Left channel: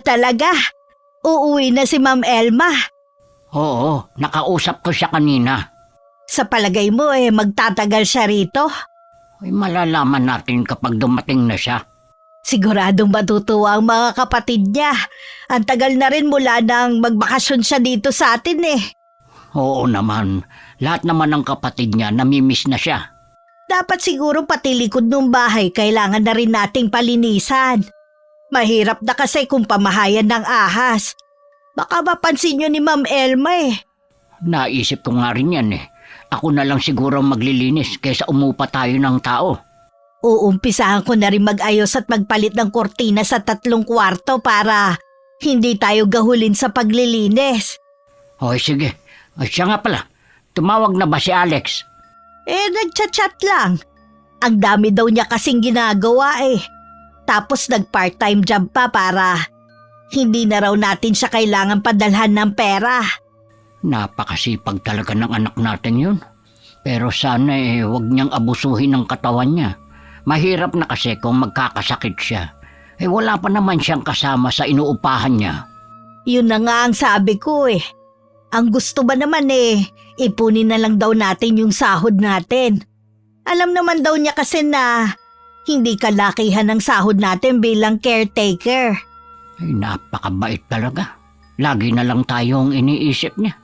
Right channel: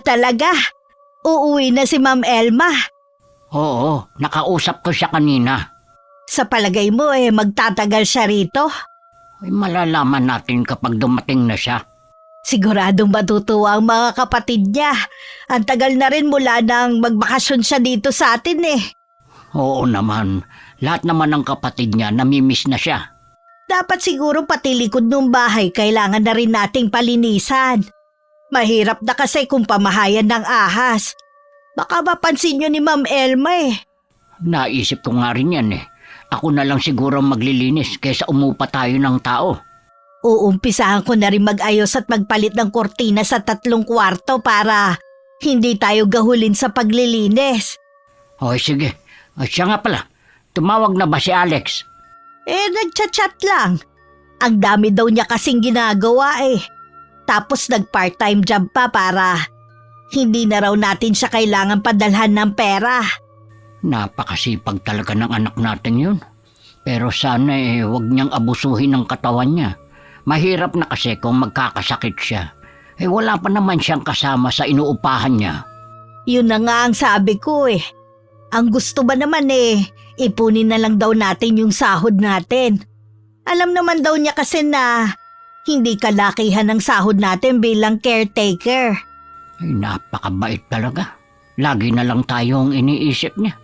Talaga? Uuwi na si Ma'am Elma. Oo, nakausap ko siya kanina. Sa palagay mo magtatagal siya rito? Ay, malalaman natin kapag dumating na siya. Siguradong matutuwa ang mga kapatid niya. Ang tagal na rin mula nang magbakasyon siya dito sa atin Oo naman, lahat naman ng kapatid niya namimiss na siya. Dapat siguro pati likod ng bahay kailangan na rin nating palinisan. Mahirap na kasi kung pamahayan ng ahas. Baka mapansin niyo ni Ma'am Elma Naisip ko nga rin yan Ako na lang siguro maglilinis kaysa umupa tayo ng tao. Uumpisahan ko na rin mag-ayos at magpalit ng kortina sa 3 kwarto para hindi tayo gahulin sa paglilinis. O sige, siya nga pala, tumawag na ba si Alex? Nagchat-chat lang. Ang dami daw niya kasing ginagawa Tapos nag-part-time job pa para hindi na raw natin siya kailangan padalhan ng pera. Napakasipag talaga ng anak natin yun. Pero sana huwag niyang abusuhin ng katawan niya. Mahirap na kasi kung magkakasakit siya. Wala pa naman siyang kasama sa inuupahan niya. Yun na nga ang sabi ko Ang gusto ba naman ipunin na lang daw natin yung sahod natin. Alam naman daw niya kasi na hindi kalakihan ng sahod natin bilang caretaker. Napakabait talaga. Lagi na lang tayong iniisip niya.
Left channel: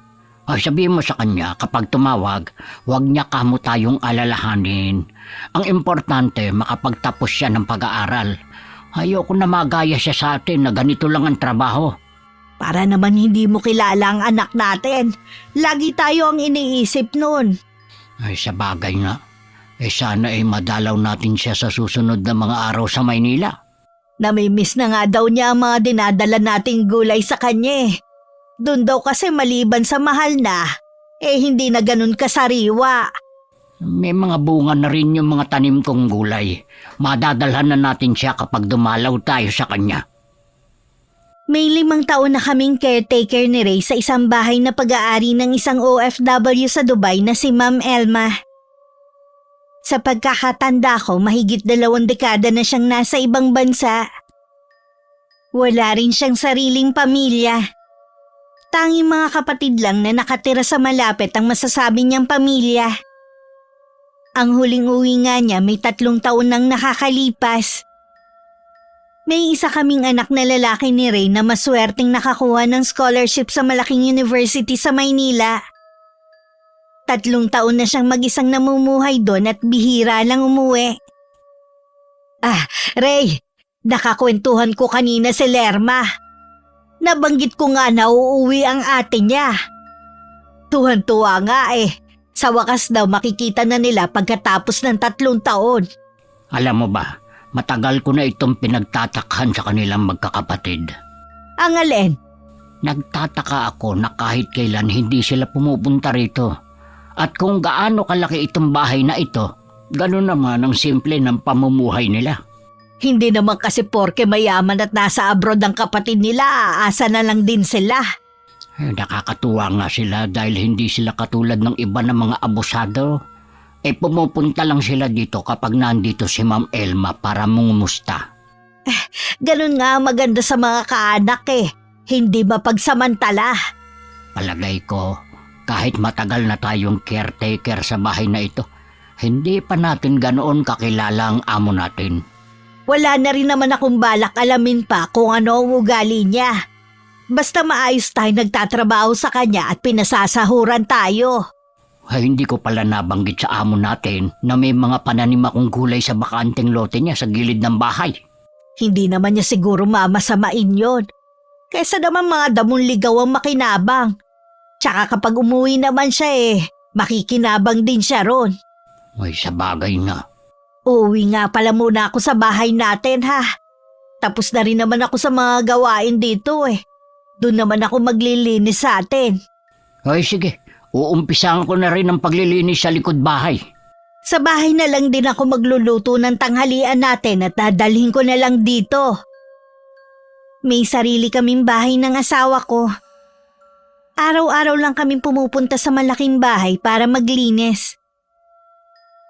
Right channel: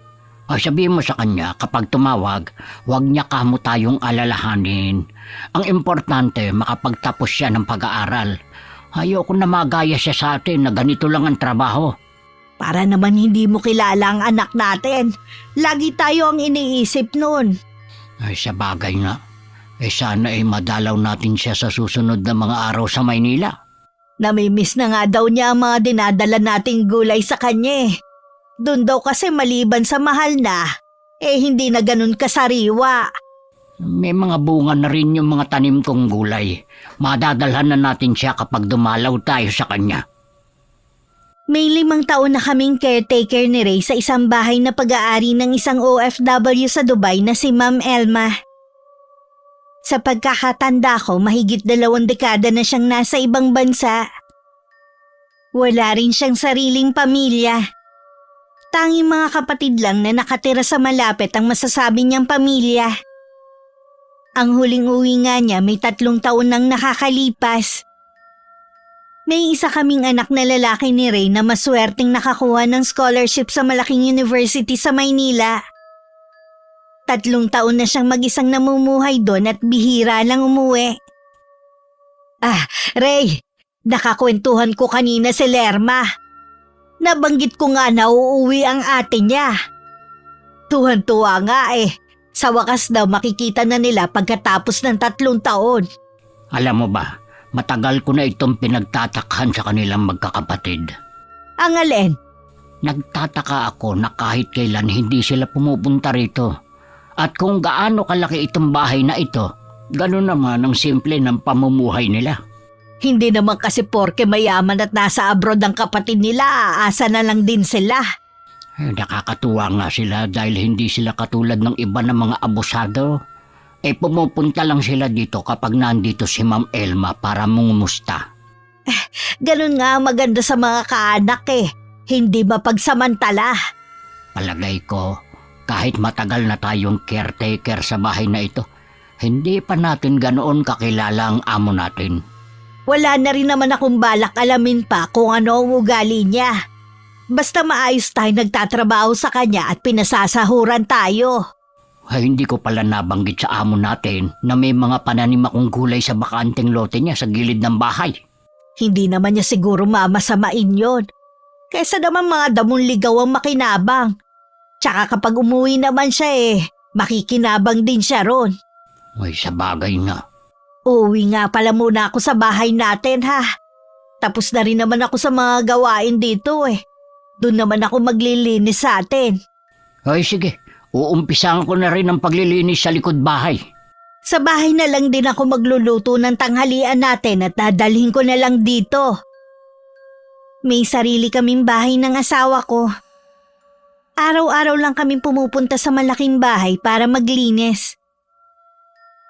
Sabihin mo sa kanya kapag tumawag, huwag niya kamo tayong alalahanin. Ang importante, makapagtapos siya ng pag-aaral. Ayoko na magaya siya sa atin na ganito lang ang trabaho. Para naman hindi mo kilala ang anak natin. Lagi tayo ang iniisip nun. Sa bagay nga. Sana madalaw natin siya sa susunod na mga araw sa Maynila. Namimiss na nga daw niya ang mga dinadala nating gulay sa kanya Doon daw kasi maliban sa mahal na, hindi na ganun kasariwa. May mga bunga na rin yung mga tanim kong gulay. Madadalhan na natin siya kapag dumalaw tayo sa kanya. May 5 taon na kaming caretaker ni Ray sa isang bahay na pag-aari ng isang OFW sa Dubai na si Ma'am Elma. Sa pagkakatanda ko, mahigit 2 dekada na siyang nasa ibang bansa. Wala rin siyang sariling pamilya. Tanging mga kapatid lang na nakatira sa malapit ang masasabi niyang pamilya. Ang huling uwi nga niya may 3 taon nang nakakalipas. May isa kaming anak na lalaki ni Ray na maswerteng nakakuha ng scholarship sa malaking university sa Maynila. 3 taon na siyang mag-isang namumuhay doon at bihira lang umuwi. Ray, nakakwentuhan ko kanina si Lerma. Nabanggit ko nga na uuwi ang ate niya. Tuwan-tuwa nga Sa wakas daw makikita na nila pagkatapos ng 3 taon. Alam mo ba, matagal ko na itong pinagtatakhan sa kanilang magkakapatid. Ang alin? Nagtataka ako na kahit kailan hindi sila pumupunta rito. At kung gaano kalaki itong bahay na ito, gano'n naman ang simple ng pamumuhay nila. Hindi naman kasi porke mayaman at nasa abroad ang kapatid nila, asa na lang din sila. Nakakatuwa nga sila dahil hindi sila katulad ng iba na mga abusado. Pumupunta lang sila dito kapag nandito si Ma'am Elma para mungumusta. Ganun nga maganda sa mga kaanak Hindi mapagsamantala. Palagay ko, kahit matagal na tayong caretaker sa bahay na ito, hindi pa natin ganoon kakilala ang amo natin. Wala na rin naman akong balak alamin pa kung ano ang ugali niya. Basta maayos tayo nagtatrabaho sa kanya at pinasasahuran tayo. Hindi ko pala nabanggit sa amo natin na may mga pananim akong gulay sa bakanteng lote niya sa gilid ng bahay. Hindi naman niya siguro mamasamain yon. Kaysa naman mga damong ligaw ang makinabang. Tsaka kapag umuwi naman siya makikinabang din siya ron. Sa bagay nga. Uwi nga pala muna ako sa bahay natin Tapos na rin naman ako sa mga gawain dito Doon naman ako maglilinis sa atin. Sige, uumpisahan ko na rin ang paglilinis sa likod bahay. Sa bahay na lang din ako magluluto ng tanghalian natin at dadalhin ko na lang dito. May sarili kaming bahay ng asawa ko. Araw-araw lang kaming pumupunta sa malaking bahay para maglinis.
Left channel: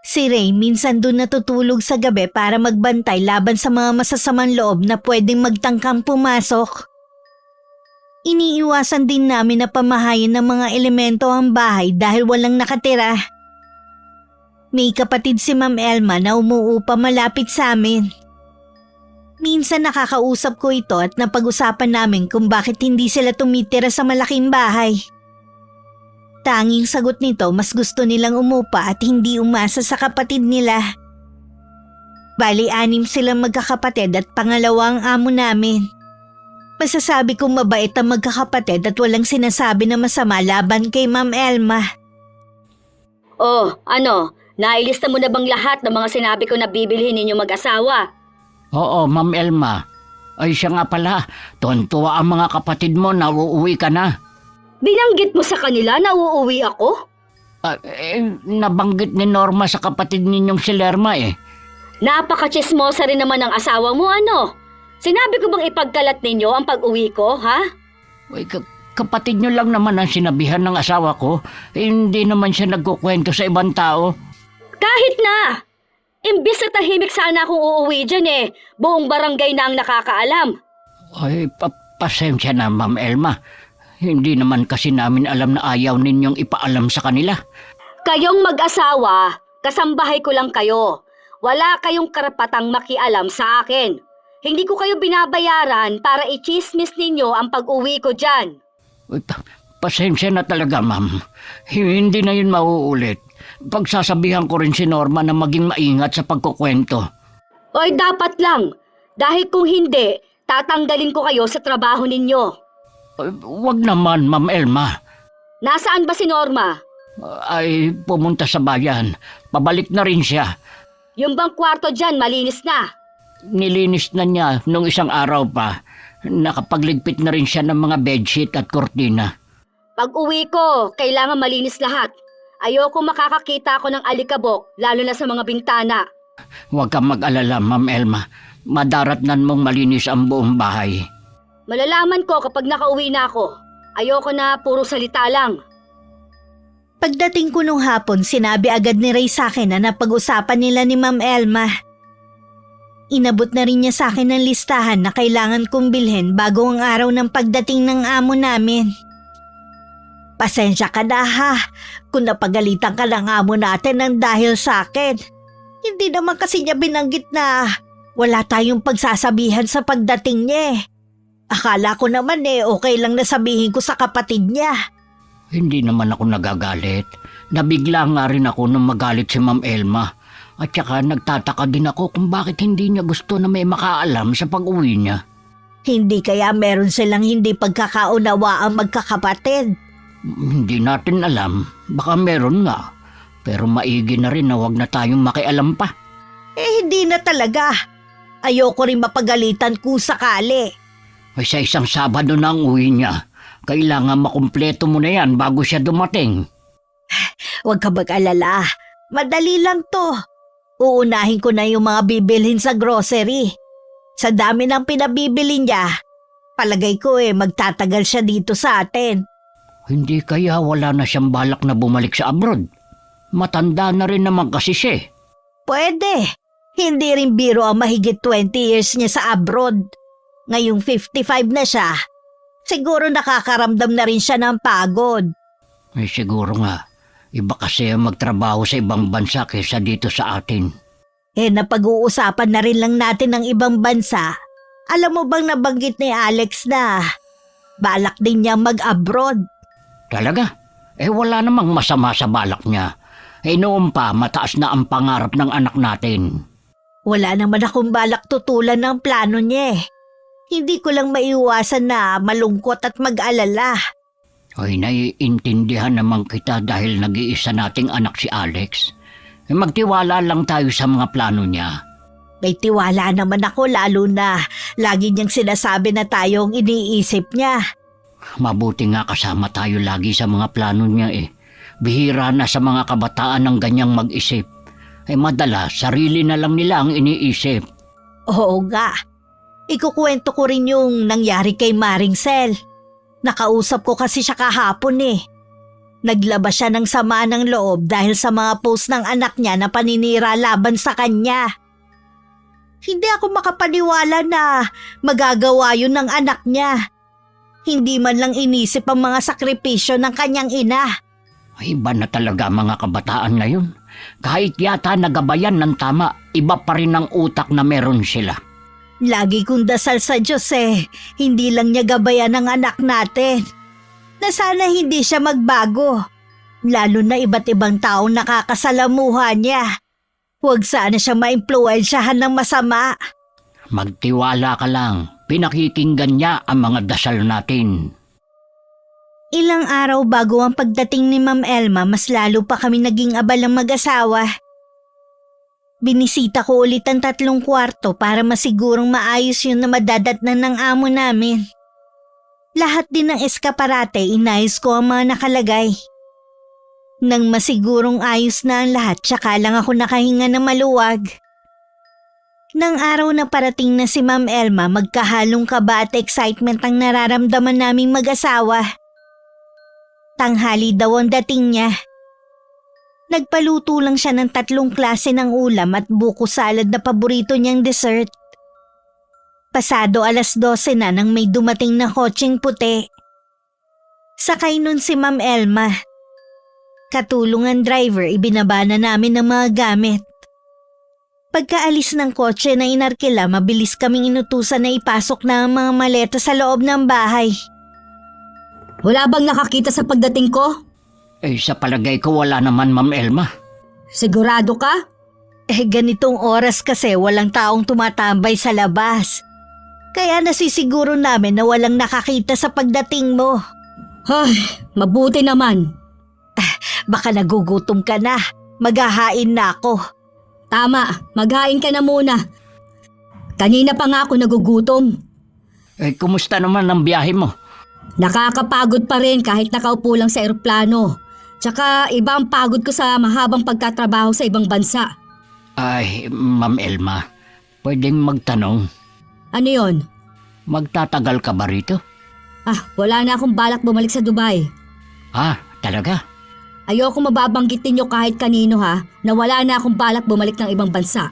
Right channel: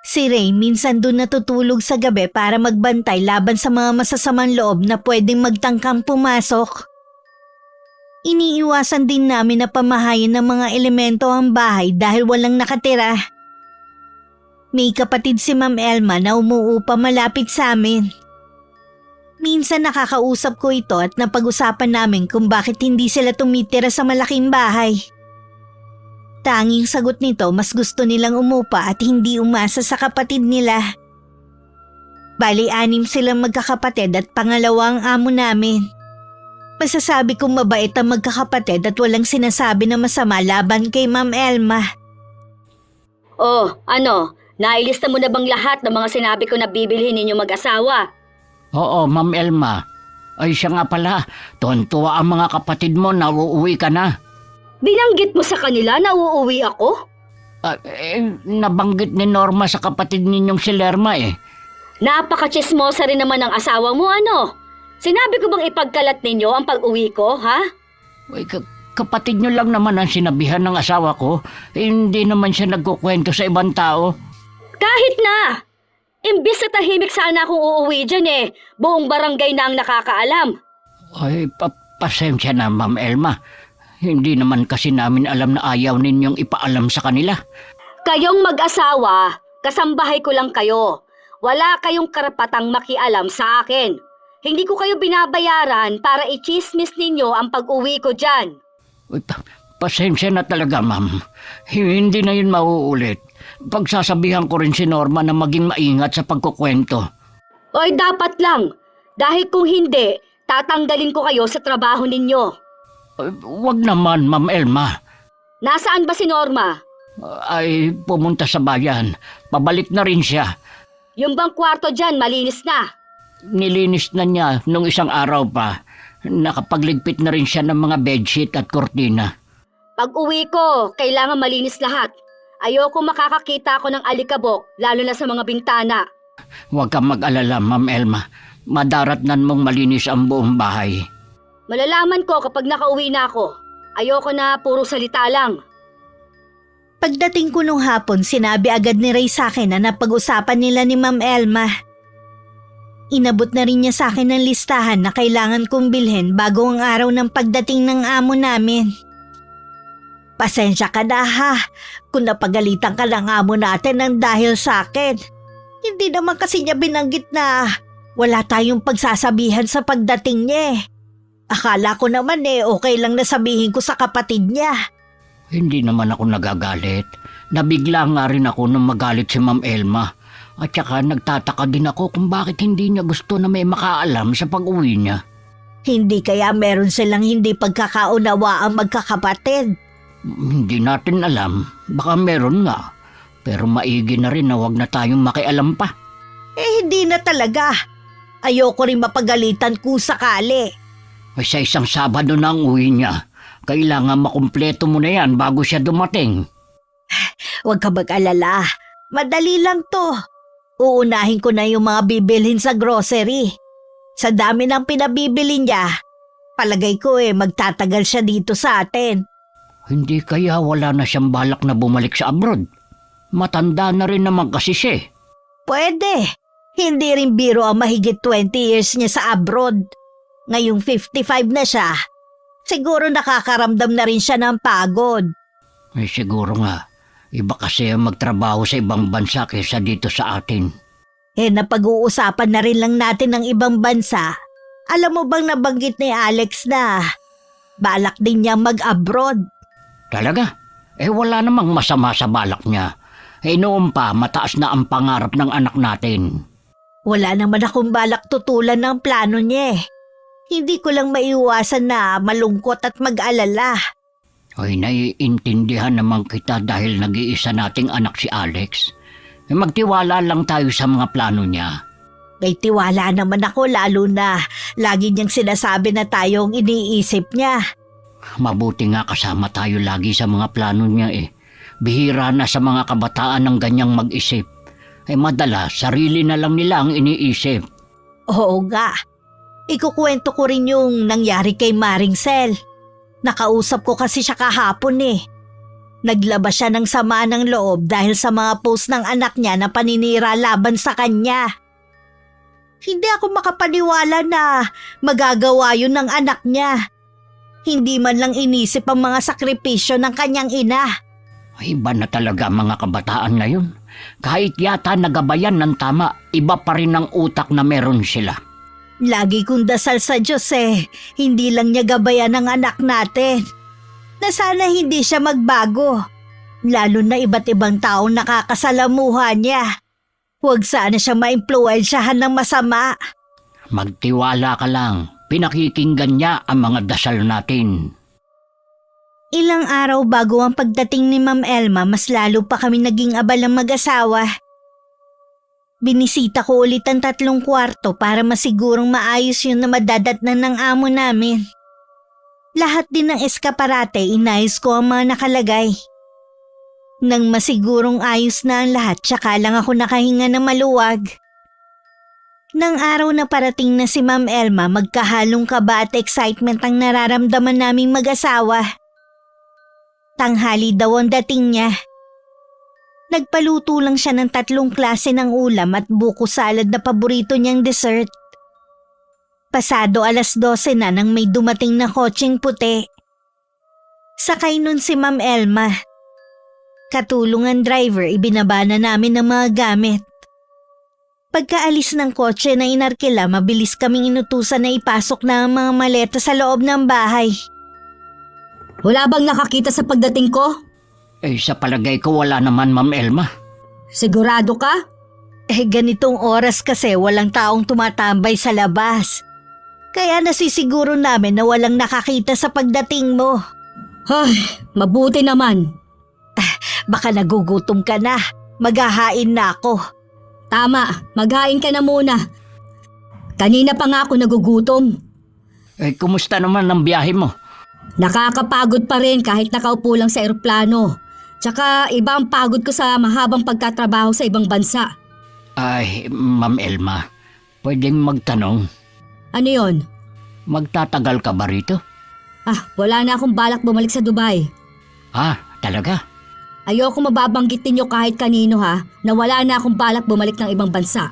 Si Ray minsan doon natutulog sa gabi para magbantay laban sa mga masasamang loob na pwedeng magtangkang pumasok. Iniiwasan din namin na pamahayin ng mga elemento ang bahay dahil walang nakatira. May kapatid si Ma'am Elma na umuupa malapit sa amin. Minsan nakakausap ko ito at napag-usapan namin kung bakit hindi sila tumitira sa malaking bahay. Tanging sagot nito, mas gusto nilang umupa at hindi umasa sa kapatid nila. Bali, 6 silang magkakapatid at pangalawa ang amo namin. Masasabi kong mabait ang magkakapatid at walang sinasabi na masama laban kay Ma'am Elma. Oh, ano? Nailista mo na bang lahat ng mga sinabi ko na bibilhin ninyo mag-asawa? Oo, Ma'am Elma. Ay siya nga pala, tuwan-tuwa ang mga kapatid mo na uuwi ka na. Binanggit mo sa kanila na uuwi ako? Nabanggit ni Norma sa kapatid ninyong si Lerma eh. Napaka-chismosa rin naman ang asawa mo, ano? Sinabi ko bang ipagkalat ninyo ang pag-uwi ko, ha? Ay, kapatid nyo lang naman ang sinabihan ng asawa ko. Hindi naman siya nagkukwento sa ibang tao. Kahit na! Imbis na tahimik sana akong uuwi dyan buong barangay na ang nakakaalam. Ay, pasensya na, Ma'am Elma. Hindi naman kasi namin alam na ayaw ninyong ipaalam sa kanila. Kayong mag-asawa, kasambahay ko lang kayo. Wala kayong karapatang makialam sa akin. Hindi ko kayo binabayaran para i-chismis ninyo ang pag-uwi ko dyan. Ay, pasensya na talaga, Ma'am. Hindi na yun mauulit. Pagsasabihan ko rin si Norma na maging maingat sa pagkukwento. Oy, dapat lang. Kahit kung hindi, tatanggalin ko kayo sa trabaho ninyo. Wag naman, Ma'am Elma. Nasaan ba si Norma? Ay, pumunta sa bayan. Pabalik na rin siya. Yung bang kwarto dyan, malinis na. Nilinis na niya nung isang araw pa. Nakapagligpit na rin siya ng mga bedsheet at kortina. Pag uwi ko, kailangan malinis lahat. Ayoko makakakita ako ng alikabok, lalo na sa mga bintana. Huwag kang mag-alala, Ma'am Elma. Madaratnan mong malinis ang buong bahay. Malalaman ko kapag nakauwi na ako. Ayoko na puro salita lang. Pagdating ko nung hapon, sinabi agad ni Ray sa akin na napag-usapan nila ni Ma'am Elma. Inabot na rin niya sa akin ng listahan na kailangan kong bilhin bago ang araw ng pagdating ng amo namin. Pasensya ka na ha, kung napagalitan ka ng amo natin ng dahil sa akin. Hindi naman kasi niya binanggit na wala tayong pagsasabihan sa pagdating niya. Akala ko naman okay lang na sabihin ko sa kapatid niya. Hindi naman ako nagagalit. Nabigla nga rin ako nung magalit si Ma'am Elma. At saka nagtataka din ako kung bakit hindi niya gusto na may makaalam sa pag-uwi niya. Hindi kaya meron silang hindi pagkakaunawa ang magkakapatid. Hindi natin alam. Baka meron nga. Pero maigi na rin na wag na tayong makialam pa. Hindi na talaga. Ayoko rin mapagalitan kung sakali. Sa isang Sabado na ang uwi niya. Kailangan makumpleto mo na yan bago siya dumating. Huwag ka mag-alala. Madali lang to. Uunahin ko na yung mga bibilhin sa grocery. Sa dami ng pinabibili niya, palagay ko magtatagal siya dito sa atin. Hindi kaya wala na siyang balak na bumalik sa abroad? Matanda na rin naman kasi siya. Pwede. Hindi rin biro ang mahigit 20 years niya sa abroad. Ngayong 55 na siya, siguro nakakaramdam na rin siya ng pagod. Siguro nga. Iba kasi magtrabaho sa ibang bansa kaysa dito sa atin. Napag-uusapan na rin lang natin ng ibang bansa. Alam mo bang nabanggit ni Alex na balak din niya mag-abroad? Talaga? Wala namang masama sa balak niya. Noon pa, mataas na ang pangarap ng anak natin. Wala naman akong balak tutulan ng plano niya. Hindi ko lang maiwasan na malungkot at mag-alala. Ay, naiintindihan naman kita dahil nag-iisa nating anak si Alex. Magtiwala lang tayo sa mga plano niya. May tiwala naman ako lalo na lagi niyang sinasabi na tayong iniisip niya. Mabuti nga kasama tayo lagi sa mga plano niya Bihira na sa mga kabataan ang ganyang mag-isip. Madalas, sarili na lang nila ang iniisip. Oo nga. Ikukwento ko rin yung nangyari kay Maring Sel. Nakausap ko kasi siya kahapon Naglabas siya ng sama ng loob dahil sa mga post ng anak niya na paninira laban sa kanya. Hindi ako makapaniwala na magagawa yun ng anak niya. Hindi man lang inisip ang mga sakripisyo ng kanyang ina. Iba na talaga mga kabataan ngayon. Kahit yata nagabayan ng tama, iba pa rin ang utak na meron sila. Lagi kong dasal sa Diyos hindi lang niya gabayan ang anak natin. Na sana hindi siya magbago. Lalo na iba't ibang taong nakakasalamuha niya. Huwag sana siya maimpluwensyahan ng masama. Magtiwala ka lang, pinakikinggan niya ang mga dasal natin. Ilang araw bago ang pagdating ni Ma'am Elma, mas lalo pa kami naging abalang mag-asawa. Binisita ko ulit ang 3 kwarto para masigurong maayos yun na madadatnan ng amo namin. Lahat din ng eskaparate, inayos ko ang mga nakalagay. Nang masigurong ayos na ang lahat, tsaka lang ako nakahinga na maluwag. Nang araw na parating na si Ma'am Elma, magkahalong kaba at excitement ang nararamdaman naming mag-asawa. Tanghali daw ang dating niya. Nagpaluto lang siya ng 3 klase ng ulam at buko salad na paborito niyang dessert. Pasado 12:00 na nang may dumating na kotseng puti. Sakay nun si Ma'am Elma. Katulong ang driver, ibinaba na namin ang mga gamit. Pagkaalis ng kotse na inarkila, mabilis kaming inutusan na ipasok na ang mga maleta sa loob ng bahay. Wala bang nakakita sa pagdating ko? Sa palagay ko wala naman, Ma'am Elma. Sigurado ka? Ganitong oras kasi walang taong tumatambay sa labas. Kaya nasisiguro namin na walang nakakita sa pagdating mo. Ay, mabuti naman. Baka nagugutom ka na. Maghahain na ako. Tama, maghain ka na muna. Kanina pa nga ako nagugutom. Kumusta naman ang biyahe mo? Nakakapagod pa rin kahit nakaupo lang sa eroplano. Tsaka iba ang pagod ko sa mahabang pagtatrabaho sa ibang bansa. Ay, Ma'am Elma, pwedeng magtanong, Ano yon? magtatagal ka ba rito? Wala na akong balak bumalik sa Dubai. Talaga? Ayoko mababanggitin nyo kahit kanino na wala na akong balak bumalik ng ibang bansa.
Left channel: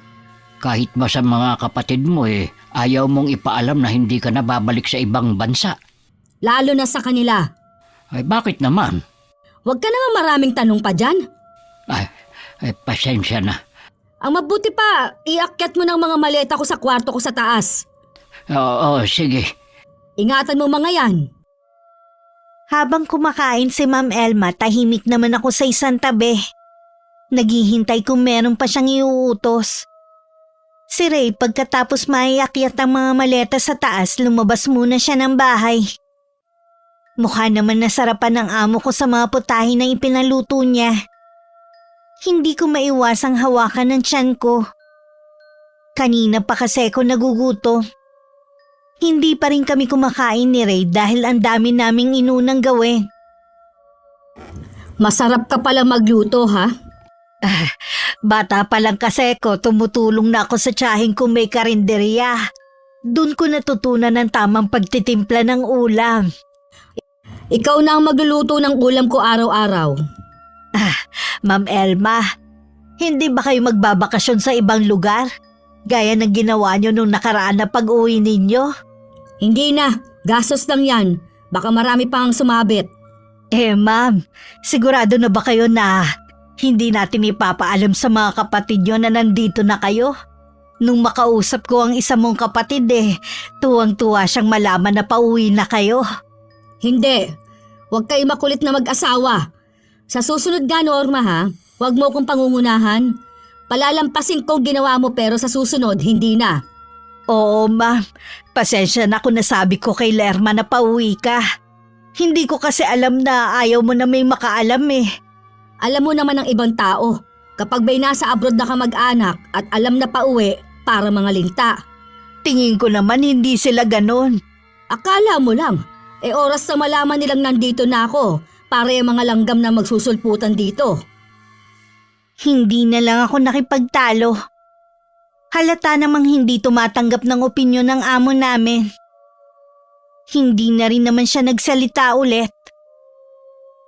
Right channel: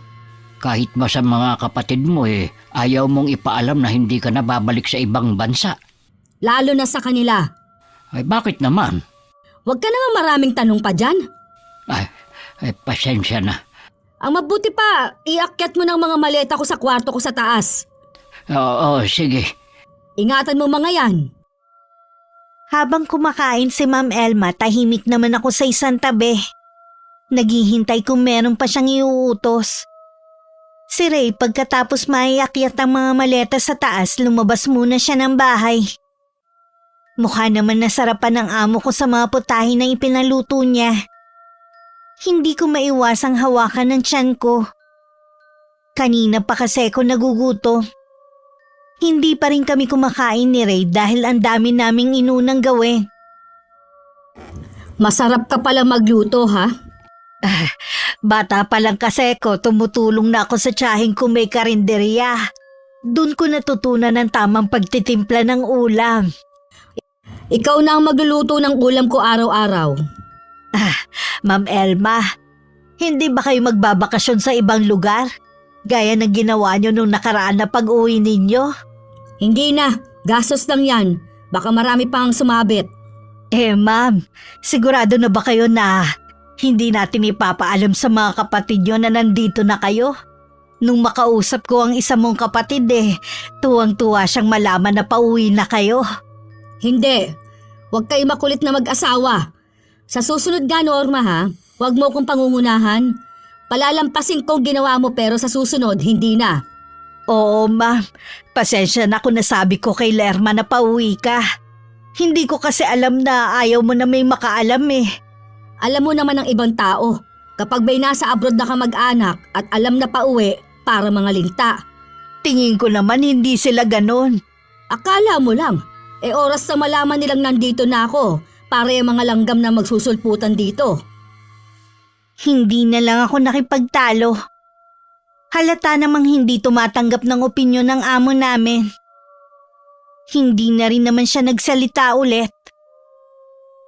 Kahit ba sa mga kapatid mo ayaw mong ipaalam na hindi ka na babalik sa ibang bansa? Lalo na sa kanila. Bakit naman? Huwag ka naman maraming tanong pa dyan. Pasensya na. Ang mabuti pa, iakyat mo ng mga maleta ko sa kwarto ko sa taas. Oo, sige. Ingatan mo mga yan. Habang kumakain si Ma'am Elma, tahimik naman ako sa isang tabi. Naghihintay kung meron pa siyang iuutos. Si Ray, pagkatapos maiakyat ang mga maleta sa taas, lumabas muna siya ng bahay. Mukha naman nasarapan ng amo ko sa mga putahe na ipinaluto niya. Hindi ko maiwasang hawakan ng tiyan ko. Kanina pa kasi ako nagugutom. Hindi pa rin kami kumakain ni Ray dahil ang dami naming inunang gawin. Masarap ka pala magluto, Bata pa lang kasi ko, tumutulong na ako sa tiyahing kung may karinderya. Doon ko natutunan ang tamang pagtitimpla ng ulam. Ikaw na ang magluluto ng ulam ko araw-araw. Ma'am Elma, hindi ba kayo magbabakasyon sa ibang lugar? Gaya ng ginawa nyo nung nakaraan na pag-uwi ninyo? Hindi na, gastos lang yan. Baka marami pang sumabit. Ma'am, sigurado na ba kayo na hindi natin ipapaalam sa mga kapatid nyo na nandito na kayo? Nung makausap ko ang isa mong kapatid tuwang-tuwa siyang malaman na pauwi na kayo. Hindi, huwag kayo makulit na mag-asawa. Sa susunod ka, Norma, huwag mo kong pangungunahan. Palalampasin ko ginawa mo pero sa susunod, hindi na. Oo, ma'am. Pasensya na kung nasabi ko kay Lerma na pauwi ka. Hindi ko kasi alam na ayaw mo na may makaalam Alam mo naman ng ibang tao, kapag may nasa abroad na kamag-anak at alam na pauwi, para mga linta. Tingin ko naman hindi sila ganon. Akala mo lang, oras na malaman nilang nandito na ako, para yung mga langgam na magsusulputan dito. Hindi na lang ako nakipagtalo. Halata namang hindi tumatanggap ng opinyon ng amo namin. Hindi na rin naman siya nagsalita ulit.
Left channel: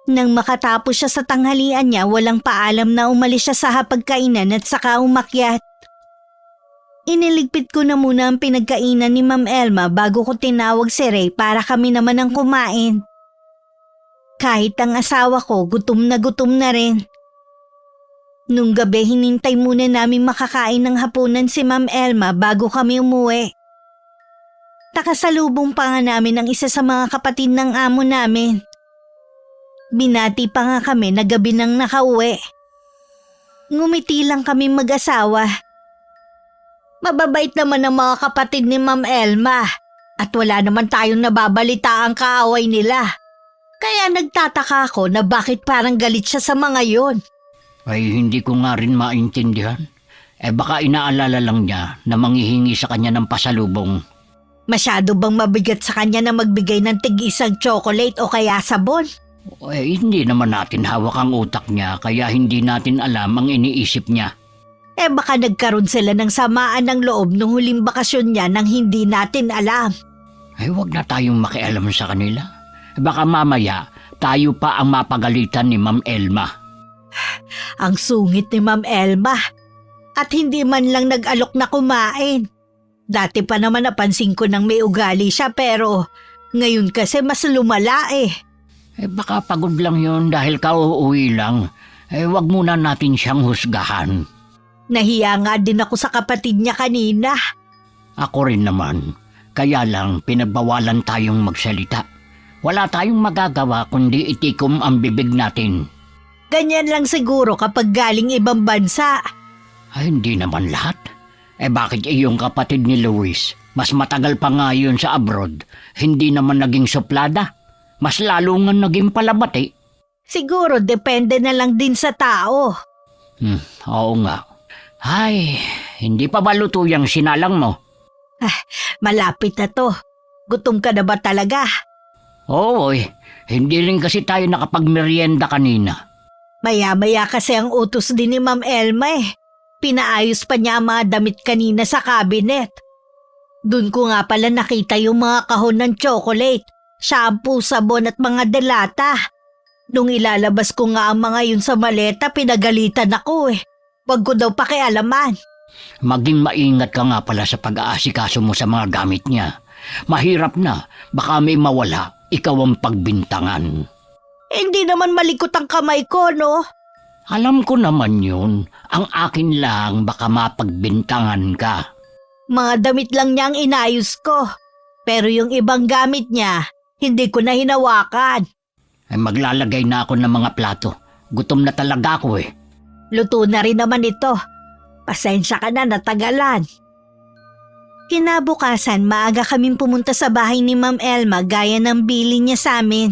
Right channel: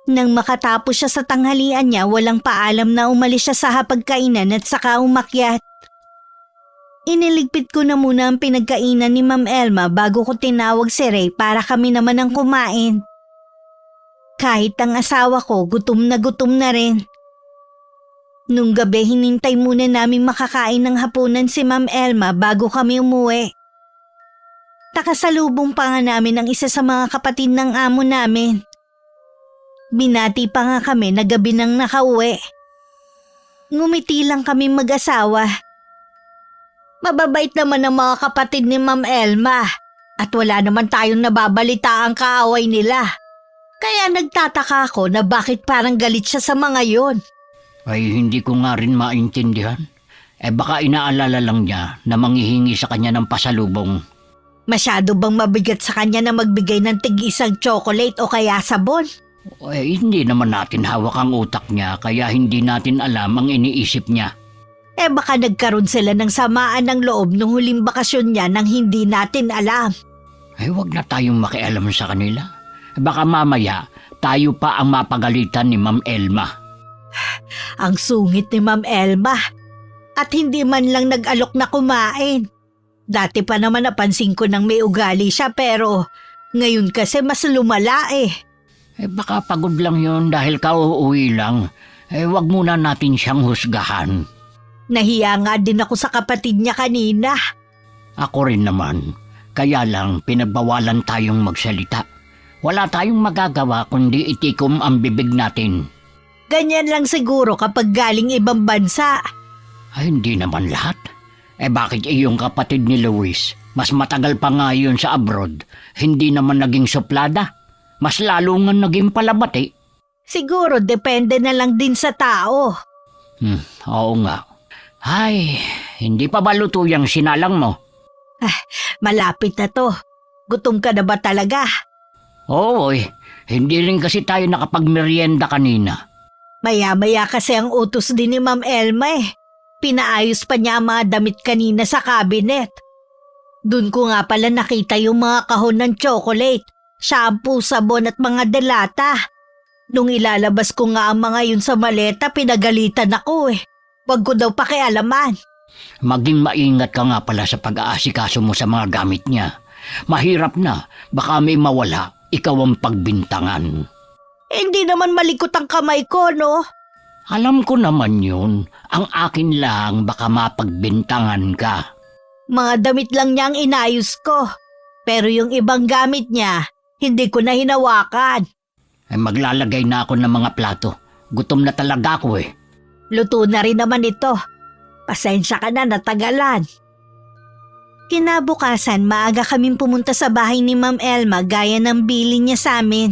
Nang makatapos siya sa tanghalian niya, walang paalam na umalis siya sa hapagkainan at saka umakyat. Iniligpit ko na muna ang pinagkainan ni Ma'am Elma bago ko tinawag si Ray para kami naman ang kumain. Kahit ang asawa ko, gutom na rin. Nung gabi, hinintay muna namin makakain ng hapunan si Ma'am Elma bago kami umuwi. Nakasalubong pa nga namin ang isa sa mga kapatid ng amo namin. Binati pa nga kami na gabi nang nakauwi. Ngumiti lang kami mag-asawa. Mababait naman ang mga kapatid ni Ma'am Elma at wala naman tayong nababalita ang kaaway nila. Kaya nagtataka ako na bakit parang galit siya sa mga yun. Ay, hindi ko nga rin maintindihan. Baka inaalala lang niya na manghihingi sa kanya ng pasalubong. Masyado bang mabigat sa kanya na magbigay ng tig-isang chocolate o kaya sabon? Hindi naman natin hawak ang utak niya, kaya hindi natin alam ang iniisip niya. Baka nagkaroon sila ng samaan ng loob nung huling bakasyon niya nang hindi natin alam. Huwag na tayong makialam sa kanila. Baka mamaya, tayo pa ang mapagalitan ni Ma'am Elma. Ang sungit ni Ma'am Elma. At hindi man lang nag-alok na kumain. Dati pa naman napansin ko nang may ugali siya pero ngayon kasi mas lumala Baka pagod lang yun dahil kauuwi lang. Huwag muna natin siyang husgahan. Nahiya nga din ako sa kapatid niya kanina. Ako rin naman. Kaya lang pinagbawalan tayong magsalita. Wala tayong magagawa kundi itikom ang bibig natin. Ganyan lang siguro kapag galing ibang bansa. Hindi naman lahat. Bakit iyong kapatid ni Luis? Mas matagal pa nga yun sa abroad. Hindi naman naging suplada. Mas lalo nga naging palabati. Siguro depende na lang din sa tao. Oo nga. Ay, hindi pa ba luto yung sinalang mo? Malapit na to. Gutom ka na ba talaga? Oo, hindi rin kasi tayo nakapagmerienda kanina. Maya-maya kasi ang utos din ni Ma'am Elma Pinaayos pa niya ang mga damit kanina sa cabinet. Doon ko nga pala nakita yung mga kahon ng chocolate, shampoo, sabon at mga delata. Nung ilalabas ko nga ang mga yun sa maleta, pinagalitan ako Wag ko daw pakialaman. Maging maingat ka nga pala sa pag-aasikaso mo sa mga gamit niya. Mahirap na, baka may mawala, ikaw ang pagbintangan. Hindi naman malikot ang kamay ko, no? Alam ko naman yun. Ang akin lang, baka mapagbintangan ka. Mga damit lang niya ang inayos ko. Pero yung ibang gamit niya, hindi ko na hinawakan. Maglalagay na ako ng mga plato. Gutom na talaga ako Luto na rin naman ito. Pasensya ka na, natagalan. Kinabukasan, maaga kaming pumunta sa bahay ni Ma'am Elma gaya ng bilin niya sa amin.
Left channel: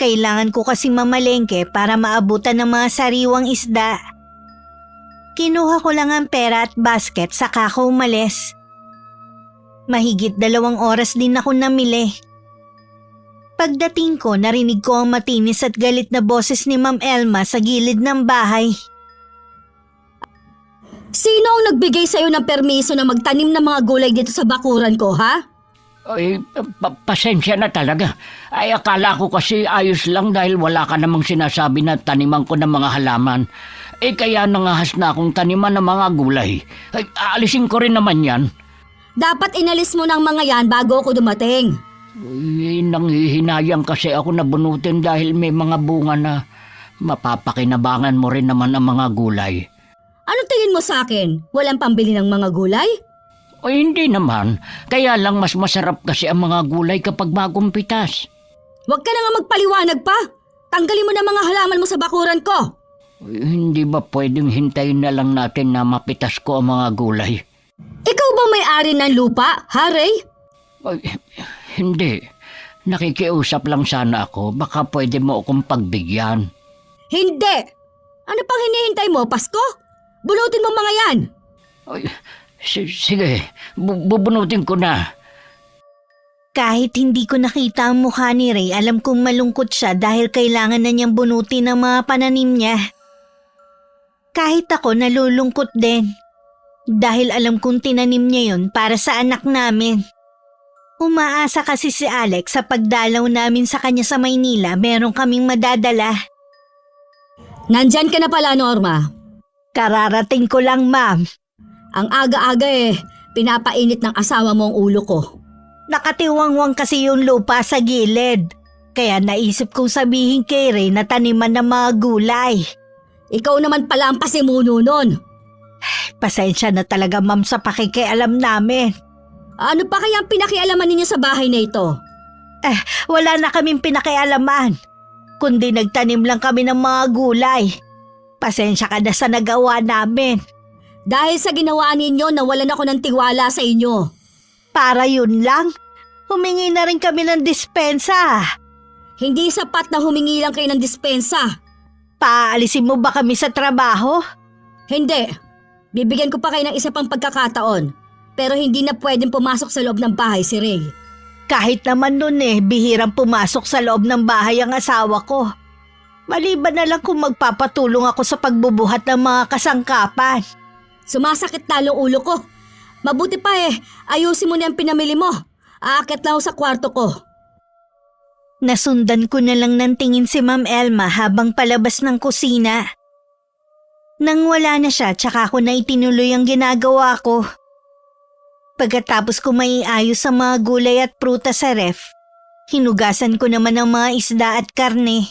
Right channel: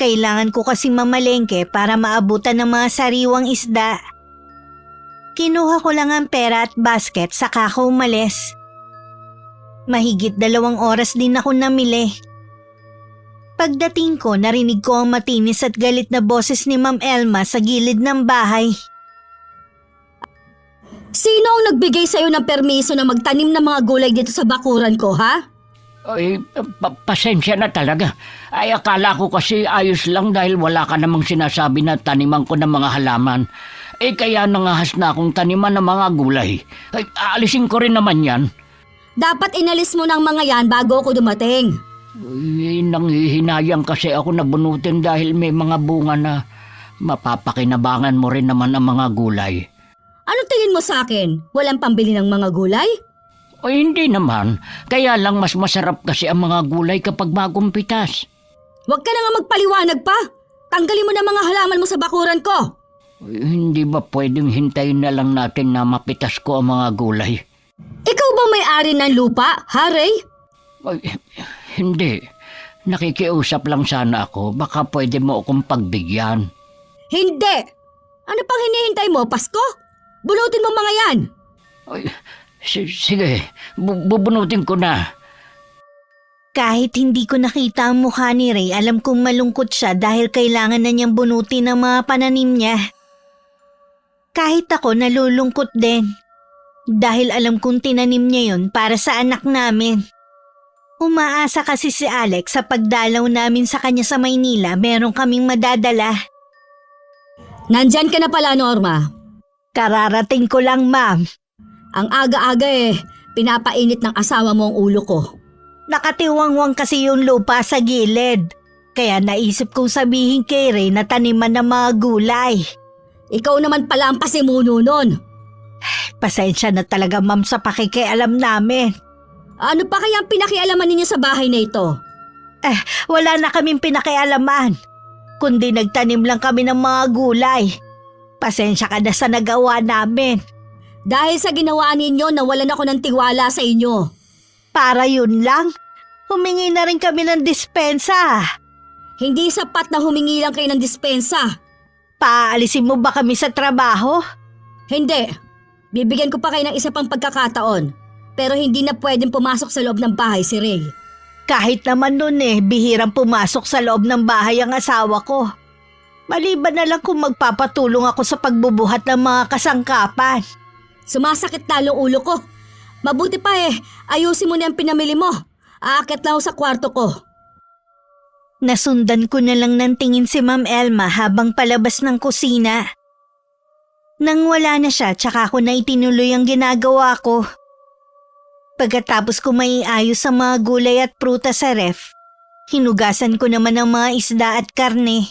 Kailangan ko kasing mamalengke para maabutan ng mga sariwang isda. Kinuha ko lang ang pera at basket saka ako umalis. Mahigit 2 oras din ako namili. Pagdating ko, narinig ko ang matinis at galit na boses ni Ma'am Elma sa gilid ng bahay. Sino ang nagbigay sa'yo ng permiso na magtanim ng mga gulay dito sa bakuran ko, ha? Pasensya na talaga. Akala ko kasi ayos lang dahil wala ka namang sinasabi na taniman ko ng mga halaman. Kaya nangahas na akong taniman ng mga gulay. Aalisin ko rin naman yan. Dapat inalis mo ng mga yan bago ako dumating. Nanghihinayang kasi ako na bunutin dahil may mga bunga na mapapakinabangan mo rin naman ang mga gulay. Anong tingin mo sa akin? Walang pambili ng mga gulay? Hindi naman. Kaya lang mas masarap kasi ang mga gulay kapag bagong pitas. Huwag ka na nga magpaliwanag pa. Tanggalin mo na mga halaman mo sa bakuran ko. Hindi ba pwedeng hintayin na lang natin na mapitas ko ang mga gulay? Ikaw ba may-ari ng lupa, ha, Ray? Hindi. Nakikiusap lang sana ako. Baka pwede mo akong pagbigyan. Hindi! Ano pang hinihintay mo, Pasko? Bunutin mo mga yan! Sige, bubunutin ko na. Kahit hindi ko nakita ang mukha ni Ray, alam kong malungkot siya dahil kailangan na niyang bunutin ang mga pananim niya. Kahit ako nalulungkot din. Dahil alam kong tinanim niya yun para sa anak namin. Umaasa kasi si Alex sa pagdalaw namin sa kanya sa Maynila, meron kaming madadala. Nandyan ka na pala, Norma. Kararating ko lang, ma'am. Ang aga-aga pinapainit ng asawa mo ang ulo ko. Nakatiwangwang kasi yung lupa sa gilid. Kaya naisip kong sabihin kay Ray na taniman ng mga gulay. Ikaw naman pala ang pasimuno nun. Pasensya na talaga ma'am sa pakikialam namin. Ano pa kaya ang pinakialaman ninyo sa bahay na ito? Wala na kaming pinakialaman. Kundi nagtanim lang kami ng mga gulay. Pasensya ka na sa nagawa namin. Dahil sa ginawa ninyo, nawalan ako ng tiwala sa inyo. Para yun lang, humingi na rin kami ng dispensa. Hindi sapat na humingi lang kayo ng dispensa. Paalisin mo ba kami sa trabaho? Hindi. Bibigyan ko pa kayo ng isa pang pagkakataon. Pero hindi na pwedeng pumasok sa loob ng bahay si Ray. Kahit naman nun bihirang pumasok sa loob ng bahay ang asawa ko. Maliban na lang kung magpapatulong ako sa pagbubuhat ng mga kasangkapan. Sumasakit talo ulo ko. Mabuti pa ayusin mo na yung pinamili mo. Aakit lang ako sa kwarto ko. Nasundan ko na lang ng tingin si Ma'am Elma habang palabas ng kusina. Nang wala na siya, tsaka ko na itinuloy ang ginagawa ko. Pagkatapos ko maiayos sa mga gulay at prutas sa ref, hinugasan ko naman ang mga isda at karne.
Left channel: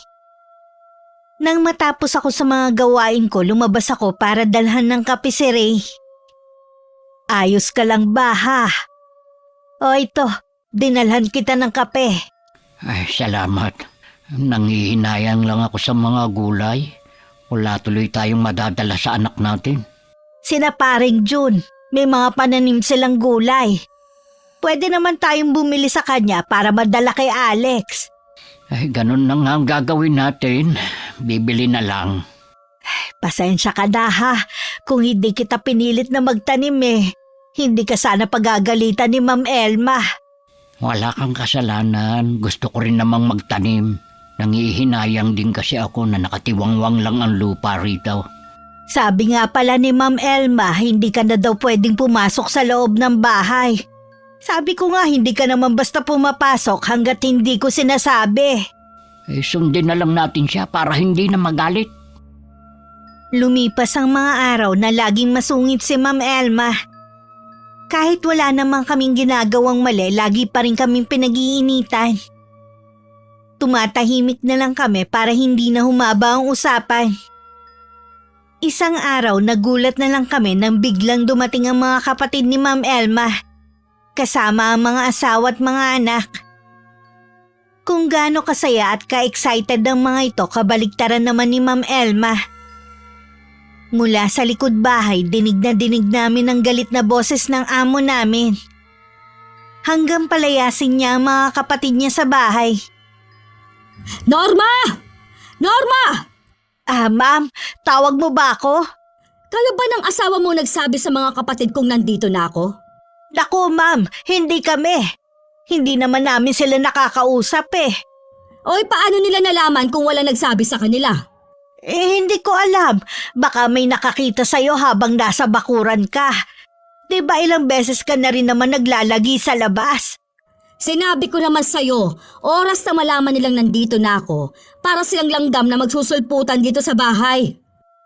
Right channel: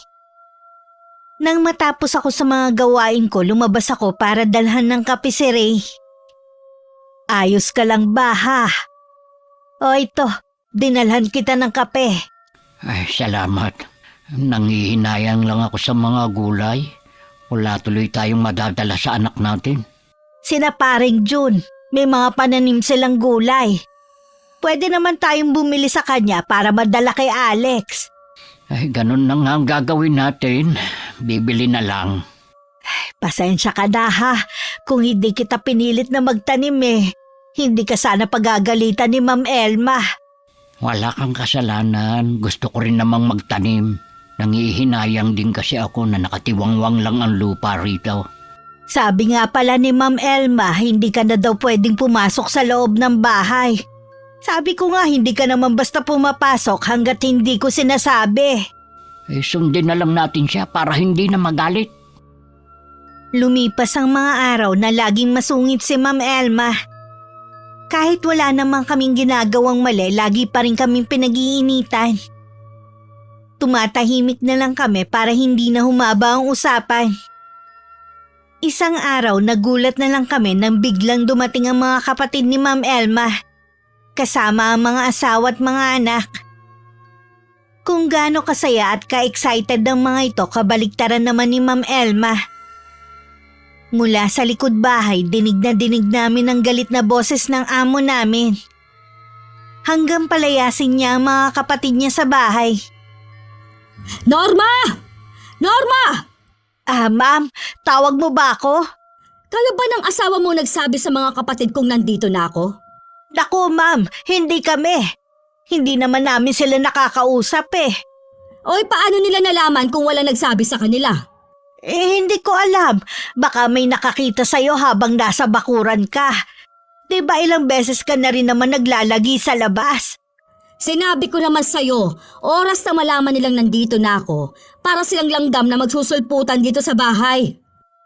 Nang matapos ako sa mga gawain ko, lumabas ako para dalhan ng kape si Ray. Ayos ka lang ba ha? O ito, dinalhan kita ng kape. Ay, salamat. Nangiinayang lang ako sa mga gulay. Wala tuloy tayong madadala sa anak natin. Sina paring June, may mga pananim silang gulay. Pwede naman tayong bumili sa kanya para madala kay Alex. Ay, ganun na nga ang gagawin natin. Bibili na lang. Pasensya ka na ha, kung hindi kita pinilit na magtanim hindi ka sana pagagalitan ni Ma'am Elma. Wala kang kasalanan. Gusto ko rin namang magtanim. Nangihinayang din kasi ako na nakatiwangwang lang ang lupa rito. Sabi nga pala ni Ma'am Elma, hindi ka na daw pwedeng pumasok sa loob ng bahay. Sabi ko nga, hindi ka naman basta pumapasok hanggat hindi ko sinasabi. Sundin na lang natin siya para hindi na magalit. Lumipas ang mga araw na laging masungit si Ma'am Elma. Kahit wala namang kaming ginagawang mali, lagi pa rin kaming pinag-iinitan. Tumatahimik na lang kami para hindi na humaba ang usapan. Isang araw, nagulat na lang kami nang biglang dumating ang mga kapatid ni Ma'am Elma. Kasama ang mga asawa at mga anak. Kung gaano kasaya at ka-excited ang mga ito, kabaligtaran naman ni Ma'am Elma. Mula sa likod bahay, dinig namin ang galit na boses ng amo namin. Hanggang palayasin niya ang mga kapatid niya sa bahay. Norma! Norma! Ma'am, tawag mo ba ako? Kala ba ng asawa mo nagsabi sa mga kapatid kong nandito na ako? Naku ma'am, hindi kami. Hindi naman namin sila nakakausap Oy, paano nila nalaman kung wala nagsabi sa kanila? Hindi ko alam. Baka may nakakita sa'yo habang nasa bakuran ka. Diba ilang beses ka na rin naman naglalagi sa labas? Sinabi ko naman sa'yo, oras na malaman nilang nandito na ako para silang langgam na magsusulputan dito sa bahay.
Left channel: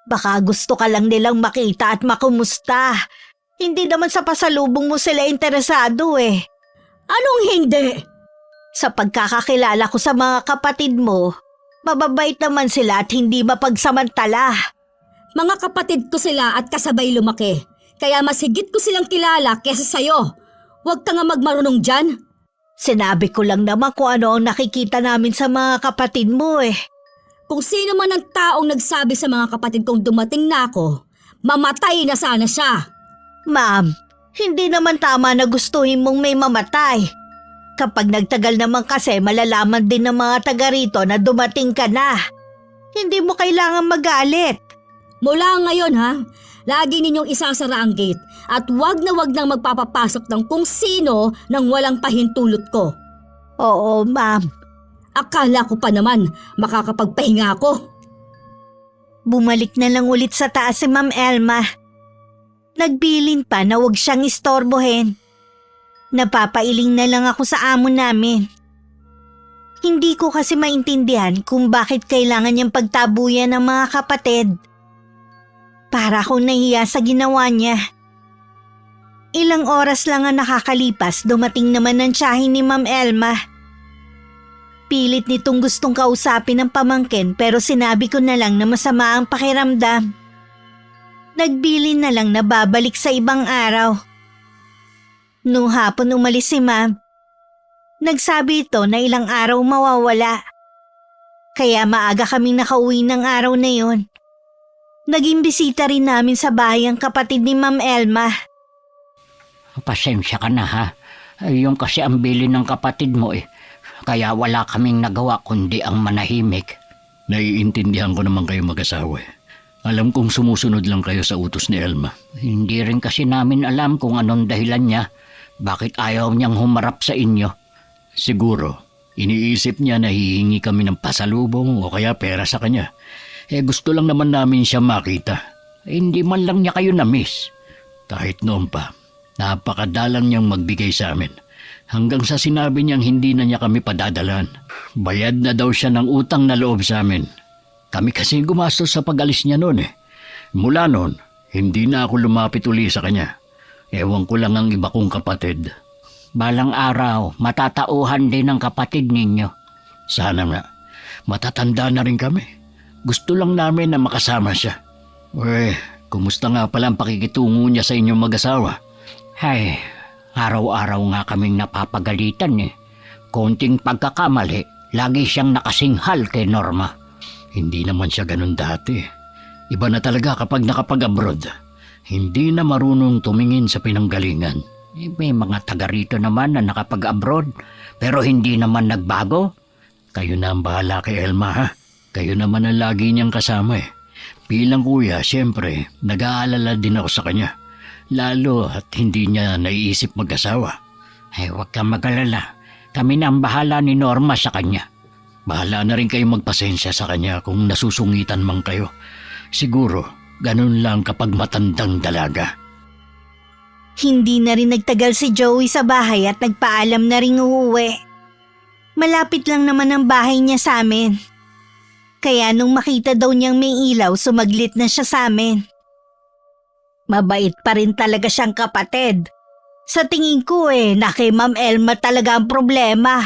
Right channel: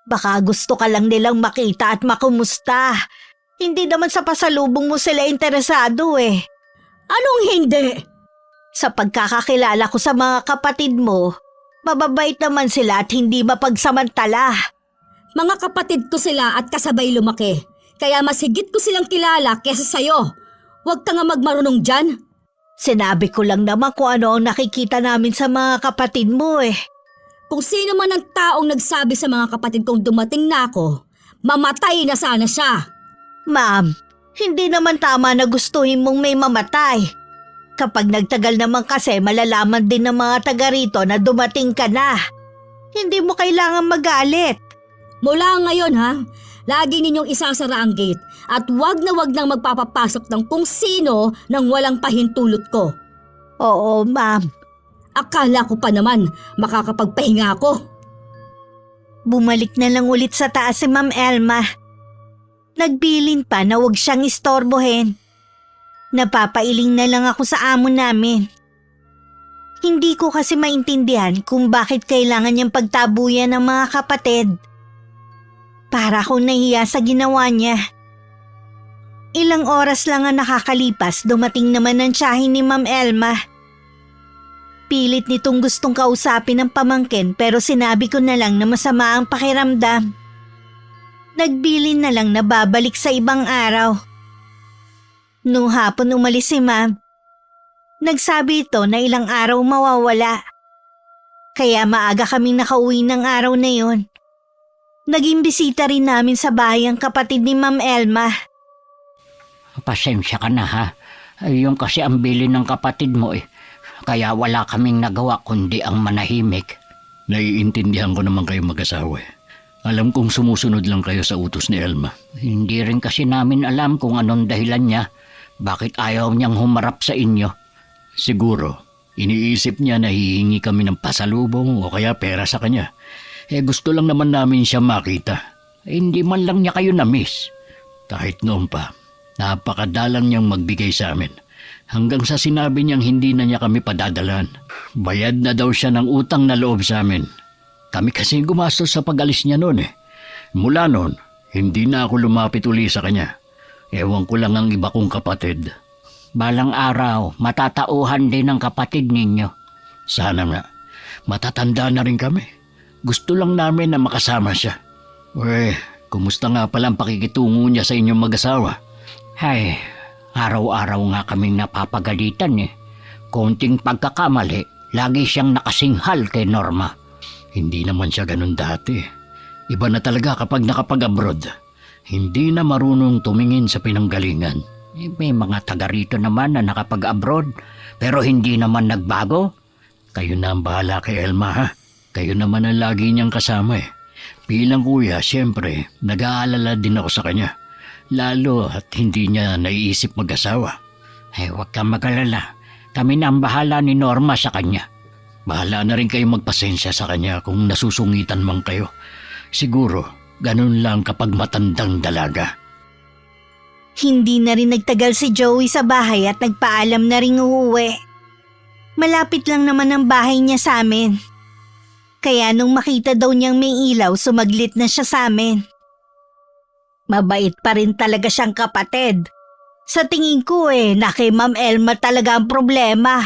Baka gusto ka lang nilang makita at makumusta. Hindi naman sa pasalubong mo sila interesado Anong hindi? Sa pagkakakilala ko sa mga kapatid mo, mababait naman sila at hindi mapagsamantala. Mga kapatid ko sila at kasabay lumaki. Kaya mas higit ko silang kilala kesa sa'yo. Huwag ka nga magmarunong dyan. Sinabi ko lang naman kung ano ang nakikita namin sa mga kapatid mo Kung sino man ang taong nagsabi sa mga kapatid kong dumating na ako, mamatay na sana siya. Ma'am, hindi naman tama na gustuhin mong may mamatay. Kapag nagtagal naman kasi malalaman din ng mga taga rito na dumating ka na. Hindi mo kailangan magalit. Mula ngayon lagi ninyong isasara ang gate at wag na wag nang magpapapasok ng kung sino nang walang pahintulot ko. Oo, ma'am. Akala ko pa naman makakapagpahinga ako. Bumalik na lang ulit sa taas si Ma'am Elma. Nagbilin pa na huwag siyang istorbohin. Napapailing na lang ako sa amo namin. Hindi ko kasi maintindihan kung bakit kailangan niyang pagtabuyan ng mga kapatid. Para akong nahiya sa ginawa niya. Ilang oras lang ang nakakalipas, dumating naman ang tiyahin ni Ma'am Elma. Pilit nitong gustong kausapin ng pamangkin pero sinabi ko na lang na masama ang pakiramdam. Nagbilin na lang na babalik sa ibang araw. Nung hapon umalis si Ma'am, nagsabi ito na ilang araw mawawala. Kaya maaga kaming nakauwi ng araw na yon. Naging bisita rin namin sa bahay ang kapatid ni Ma'am Elma. Pasensya ka na ha. Yung kasi ang bilin ng kapatid mo eh. Kaya wala kaming nagawa kundi ang manahimik. Naiintindihan ko naman kayo mag-asawa eh. Alam kong sumusunod lang kayo sa utos ni Elma. Hindi rin kasi namin alam kung anong dahilan niya. Bakit ayaw niyang humarap sa inyo? Siguro, iniisip niya na hihingi kami ng pasalubong o kaya pera sa kanya. Gusto lang naman namin siya makita. Hindi man lang niya kayo na-miss. Kahit noon pa, napakadalang niyang magbigay sa amin. Hanggang sa sinabi niyang hindi na niya kami padadalan. Bayad na daw siya ng utang na loob sa amin. Kami kasi gumastos sa pag-alis niya noon eh. Mula noon, hindi na ako lumapit uli sa kanya. Ewan ko lang ang iba kong kapatid. Balang araw, matatauhan din ng kapatid ninyo. Sana nga. Matatanda na rin kami. Gusto lang namin na makasama siya. Kumusta nga pala ang pakikitungo niya sa inyong mag-asawa? Ay, araw-araw nga kaming napapagalitan eh. Konting pagkakamali, lagi siyang nakasinghal kay Norma. Hindi naman siya ganun dati. Iba na talaga kapag nakapag-abroad. Hindi na marunong tumingin sa pinanggalingan. May mga taga rito naman na nakapag-abroad, pero hindi naman nagbago. Kayo na ang bahala kay Elma ha. Kayo naman ang lagi niyang kasama eh. Bilang kuya, siyempre, nag-aalala din ako sa kanya. Lalo at hindi niya naiisip mag-asawa. Huwag kang mag-alala. Kami na ang bahala ni Norma sa kanya. Bahala na rin kayo magpasensya sa kanya kung nasusungitan man kayo. Siguro, ganun lang kapag matandang dalaga. Hindi na rin nagtagal si Joey sa bahay at nagpaalam na rin uuwi. Malapit lang naman ang bahay niya sa amin. Kaya nung makita daw niyang may ilaw, sumaglit na siya sa amin. Mabait pa rin talaga siyang kapatid. Sa tingin ko na kay Ma'am Elma talaga ang problema.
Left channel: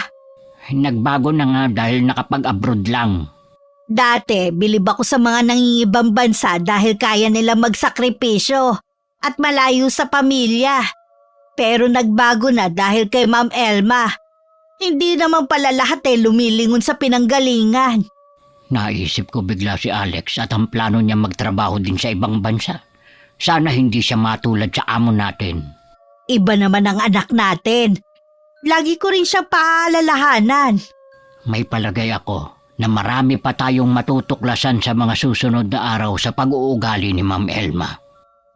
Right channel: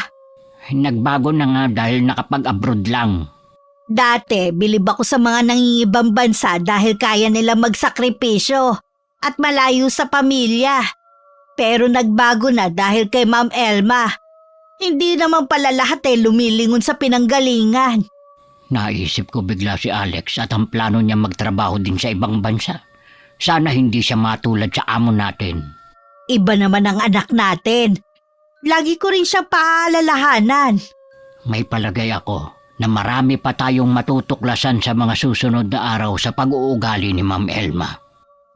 Nagbago na nga dahil nakapag-abroad lang. Dati, bilib ako sa mga nangingibang bansa dahil kaya nila magsakripisyo at malayo sa pamilya. Pero nagbago na dahil kay Ma'am Elma. Hindi naman pala lahat lumilingon sa pinanggalingan. Naisip ko bigla si Alex at ang plano niya magtrabaho din sa ibang bansa. Sana hindi siya matulad sa amo natin. Iba naman ang anak natin. Lagi ko rin siya paalalahanan. May palagay ako na marami pa tayong matutuklasan sa mga susunod na araw sa pag-uugali ni Ma'am Elma.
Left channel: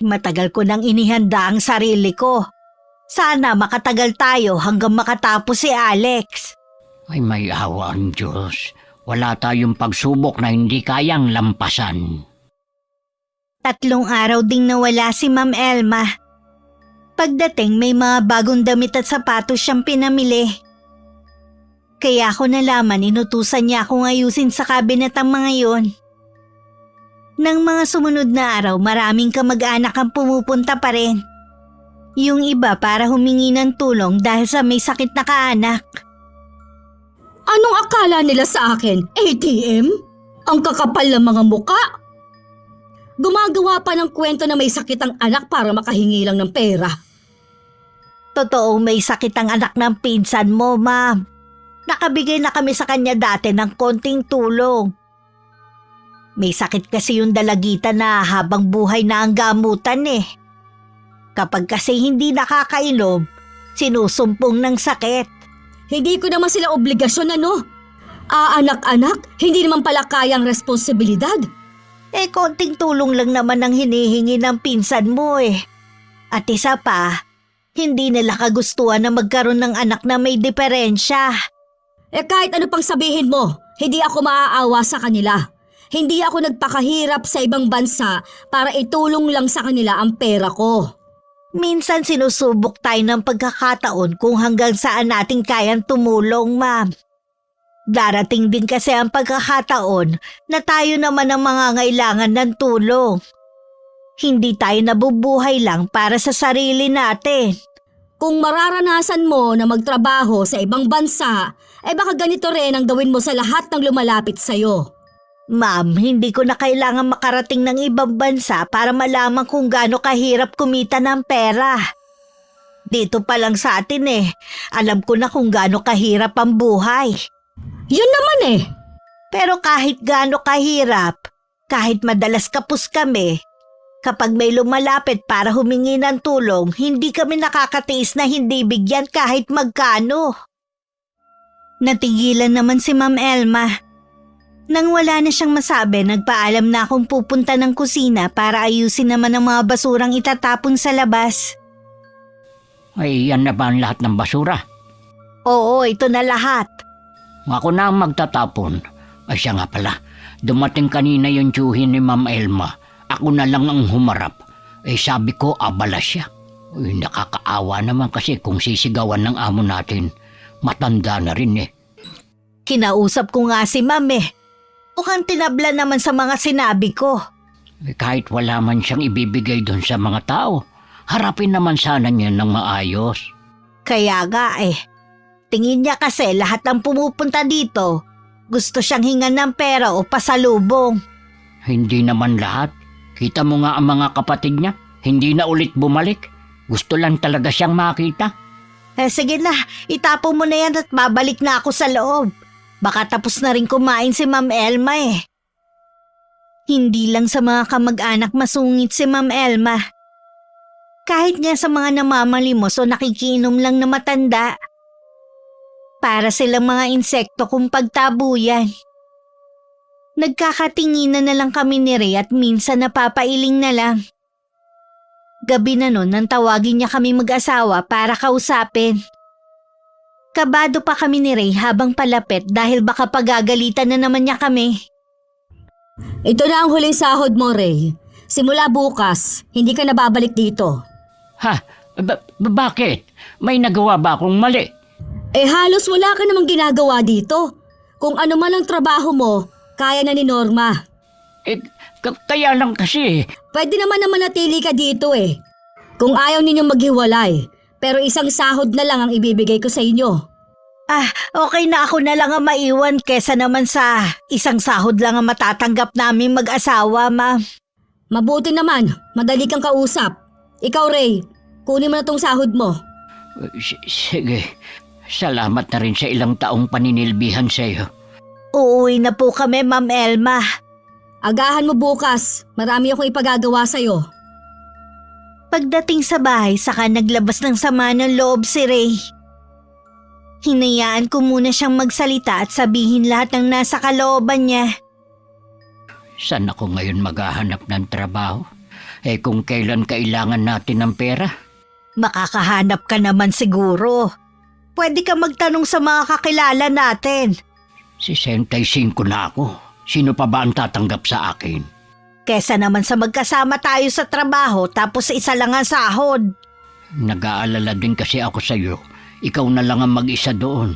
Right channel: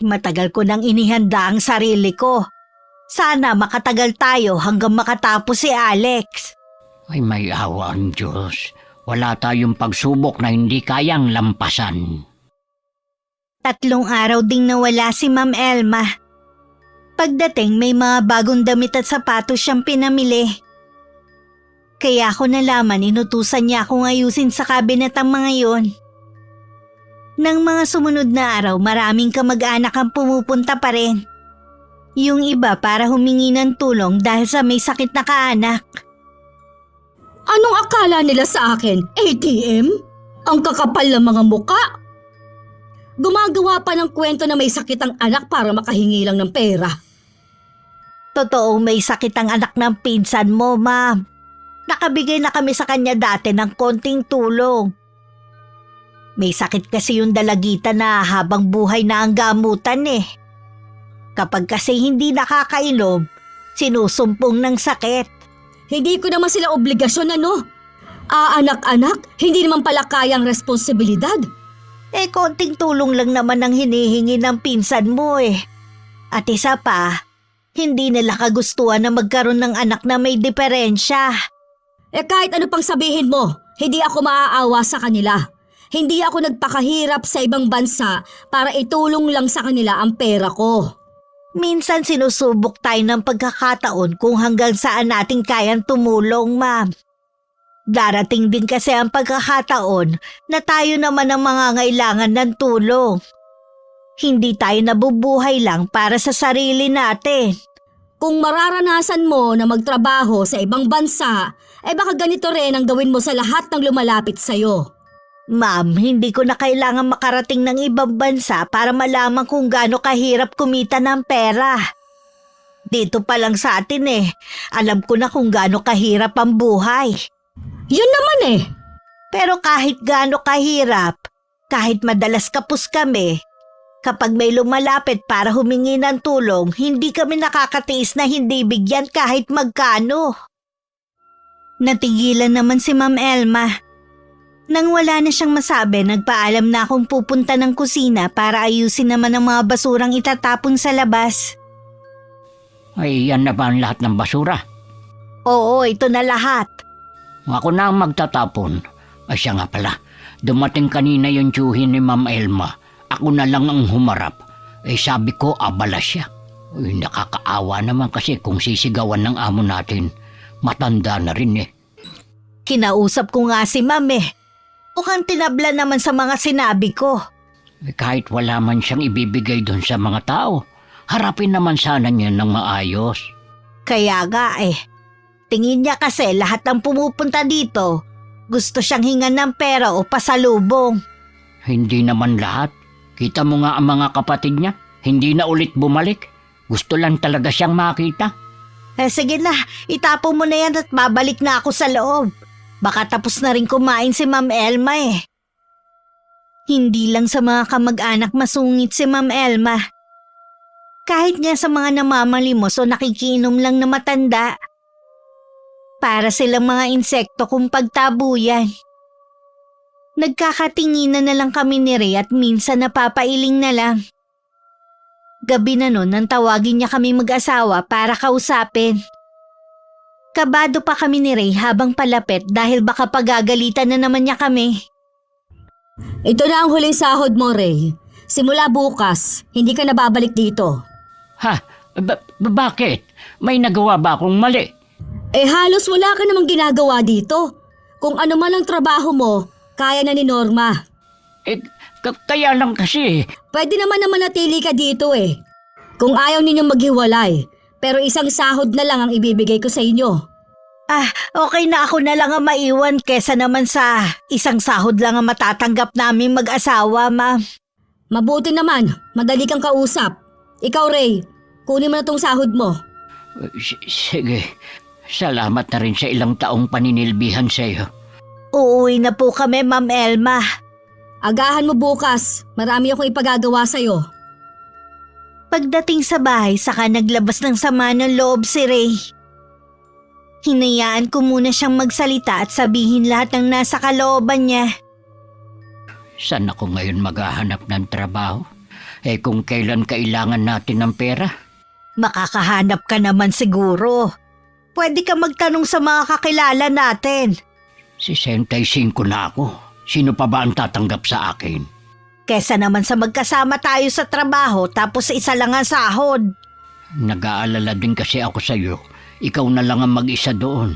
Matagal ko nang inihanda ang sarili ko. Sana makatagal tayo hanggang makatapos si Alex. Ay may awa ang Diyos. Wala tayong pagsubok na hindi kayang lampasan. 3 araw ding nawala si Ma'am Elma. Pagdating may mga bagong damit at sapatos siyang pinamili. Kaya ako nalaman inutusan niya akong ayusin sa kabinet ang mga yon. Nang mga sumunod na araw maraming kamag-anak ang pumupunta pa rin. Yung iba para humingi ng tulong dahil sa may sakit na kaanak. Anong akala nila sa akin? ATM? Ang kakapal ng mga muka? Gumagawa pa ng kwento na may sakit ang anak para makahingi lang ng pera. Totoo may sakit ang anak ng pinsan mo, Ma'am. Nakabigay na kami sa kanya dati ng konting tulong. May sakit kasi yung dalagita na habang buhay na ang gamutan Kapag kasi hindi nakakainom, sinusumpong ng sakit. Hindi ko naman sila obligasyon anak-anak, hindi naman pala kayang responsibilidad. Konting tulong lang naman ang hinihingi ng pinsan mo At isa pa, hindi nila kagustuhan na magkaroon ng anak na may diferensya. Kahit ano pang sabihin mo, hindi ako maaawa sa kanila. Hindi ako nagpakahirap sa ibang bansa para itulong lang sa kanila ang pera ko. Minsan sinusubok tayo ng pagkakataon kung hanggang saan natin kayang tumulong, Ma'am. Darating din kasi ang pagkakataon na tayo naman ang mangangailangan ng tulong. Hindi tayo nabubuhay lang para sa sarili natin. Kung mararanasan mo na magtrabaho sa ibang bansa, baka ganito rin ang gawin mo sa lahat ng lumalapit sa'yo. Ma'am, hindi ko na kailangan makarating ng ibang bansa para malaman kung gaano kahirap kumita ng pera. Dito pa lang sa atin alam ko na kung gaano kahirap ang buhay. Yun naman Pero kahit gaano kahirap, kahit madalas kapos kami, kapag may lumalapit para humingi ng tulong, hindi kami nakakatiis na hindi bigyan kahit magkano. Natigilan naman si Ma'am Elma. Nang wala na siyang masabi, nagpaalam na akong pupunta ng kusina para ayusin naman ang mga basurang itatapon sa labas. Ay, yan na ba ang lahat ng basura? Oo, ito na lahat. Ako na ang magtatapon. Ay, siya nga pala. Dumating kanina yung tiyuhin ni Ma'am Elma. Ako na lang ang humarap. Sabi ko, abala siya. Uy, nakakaawa naman kasi kung sisigawan ng amo natin. Matanda na rin Kinausap ko nga si Ma'am Mukhang tinabla naman sa mga sinabi ko. Kahit wala man siyang ibibigay doon sa mga tao, harapin naman sana niya ng maayos. Kaya nga tingin niya kasi lahat ng pumupunta dito, gusto siyang hingan ng pera o pasalubong. Hindi naman lahat. Kita mo nga ang mga kapatid niya. Hindi na ulit bumalik. Gusto lang talaga siyang makita. Sige na, itapon mo na yan at babalik na ako sa loob. Baka tapos na rin kumain si Ma'am Elma Hindi lang sa mga kamag-anak masungit si Ma'am Elma. Kahit nga sa mga namamalimos o nakikiinom lang na matanda. Para silang mga insekto kung pagtabuyan. Nagkakatinginan na lang kami ni Ray at minsan napapailing na lang. Gabi na nun nang tawagin niya kami mag-asawa para kausapin. Kabado pa kami ni Ray habang palapit dahil baka pagagalitan na naman niya kami. Ito na ang huling sahod mo, Ray. Simula bukas, hindi ka na babalik dito. Ha? Bakit? May nagawa ba akong mali? Halos wala ka namang ginagawa dito. Kung ano man ang trabaho mo, kaya na ni Norma. Kaya lang kasi. Pwede naman na manatili ka dito Kung ayaw ninyong maghiwalay, pero isang sahod na lang ang ibibigay ko sa inyo. Okay na ako na lang ang maiwan kesa naman sa isang sahod lang ang matatanggap namin mag-asawa, Ma'am. Mabuti naman, madali kang kausap. Ikaw, Ray, kunin mo na tong sahod mo. Sige. Salamat na rin sa ilang taong paninilbihan sa iyo. Uuwi na po kami, Ma'am Elma. Agahan mo bukas, marami akong ipagagawa sa'yo. Pagdating sa bahay, saka naglabas ng sama ng loob si Ray. Hinayaan ko muna siyang magsalita at sabihin lahat ng nasa kalooban niya. Saan ako ngayon maghahanap ng trabaho? Kung kailan kailangan natin ng pera? Makakahanap ka naman siguro. Pwede ka magtanong sa mga kakilala natin. 65 na ako. Sino pa ba ang tatanggap sa akin? Kesa naman sa magkasama tayo sa trabaho tapos isa lang ang sahod. Nag-aalala din kasi ako sa iyo. Ikaw na lang ang mag-isa doon.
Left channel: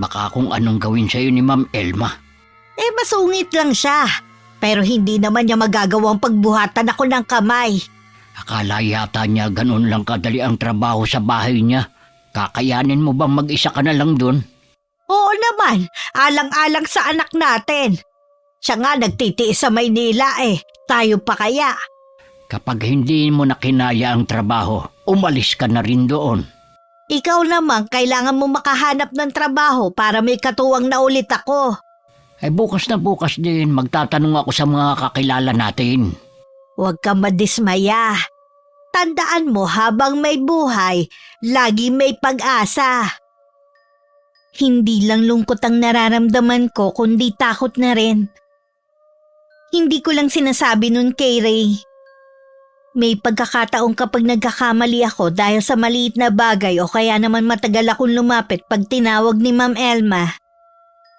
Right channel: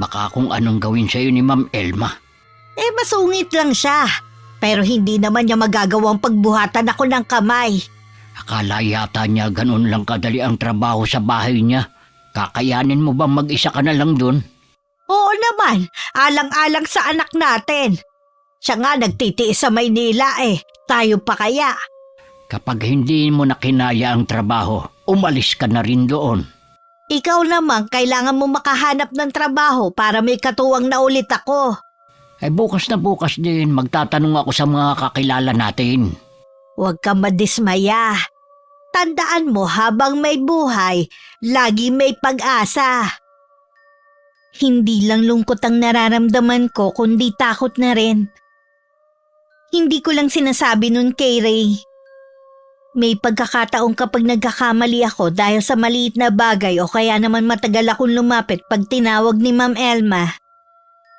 Baka kung anong gawin sa iyo ni Ma'am Elma. Masungit lang siya. Pero hindi naman niya magagawang pagbuhatan ako ng kamay. Akala yata niya ganun lang kadali ang trabaho sa bahay niya. Kakayanin mo bang mag-isa ka na lang doon? Oo naman, alang-alang sa anak natin. Siya nga nagtitiis sa Maynila Tayo pa kaya? Kapag hindi mo na kinaya ang trabaho, umalis ka na rin doon. Ikaw naman, kailangan mo makahanap ng trabaho para may katuwang na ulit ako. Bukas na bukas din, magtatanong ako sa mga kakilala natin. Huwag kang madismaya. Tandaan mo habang may buhay, lagi may pag-asa. Hindi lang lungkot ang nararamdaman ko, kundi takot na rin. Hindi ko lang sinasabi nun kay Ray. May pagkakataong kapag nagkakamali ako dahil sa maliit na bagay o kaya naman matagal akong lumapit pag tinawag ni Ma'am Elma,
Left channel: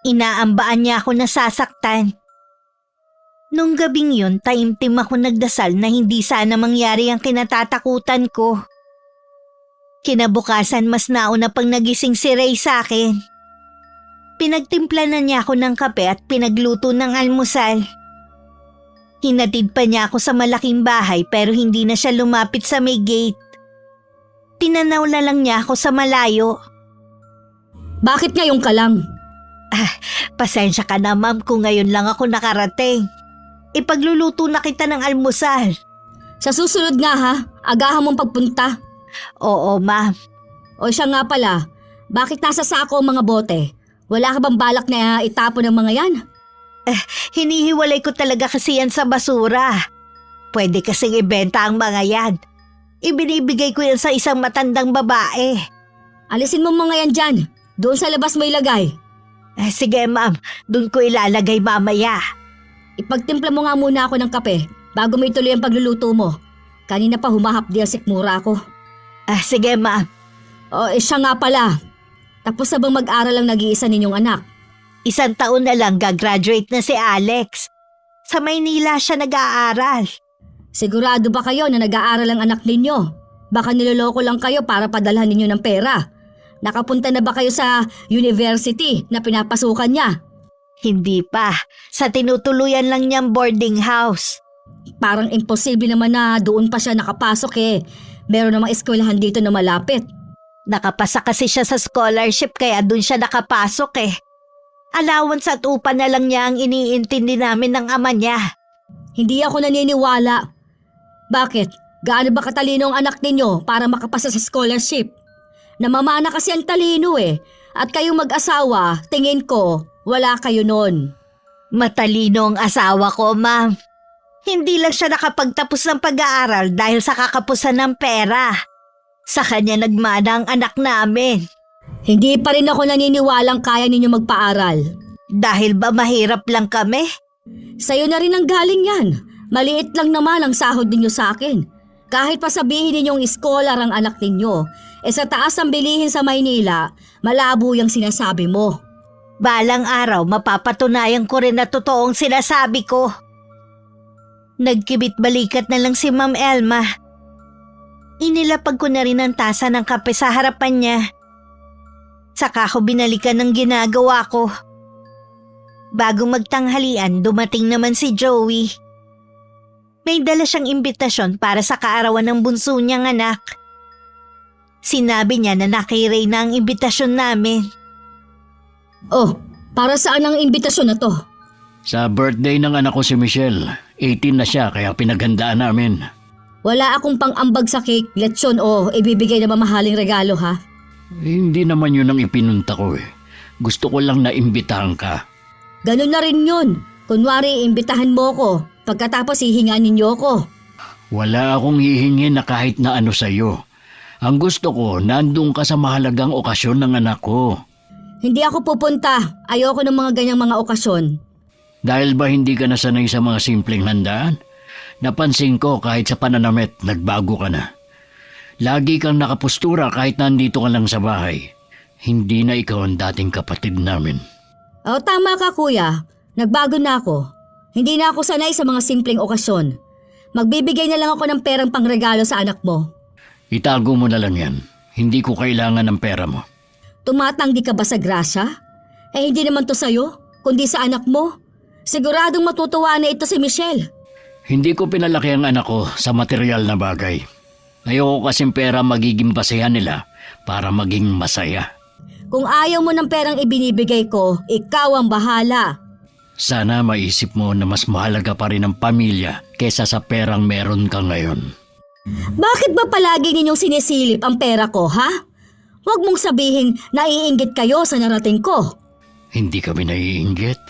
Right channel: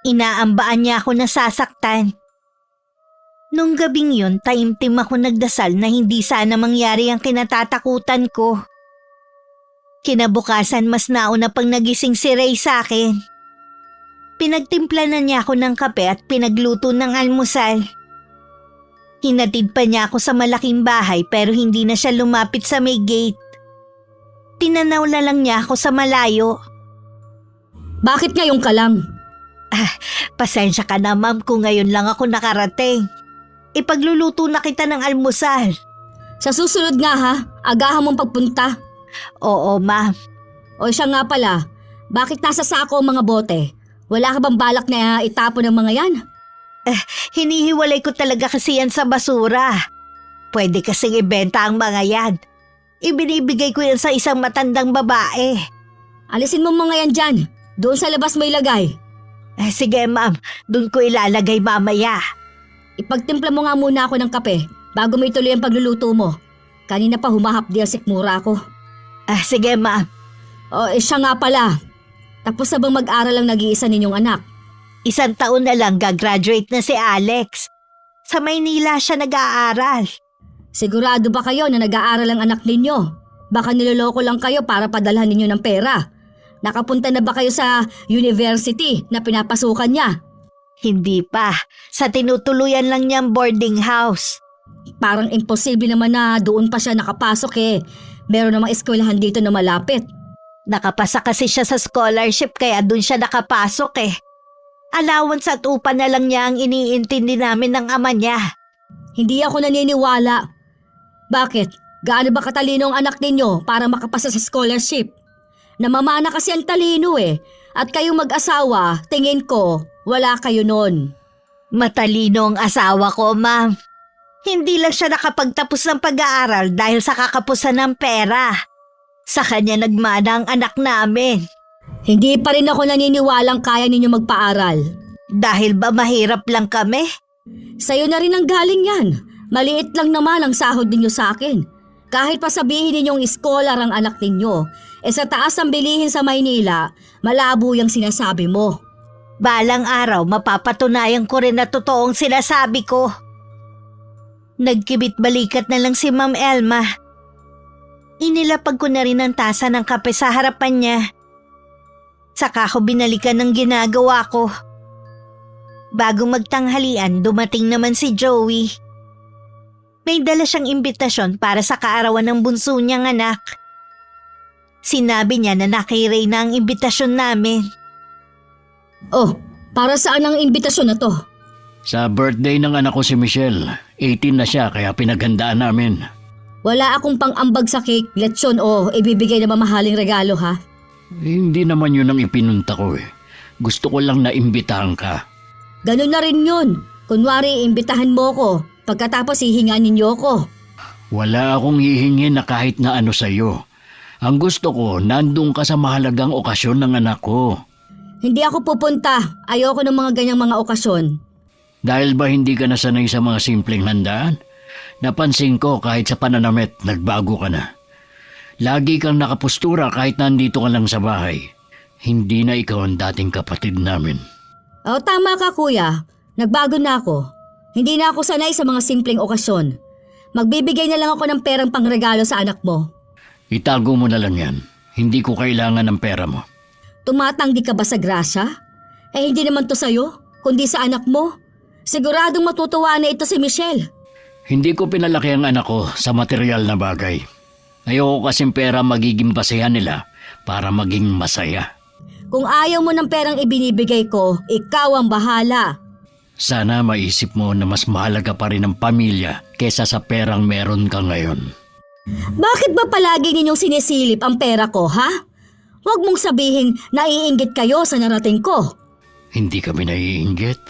inaambaan niya ako nasasaktan. Nung gabing yun, taimtim ako nagdasal na hindi sana mangyari ang kinatatakutan ko. Kinabukasan mas nauna pang nagising si Ray sa akin. Pinagtimpla na niya ako ng kape at pinagluto ng almusal. Hinatid pa niya ako sa malaking bahay pero hindi na siya lumapit sa may gate. Tinanaw na lang niya ako sa malayo. Bakit ngayon ka lang? Pasensya ka na ma'am kung ngayon lang ako nakarating. Ipagluluto na kita ng almusal. Sa susunod nga ha, agahan mong pagpunta. Oo ma'am. O siya nga pala, bakit nasa sako ang mga bote? Wala ka bang balak na itapon ng mga yan? Hinihiwalay ko talaga kasi yan sa basura. Pwede kasing ibenta ang mga yan. Ibinibigay ko yan sa isang matandang babae. Alisin mo mga yan dyan. Doon sa labas mo ilagay. Sige ma'am, doon ko ilalagay mamaya. Ipagtimpla mo nga muna ako ng kape bago mo ituloy ang pagluluto mo. Kanina pa humahapdi ang sikmura ko. Sige ma'am. O siya nga pala. Tapos na bang mag-aral ang nag-iisa ninyong anak? 1 taon na lang gagraduate na si Alex. Sa Maynila siya nag-aaral. Sigurado ba kayo na nag-aaral ang anak ninyo? Baka niloloko lang kayo para padalhan ninyo ng pera. Nakapunta na ba kayo sa university na pinapasukan niya? Hindi pa. Sa tinutuluyan lang niyang boarding house. Parang imposible naman na doon pa siya nakapasok eh. Meron namang eskwelahan dito na malapit. Nakapasa kasi siya sa scholarship kaya doon siya nakapasok eh. Allowance at upa na lang niya ang iniintindi namin ng ama niya. Hindi ako naniniwala. Bakit? Gaano ba katalino ang anak ninyo para makapasa sa scholarship? Namamana kasi ang talino eh. At kayong mag-asawa, tingin ko, wala kayo nun. Matalino ang asawa ko, ma'am. Hindi lang siya nakapagtapos ng pag-aaral dahil sa kakapusan ng pera. Sa kanya nagmana ang anak namin. Hindi pa rin ako naniniwalang kaya ninyo magpaaral. Dahil ba mahirap lang kami? Sa'yo na rin ang galing yan. Maliit lang naman ang sahod ninyo sa akin. Kahit pa sabihin ninyong scholar ang anak ninyo, sa taas ang bilihin sa Maynila, malabo yung sinasabi mo. Balang araw, mapapatunayan ko rin na totoong sinasabi ko. Nagkibit-balikat na lang si Ma'am Elma. Inilapag ko na rin ang tasa ng kape sa harapan niya. Saka ko binalikan ng ginagawa ko. Bago magtanghalian, dumating naman si Joey. May dala siyang imbitasyon para sa kaarawan ng bunso niyang anak. Sinabi niya na nakay na ang imbitasyon namin. Oh, para saan ang imbitasyon na to? Sa birthday ng anak ko si Michelle. 18 na siya kaya pinagandaan namin. Wala akong pang-ambag sa cake, lechon o ibibigay na mamahaling regalo ha? Hindi naman yun ang ipinunta ko eh. Gusto ko lang na imbitahan ka. Ganun na rin yun. Kunwari, imbitahan mo ko. Pagkatapos hihingan ninyo ko. Wala akong hihingi na kahit na ano sa'yo. Ang gusto ko, nandun ka sa mahalagang okasyon ng anak ko. Hindi ako pupunta. Ayoko ng mga ganyang mga okasyon. Dahil ba hindi ka nasanay sa mga simpleng handaan? Napansin ko kahit sa pananamit, nagbago ka na. Lagi kang nakapustura kahit nandito ka lang sa bahay. Hindi na ikaw ang dating kapatid namin. O tama ka kuya. Nagbago na ako. Hindi na ako sanay sa mga simpleng okasyon. Magbibigay na lang ako ng perang pangregalo sa anak mo. Itago mo na lang yan. Hindi ko kailangan ng pera mo. Tumatanggi ka ba sa grasya? Hindi naman to sa'yo, kundi sa anak mo. Siguradong matutuwa na ito si Michelle. Hindi ko pinalaki ang anak ko sa material na bagay. Ayoko kasing pera magiging basehan nila para maging masaya. Kung ayaw mo ng perang ibinibigay ko, ikaw ang bahala. Sana maisip mo na mas mahalaga pa rin ang pamilya kesa sa perang meron ka ngayon. Bakit ba palagi ninyong sinisilip ang pera ko, ha? Huwag mong sabihin naiinggit kayo sa narating ko. Hindi kami naiinggit.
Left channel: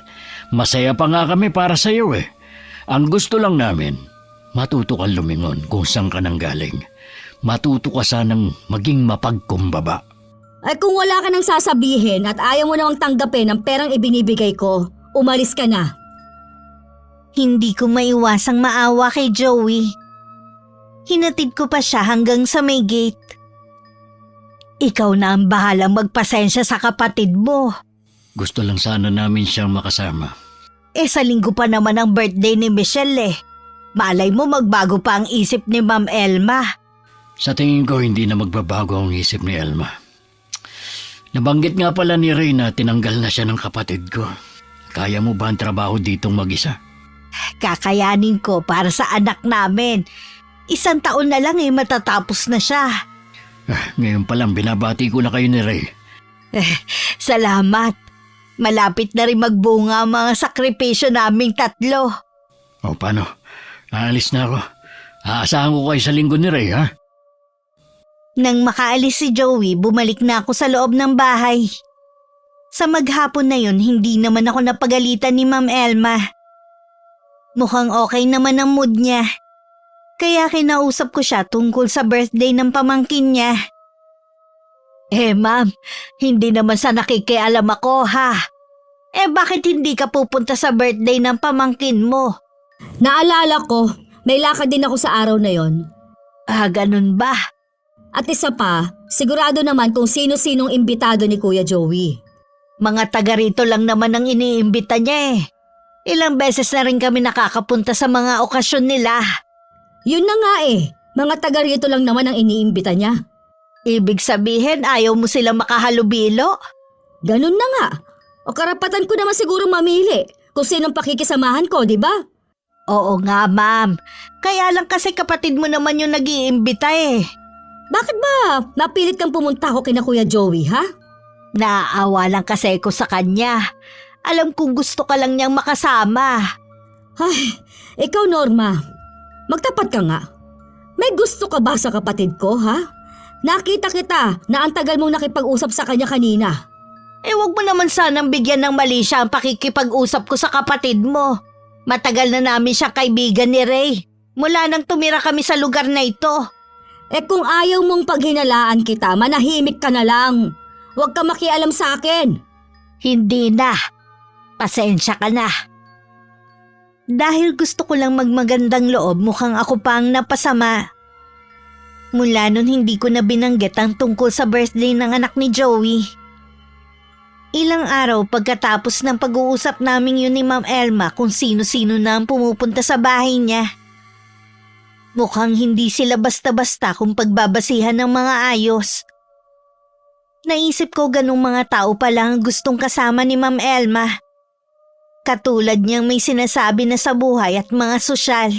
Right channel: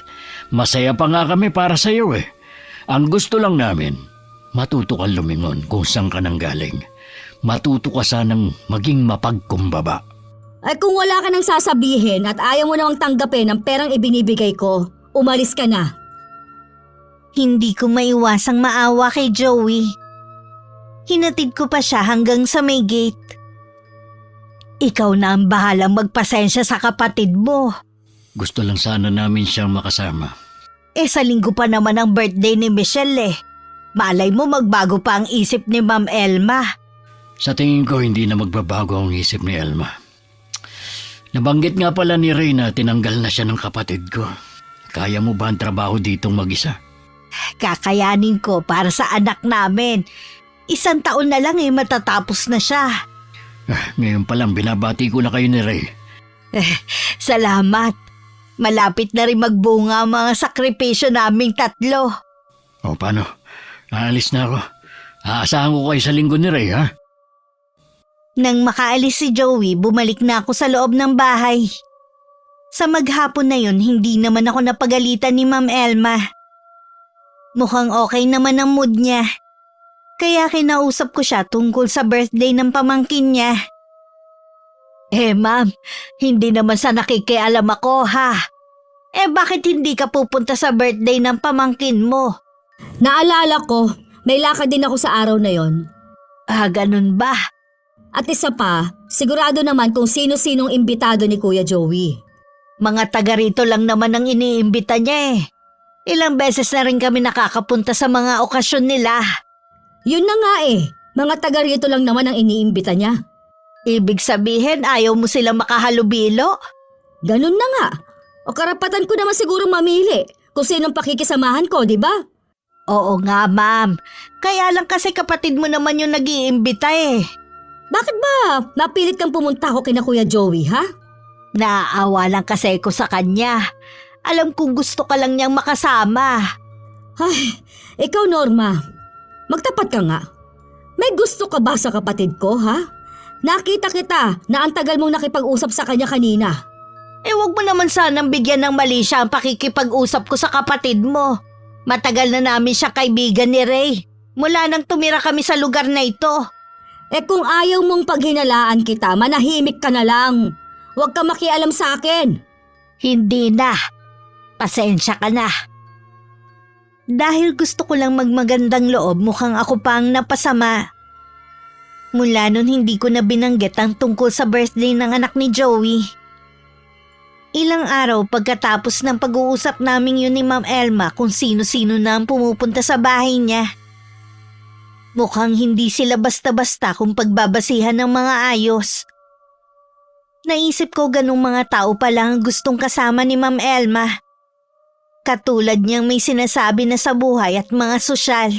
Masaya pa nga kami para sa iyo eh. Ang gusto lang namin, matuto kang lumingon kung saan ka nang galing. Matuto ka sanang maging mapagkumbaba. Ay kung wala ka nang sasabihin at ayaw mo namang tanggapin ang perang ibinibigay ko, umalis ka na. Hindi ko maiwasang maawa kay Joey. Hinatid ko pa siya hanggang sa may gate. Ikaw na ang bahalang magpasensya sa kapatid mo. Gusto lang sana namin siyang makasama. Sa linggo pa naman ang birthday ni Michelle eh. Malay mo magbago pa ang isip ni Ma'am Elma. Sa tingin ko hindi na magbabago ang isip ni Elma. Nabanggit nga pala ni Ray na tinanggal na siya ng kapatid ko. Kaya mo ba ang trabaho ditong mag-isa? Kakayanin ko para sa anak namin. 1 taon na lang matatapos na siya. Ngayon pa lang, binabati ko na kayo ni Ray. Salamat. Malapit na rin magbunga ang mga sakripisyo naming 3. O paano? Aalis na ako. Aasahan ko kayo sa linggo ni Ray, ha? Nang makaalis si Joey, bumalik na ako sa loob ng bahay. Sa maghapon na yun, hindi naman ako napagalitan ni Ma'am Elma. Mukhang okay naman ang mood niya. Kaya kinausap ko siya tungkol sa birthday ng pamangkin niya. Ma'am, hindi naman sa nakikialam ako, ha? Bakit hindi ka pupunta sa birthday ng pamangkin mo? Naalala ko, may lakad din ako sa araw na yon. Ganun ba? At isa pa, sigurado naman kung sino-sinong imbitado ni Kuya Joey. Mga taga rito lang naman ang iniimbita niya. Ilang beses na rin kami nakakapunta sa mga okasyon nila. Yun na nga mga taga rito lang naman ang iniimbita niya. Ibig sabihin, ayaw mo sila makahalubilo? Ganun na nga. O karapatan ko naman siguro mamili kung sinong pakikisamahan ko, di ba? Oo nga, ma'am. Kaya lang kasi kapatid mo naman yung nag-iimbita Bakit ba napilit kang pumunta ako kina Kuya Joey, ha? Naaawa lang kasi ko sa kanya. Alam kong gusto ka lang niyang makasama. Ay, ikaw Norma, magtapat ka nga. May gusto ka ba sa kapatid ko, ha? Nakita kita na ang tagal mong nakipag-usap sa kanya kanina. Wag mo naman sanang bigyan ng mali siya ang pakikipag-usap ko sa kapatid mo. Matagal na namin siya kaibigan ni Ray. Mula nang tumira kami sa lugar na ito. Kung ayaw mong paghinalaan kita, manahimik ka na lang. Huwag ka makialam sa akin. Hindi na. Pasensya ka na. Dahil gusto ko lang magmagandang loob, mukhang ako pa ang napasama. Mula nun hindi ko na binanggit ang tungkol sa birthday ng anak ni Joey. Ilang araw pagkatapos ng pag-uusap namin yun ni Ma'am Elma kung sino-sino na ang pumupunta sa bahay niya. Mukhang hindi sila basta-basta kung pagbabasihan ng mga ayos. Naisip ko ganung mga tao pala ang gustong kasama ni Ma'am Elma. Katulad niyang may sinasabi na sa buhay at mga sosyal.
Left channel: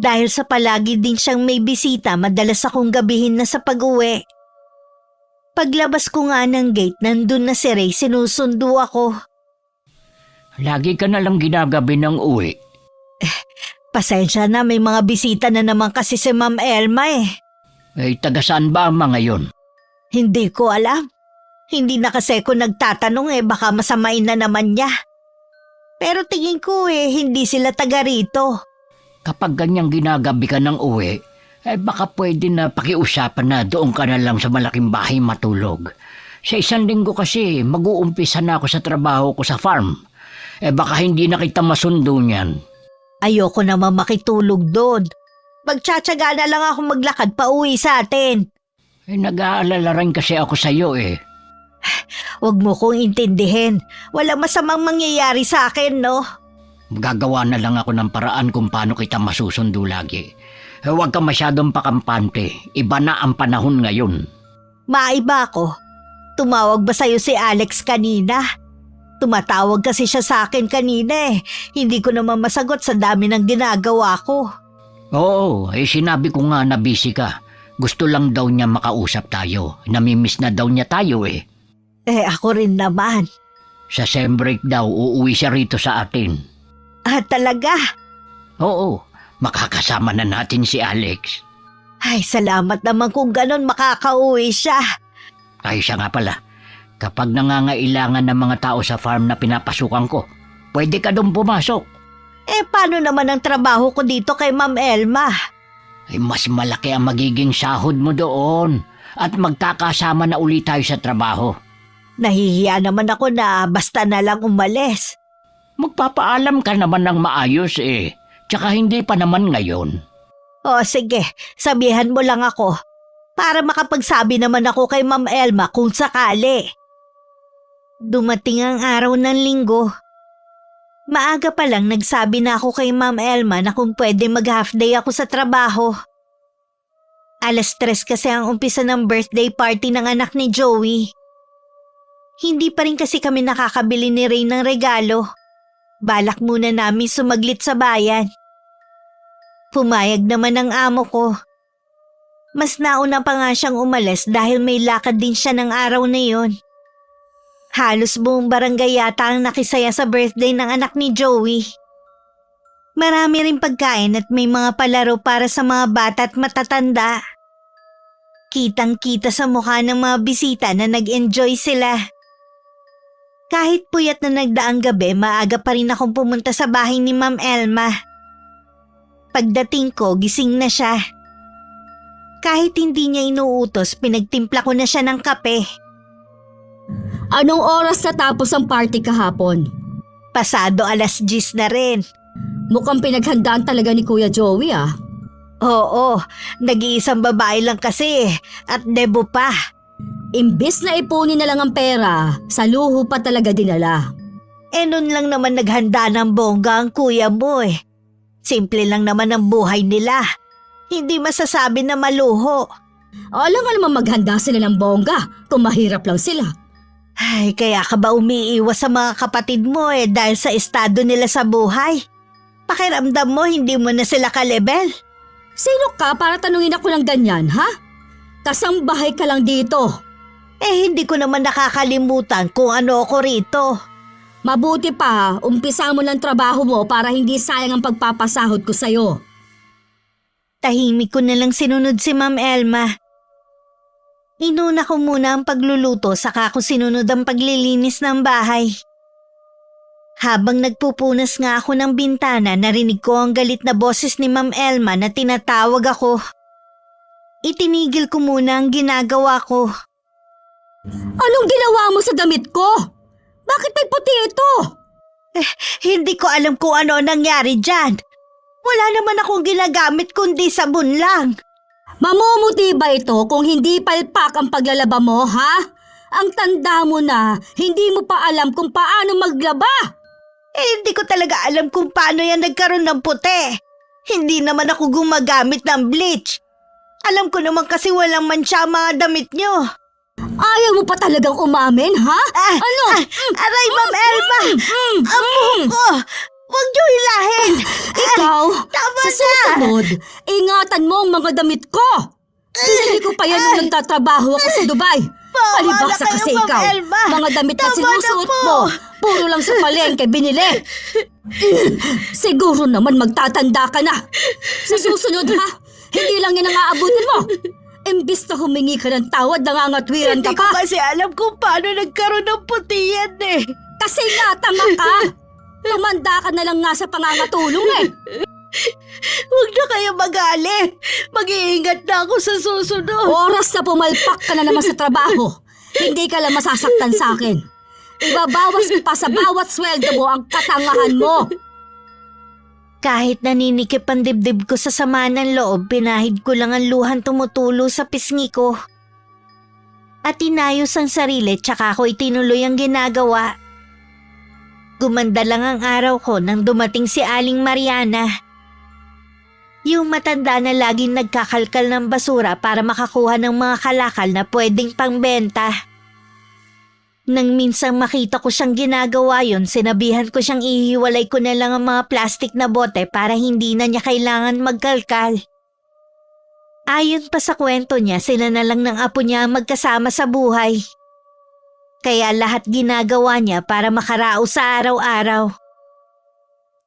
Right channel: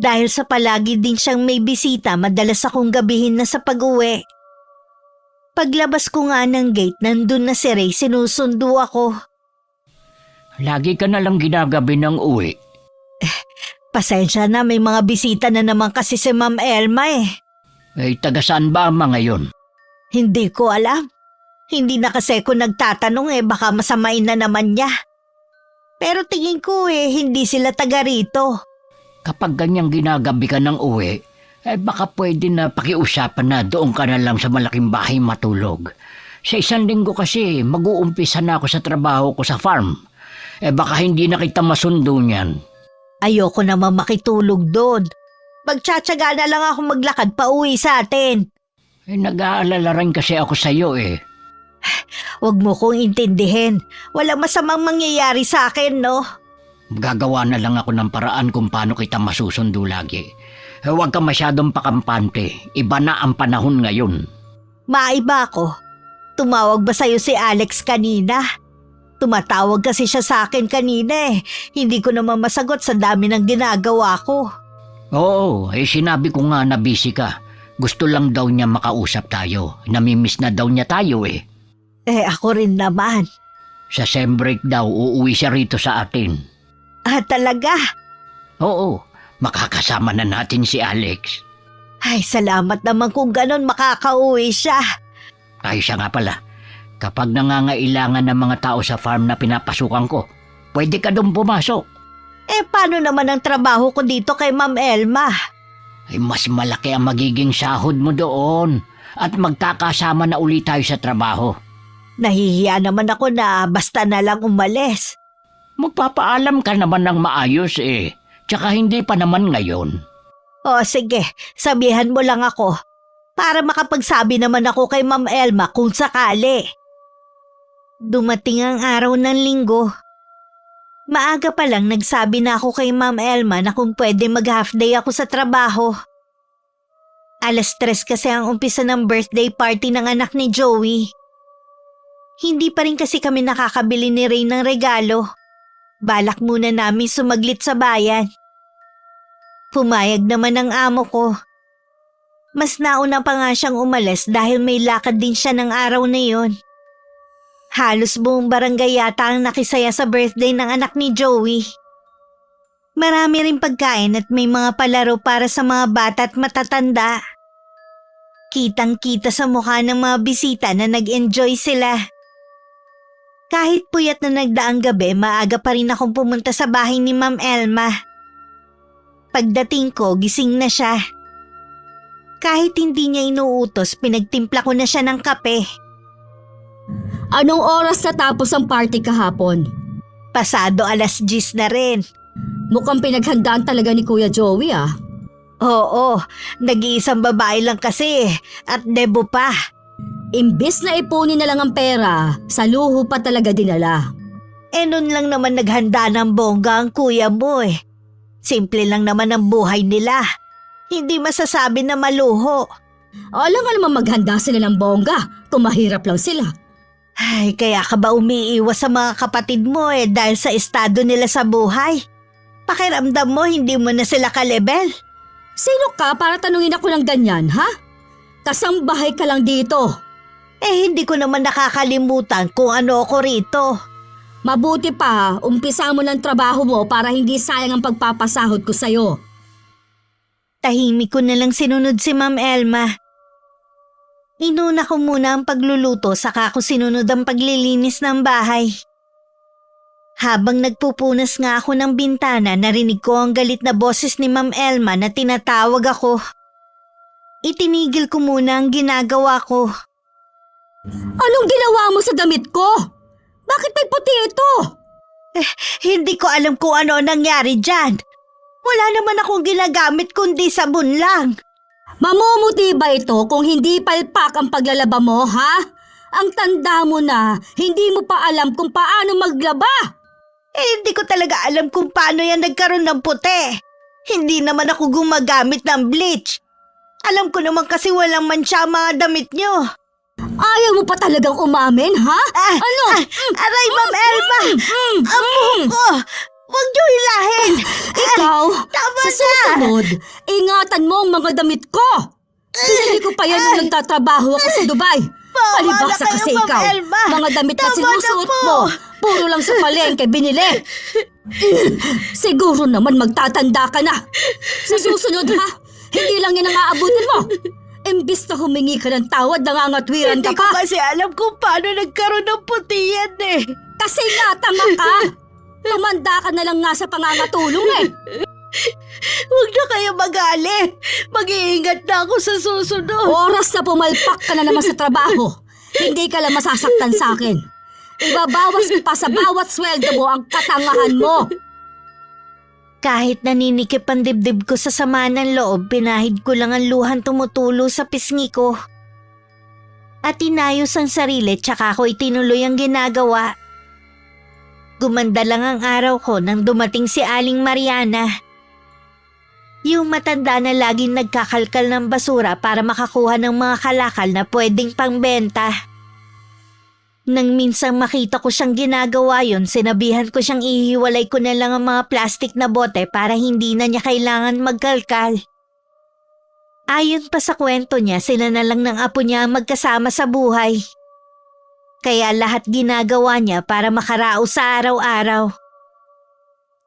Dahil sa palagi din siyang may bisita, madalas akong gabihin na sa pag-uwi. Paglabas ko nga ng gate, nandun na si Ray, sinusundo ako. Lagi ka na lang ginagabi ng uwi. Pasensya na, may mga bisita na naman kasi si Ma'am Elma Taga saan ba ang mga yun? Hindi ko alam. Hindi na kasi ko nagtatanong baka masamain na naman niya. Pero tingin ko hindi sila taga rito. Kapag ganyang ginagabi ka ng uwi, baka pwede na pakiusapan na doon ka na lang sa malaking bahay matulog. Sa 1 linggo kasi, mag-uumpisa na ako sa trabaho ko sa farm. Baka hindi na kita masundo niyan. Ayoko naman makitulog doon. Magtsatsaga na lang ako maglakad pa uwi sa atin. Nag-aalala rin kasi ako sa iyo Huwag mo kong intindihin. Walang masamang mangyayari sa akin, no? Gagawa na lang ako ng paraan kung paano kita masusundo lagi. Huwag ka masyadong pakampante. Iba na ang panahon ngayon. Maiba ako. Tumawag ba sa'yo si Alex kanina? Tumatawag kasi siya sa akin kanina Hindi ko naman masagot sa dami ng ginagawa ko. Oo, sinabi ko nga na busy ka. Gusto lang daw niya makausap tayo. Namimiss na daw niya tayo Ako rin naman. Sa sem break daw, uuwi siya rito sa atin. Talaga? Oo, makakasama na natin si Alex. Ay, salamat naman kung ganon makakauwi siya. Ay, siya nga pala. Kapag nangangailangan ng mga tao sa farm na pinapasukan ko, pwede ka doon pumasok. Paano naman ang trabaho ko dito kay Ma'am Elma? Mas malaki ang magiging sahod mo doon. At magkakasama na ulit tayo sa trabaho. Nahihiya naman ako na basta na lang umalis. Magpapaalam ka naman ng maayos Tsaka hindi pa naman ngayon. O sige, sabihan mo lang ako. Para makapagsabi naman ako kay Ma'am Elma kung sakali. Dumating ang araw ng linggo. Maaga pa lang nagsabi na ako kay Ma'am Elma na kung pwede mag-half day ako sa trabaho. 3:00 kasi ang umpisa ng birthday party ng anak ni Joey. Hindi pa rin kasi kami nakakabili ni Ray ng regalo. Balak muna namin sumaglit sa bayan. Pumayag naman ang amo ko. Mas nauna pa nga siyang umalis dahil may lakad din siya ng araw na yon. Halos buong barangay yata ang nakisaya sa birthday ng anak ni Joey. Marami rin pagkain at may mga palaro para sa mga bata at matatanda. Kitang-kita sa mukha ng mga bisita na nag-enjoy sila. Kahit puyat na nagdaang gabi, maaga pa rin akong pumunta sa bahay ni Ma'am Elma. Pagdating ko, gising na siya. Kahit hindi niya inuutos, pinagtimpla ko na siya ng kape. Anong oras natapos ang party kahapon? Pasado 10:00 na rin. Mukhang pinaghandaan talaga ni Kuya Joey ah. Oo, nag-iisang babae lang kasi at debo pa. Imbis na ipunin na lang ang pera, sa luho pa talaga dinala. Nun lang naman naghanda ng bongga ang kuya mo eh. Simple lang naman ang buhay nila. Hindi masasabi na maluho. Alam nga naman maghanda sila ng bongga kung mahirap lang sila. Ay, kaya ka ba umiiwas sa mga kapatid mo dahil sa estado nila sa buhay? Pakiramdam mo hindi mo na sila ka-level? Sino ka para tanungin ako ng ganyan, ha? Kasambahay ka lang dito. Hindi ko naman nakakalimutan kung ano ako rito. Mabuti pa, umpisa mo ng trabaho mo para hindi sayang ang pagpapasahod ko sa'yo. Tahimik ko na lang sinunod si Ma'am Elma. Inuna ko muna ang pagluluto saka ko sinunod ang paglilinis ng bahay. Habang nagpupunas nga ako ng bintana, narinig ko ang galit na boses ni Ma'am Elma na tinatawag ako. Itinigil ko muna ang ginagawa ko. Anong ginawa mo sa damit ko? Bakit may puti ito? Hindi ko alam kung ano ang nangyari dyan. Wala naman akong ginagamit kundi sabon lang. Mamumuti ba ito kung hindi palpak ang paglalaba mo, ha? Ang tanda mo na, hindi mo pa alam kung paano maglaba. Hindi ko talaga alam kung paano yan nagkaroon ng puti. Hindi naman ako gumagamit ng bleach. Alam ko naman kasi walang mansya ang mga damit nyo. Ayaw mo pa talagang umamin, ha? Ano? Aray, Ma'am Elma! Ang buhok ko! Huwag niyo hilahin! Ikaw, sa susunod, ingatan mo ang mga damit ko. Hindi ko pa yan nung nagtatrabaho ako sa Dubai. Palibasa kasi Ma'am ikaw. Elma. Mga damit na Tama sinusuot na po. mo. Puro lang sa palengke binili. Siguro naman magtatanda ka na. Sa susunod ha, hindi lang yun ang aabutin mo. Imbis na humingi ka ng tawad, nangangatwiran Hindi ka ko pa. kasi alam kung paano nagkaroon ng puti yan eh. Kasi natama ka. Tumanda ka na lang nga sa pangangatulong eh. Huwag na kayo magalit. Mag-iingat na ako sa susunod. Oras na pumalpak ka na naman sa trabaho. Hindi ka lang masasaktan sa akin. Ibabawas ko pa sa bawat sweldo mo ang katangahan mo. Kahit naninikip ang dibdib ko sa sama ng loob, pinahid ko lang ang luhan tumutulo sa pisngi ko. At inayos ang sarili tsaka ko itinuloy ang ginagawa. Gumanda lang ang araw ko nang dumating si Aling Mariana. Yung matanda na laging nagkakalkal ng basura para makakuha ng mga kalakal na pwedeng pangbenta. Nang minsang makita ko siyang ginagawa yun, sinabihan ko siyang ihiwalay ko na lang ang mga plastik na bote para hindi na niya kailangan magkalkal. Ayon pa sa kwento niya, sila na lang ng apo niya magkasama sa buhay. Kaya lahat ginagawa niya para makaraos sa araw-araw.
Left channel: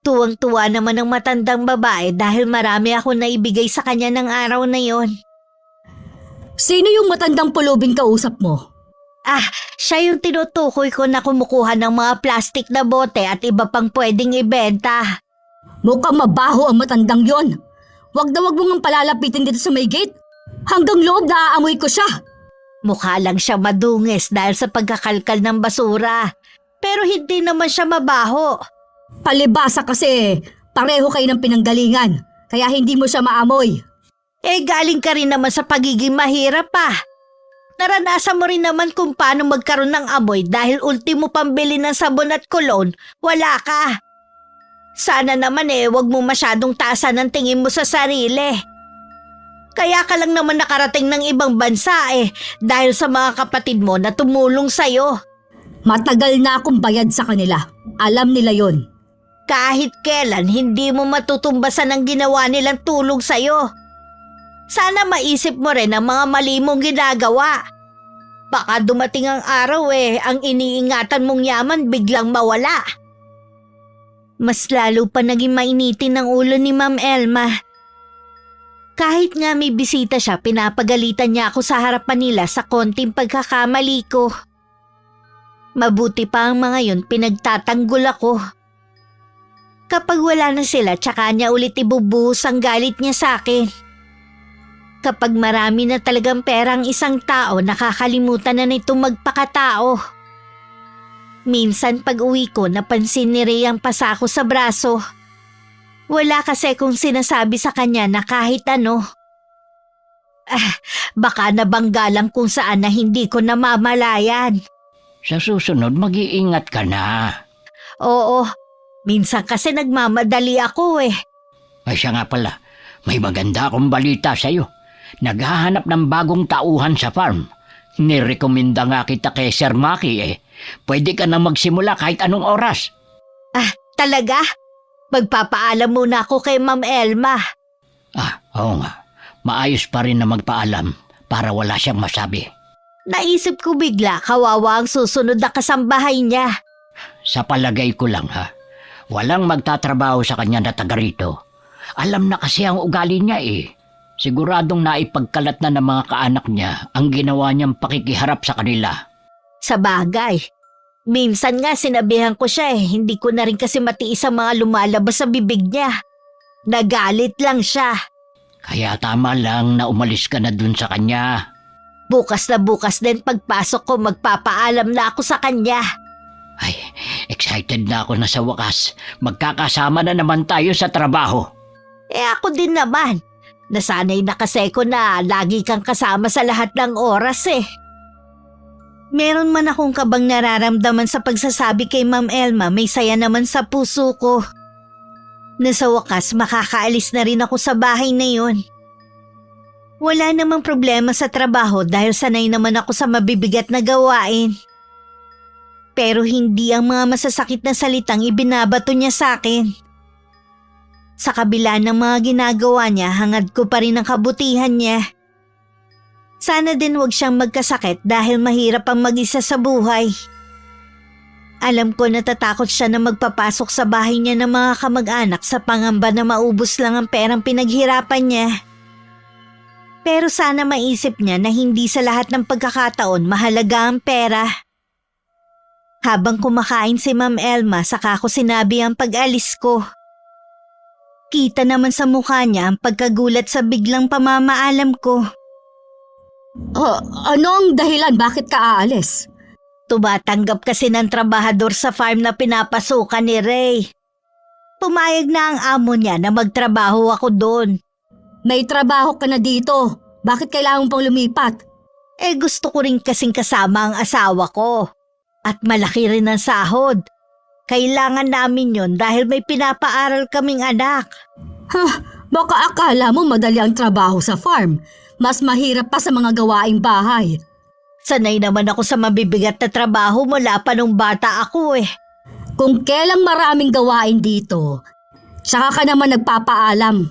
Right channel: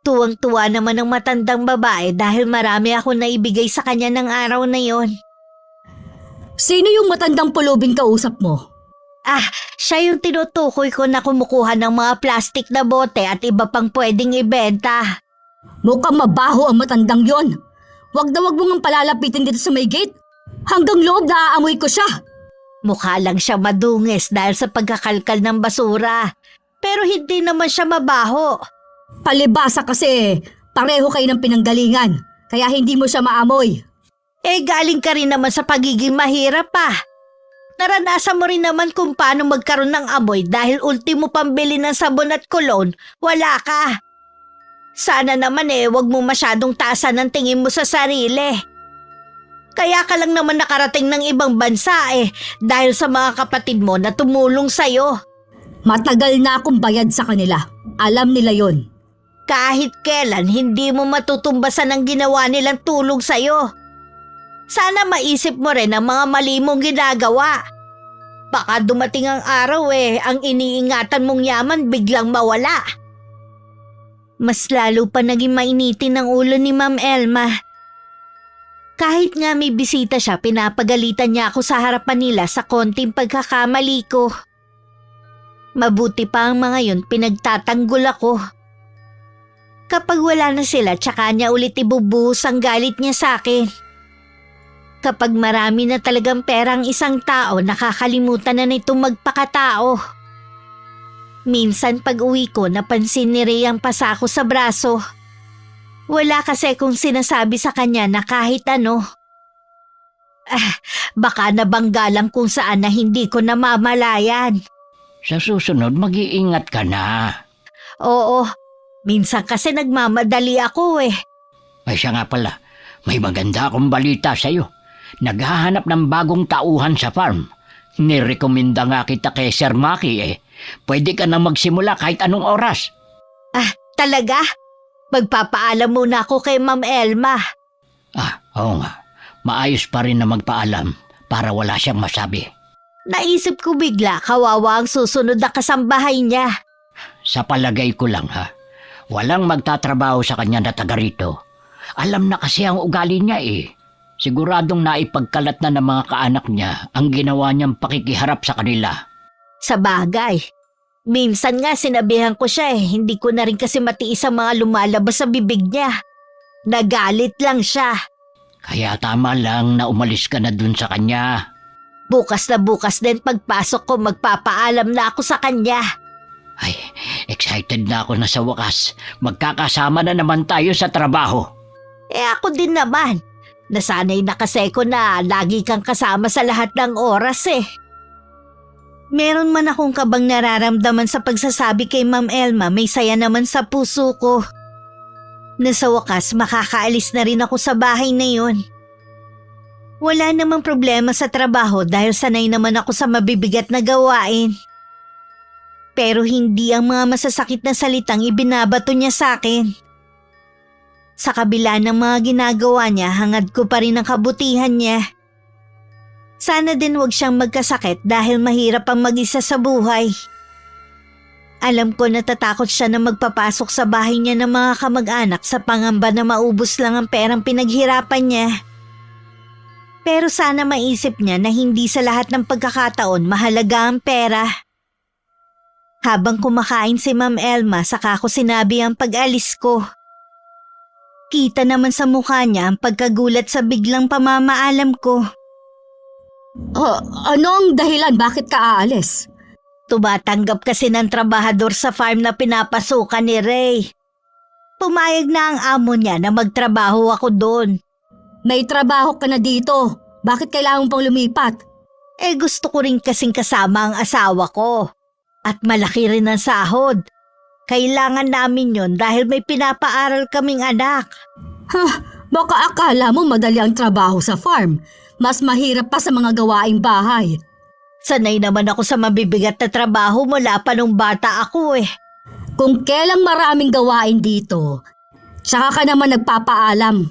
Tuwang-tuwa naman ang matandang babae dahil marami ako naibigay sa kanya ng araw na yon. Sino yung matandang pulubing kausap mo? Siya yung tinutukoy ko na kumukuha ng mga plastik na bote at iba pang pwedeng ibenta. Mukhang mabaho ang matandang yon. Wag na wag mo ngang palalapitin dito sa may gate. Hanggang loob naaamoy ko siya. Mukha lang siya madungis dahil sa pagkakalkal ng basura. Pero hindi naman siya mabaho. Palibasa kasi pareho kayo ng pinanggalingan. Kaya hindi mo siya maamoy. Galing ka rin naman sa pagiging mahirap pa. Naranasan mo rin naman kung paano magkaroon ng amoy dahil ultimo pambili ng sabon at cologne, wala ka. Sana naman wag mo masyadong taasan ang tingin mo sa sarili. Kaya ka lang naman nakarating ng ibang bansa dahil sa mga kapatid mo na tumulong sa'yo. Matagal na akong bayad sa kanila. Alam nila yun. Kahit kailan, hindi mo matutumbasan ang ginawa nilang tulong sa'yo. Sana maisip mo rin ang mga mali mong ginagawa. Baka dumating ang araw ang iniingatan mong yaman biglang mawala. Mas lalo pa naging mainitin ang ulo ni Ma'am Elma. Kahit nga may bisita siya, pinapagalitan niya ako sa harapan nila sa konting pagkakamali ko. Mabuti pa ang mga yon, pinagtatanggol ako. Kapag wala na sila, tsaka niya ulit ibubuhos ang galit niya sa akin. Kapag marami na talagang pera ang isang tao, nakakalimutan na nitong magpakatao. Minsan pag uwi ko, napansin ni Ray ang pasako sa braso. Wala kasi kung sinasabi sa kanya na kahit ano. Baka nabangga lang kung saan na hindi ko namamalayan. Sa susunod, mag-iingat ka na. Oo, minsan kasi nagmamadali ako Ay siya nga pala, may maganda akong balita sa'yo. Naghahanap ng bagong tauhan sa farm. Nirekomenda nga kita kay Sir Maki Pwede ka na magsimula kahit anong oras. Talaga? Magpapaalam muna ako kay Ma'am Elma. Oo nga. Maayos pa rin na magpaalam para wala siyang masabi. Naisip ko bigla, kawawa ang susunod na kasambahay niya. Sa palagay ko lang walang magtatrabaho sa kanya na taga rito. Alam na kasi ang ugali niya Siguradong naipagkalat na ng mga kaanak niya ang ginawa niyang pakikiharap sa kanila. Sa bagay. Minsan nga sinabihan ko siya hindi ko na rin kasi matiis ang mga lumalabas sa bibig niya. Nagalit lang siya. Kaya tama lang na umalis ka na dun sa kanya. Bukas na bukas din pagpasok ko, magpapaalam na ako sa kanya. Ay, excited na ako na sa wakas. Magkakasama na naman tayo sa trabaho. Ako din naman. Nasanay na kasi ko na lagi kang kasama sa lahat ng oras Meron man akong kabang nararamdaman sa pagsasabi kay Ma'am Elma, may saya naman sa puso ko. Na sa wakas makakaalis na rin ako sa bahay na yun. Wala namang problema sa trabaho dahil sanay naman ako sa mabibigat na gawain. Pero hindi ang mga masasakit na salitang ibinabato niya sa akin. Sa kabila ng mga ginagawa niya, hangad ko pa rin ang kabutihan niya. Sana din huwag siyang magkasakit dahil mahirap ang mag-isa sa buhay. Alam ko natatakot siya na magpapasok sa bahay niya ng mga kamag-anak sa pangamba na maubos lang ang perang pinaghirapan niya. Pero sana maisip niya na hindi sa lahat ng pagkakataon mahalaga ang pera. Habang kumakain si Ma'am Elma, saka ko sinabi ang pag-alis ko. Kita naman sa mukha niya ang pagkagulat sa biglang pamamaalam ko. Ano ang dahilan? Bakit ka aalis? Tumatanggap kasi ng trabahador sa farm na pinapasukan ni Ray. Pumayag na ang amo niya na magtrabaho ako doon. May trabaho ka na dito. Bakit kailangan pang lumipat? Gusto ko rin kasing kasama ang asawa ko. At malaki rin ang sahod. Kailangan namin yon dahil may pinapaaral kaming anak. Baka akala mo madali ang trabaho sa farm. Mas mahirap pa sa mga gawaing bahay. Sanay naman ako sa mabibigat na trabaho mula pa nung bata ako Kung kailang maraming gawain dito, saka ka naman nagpapaalam.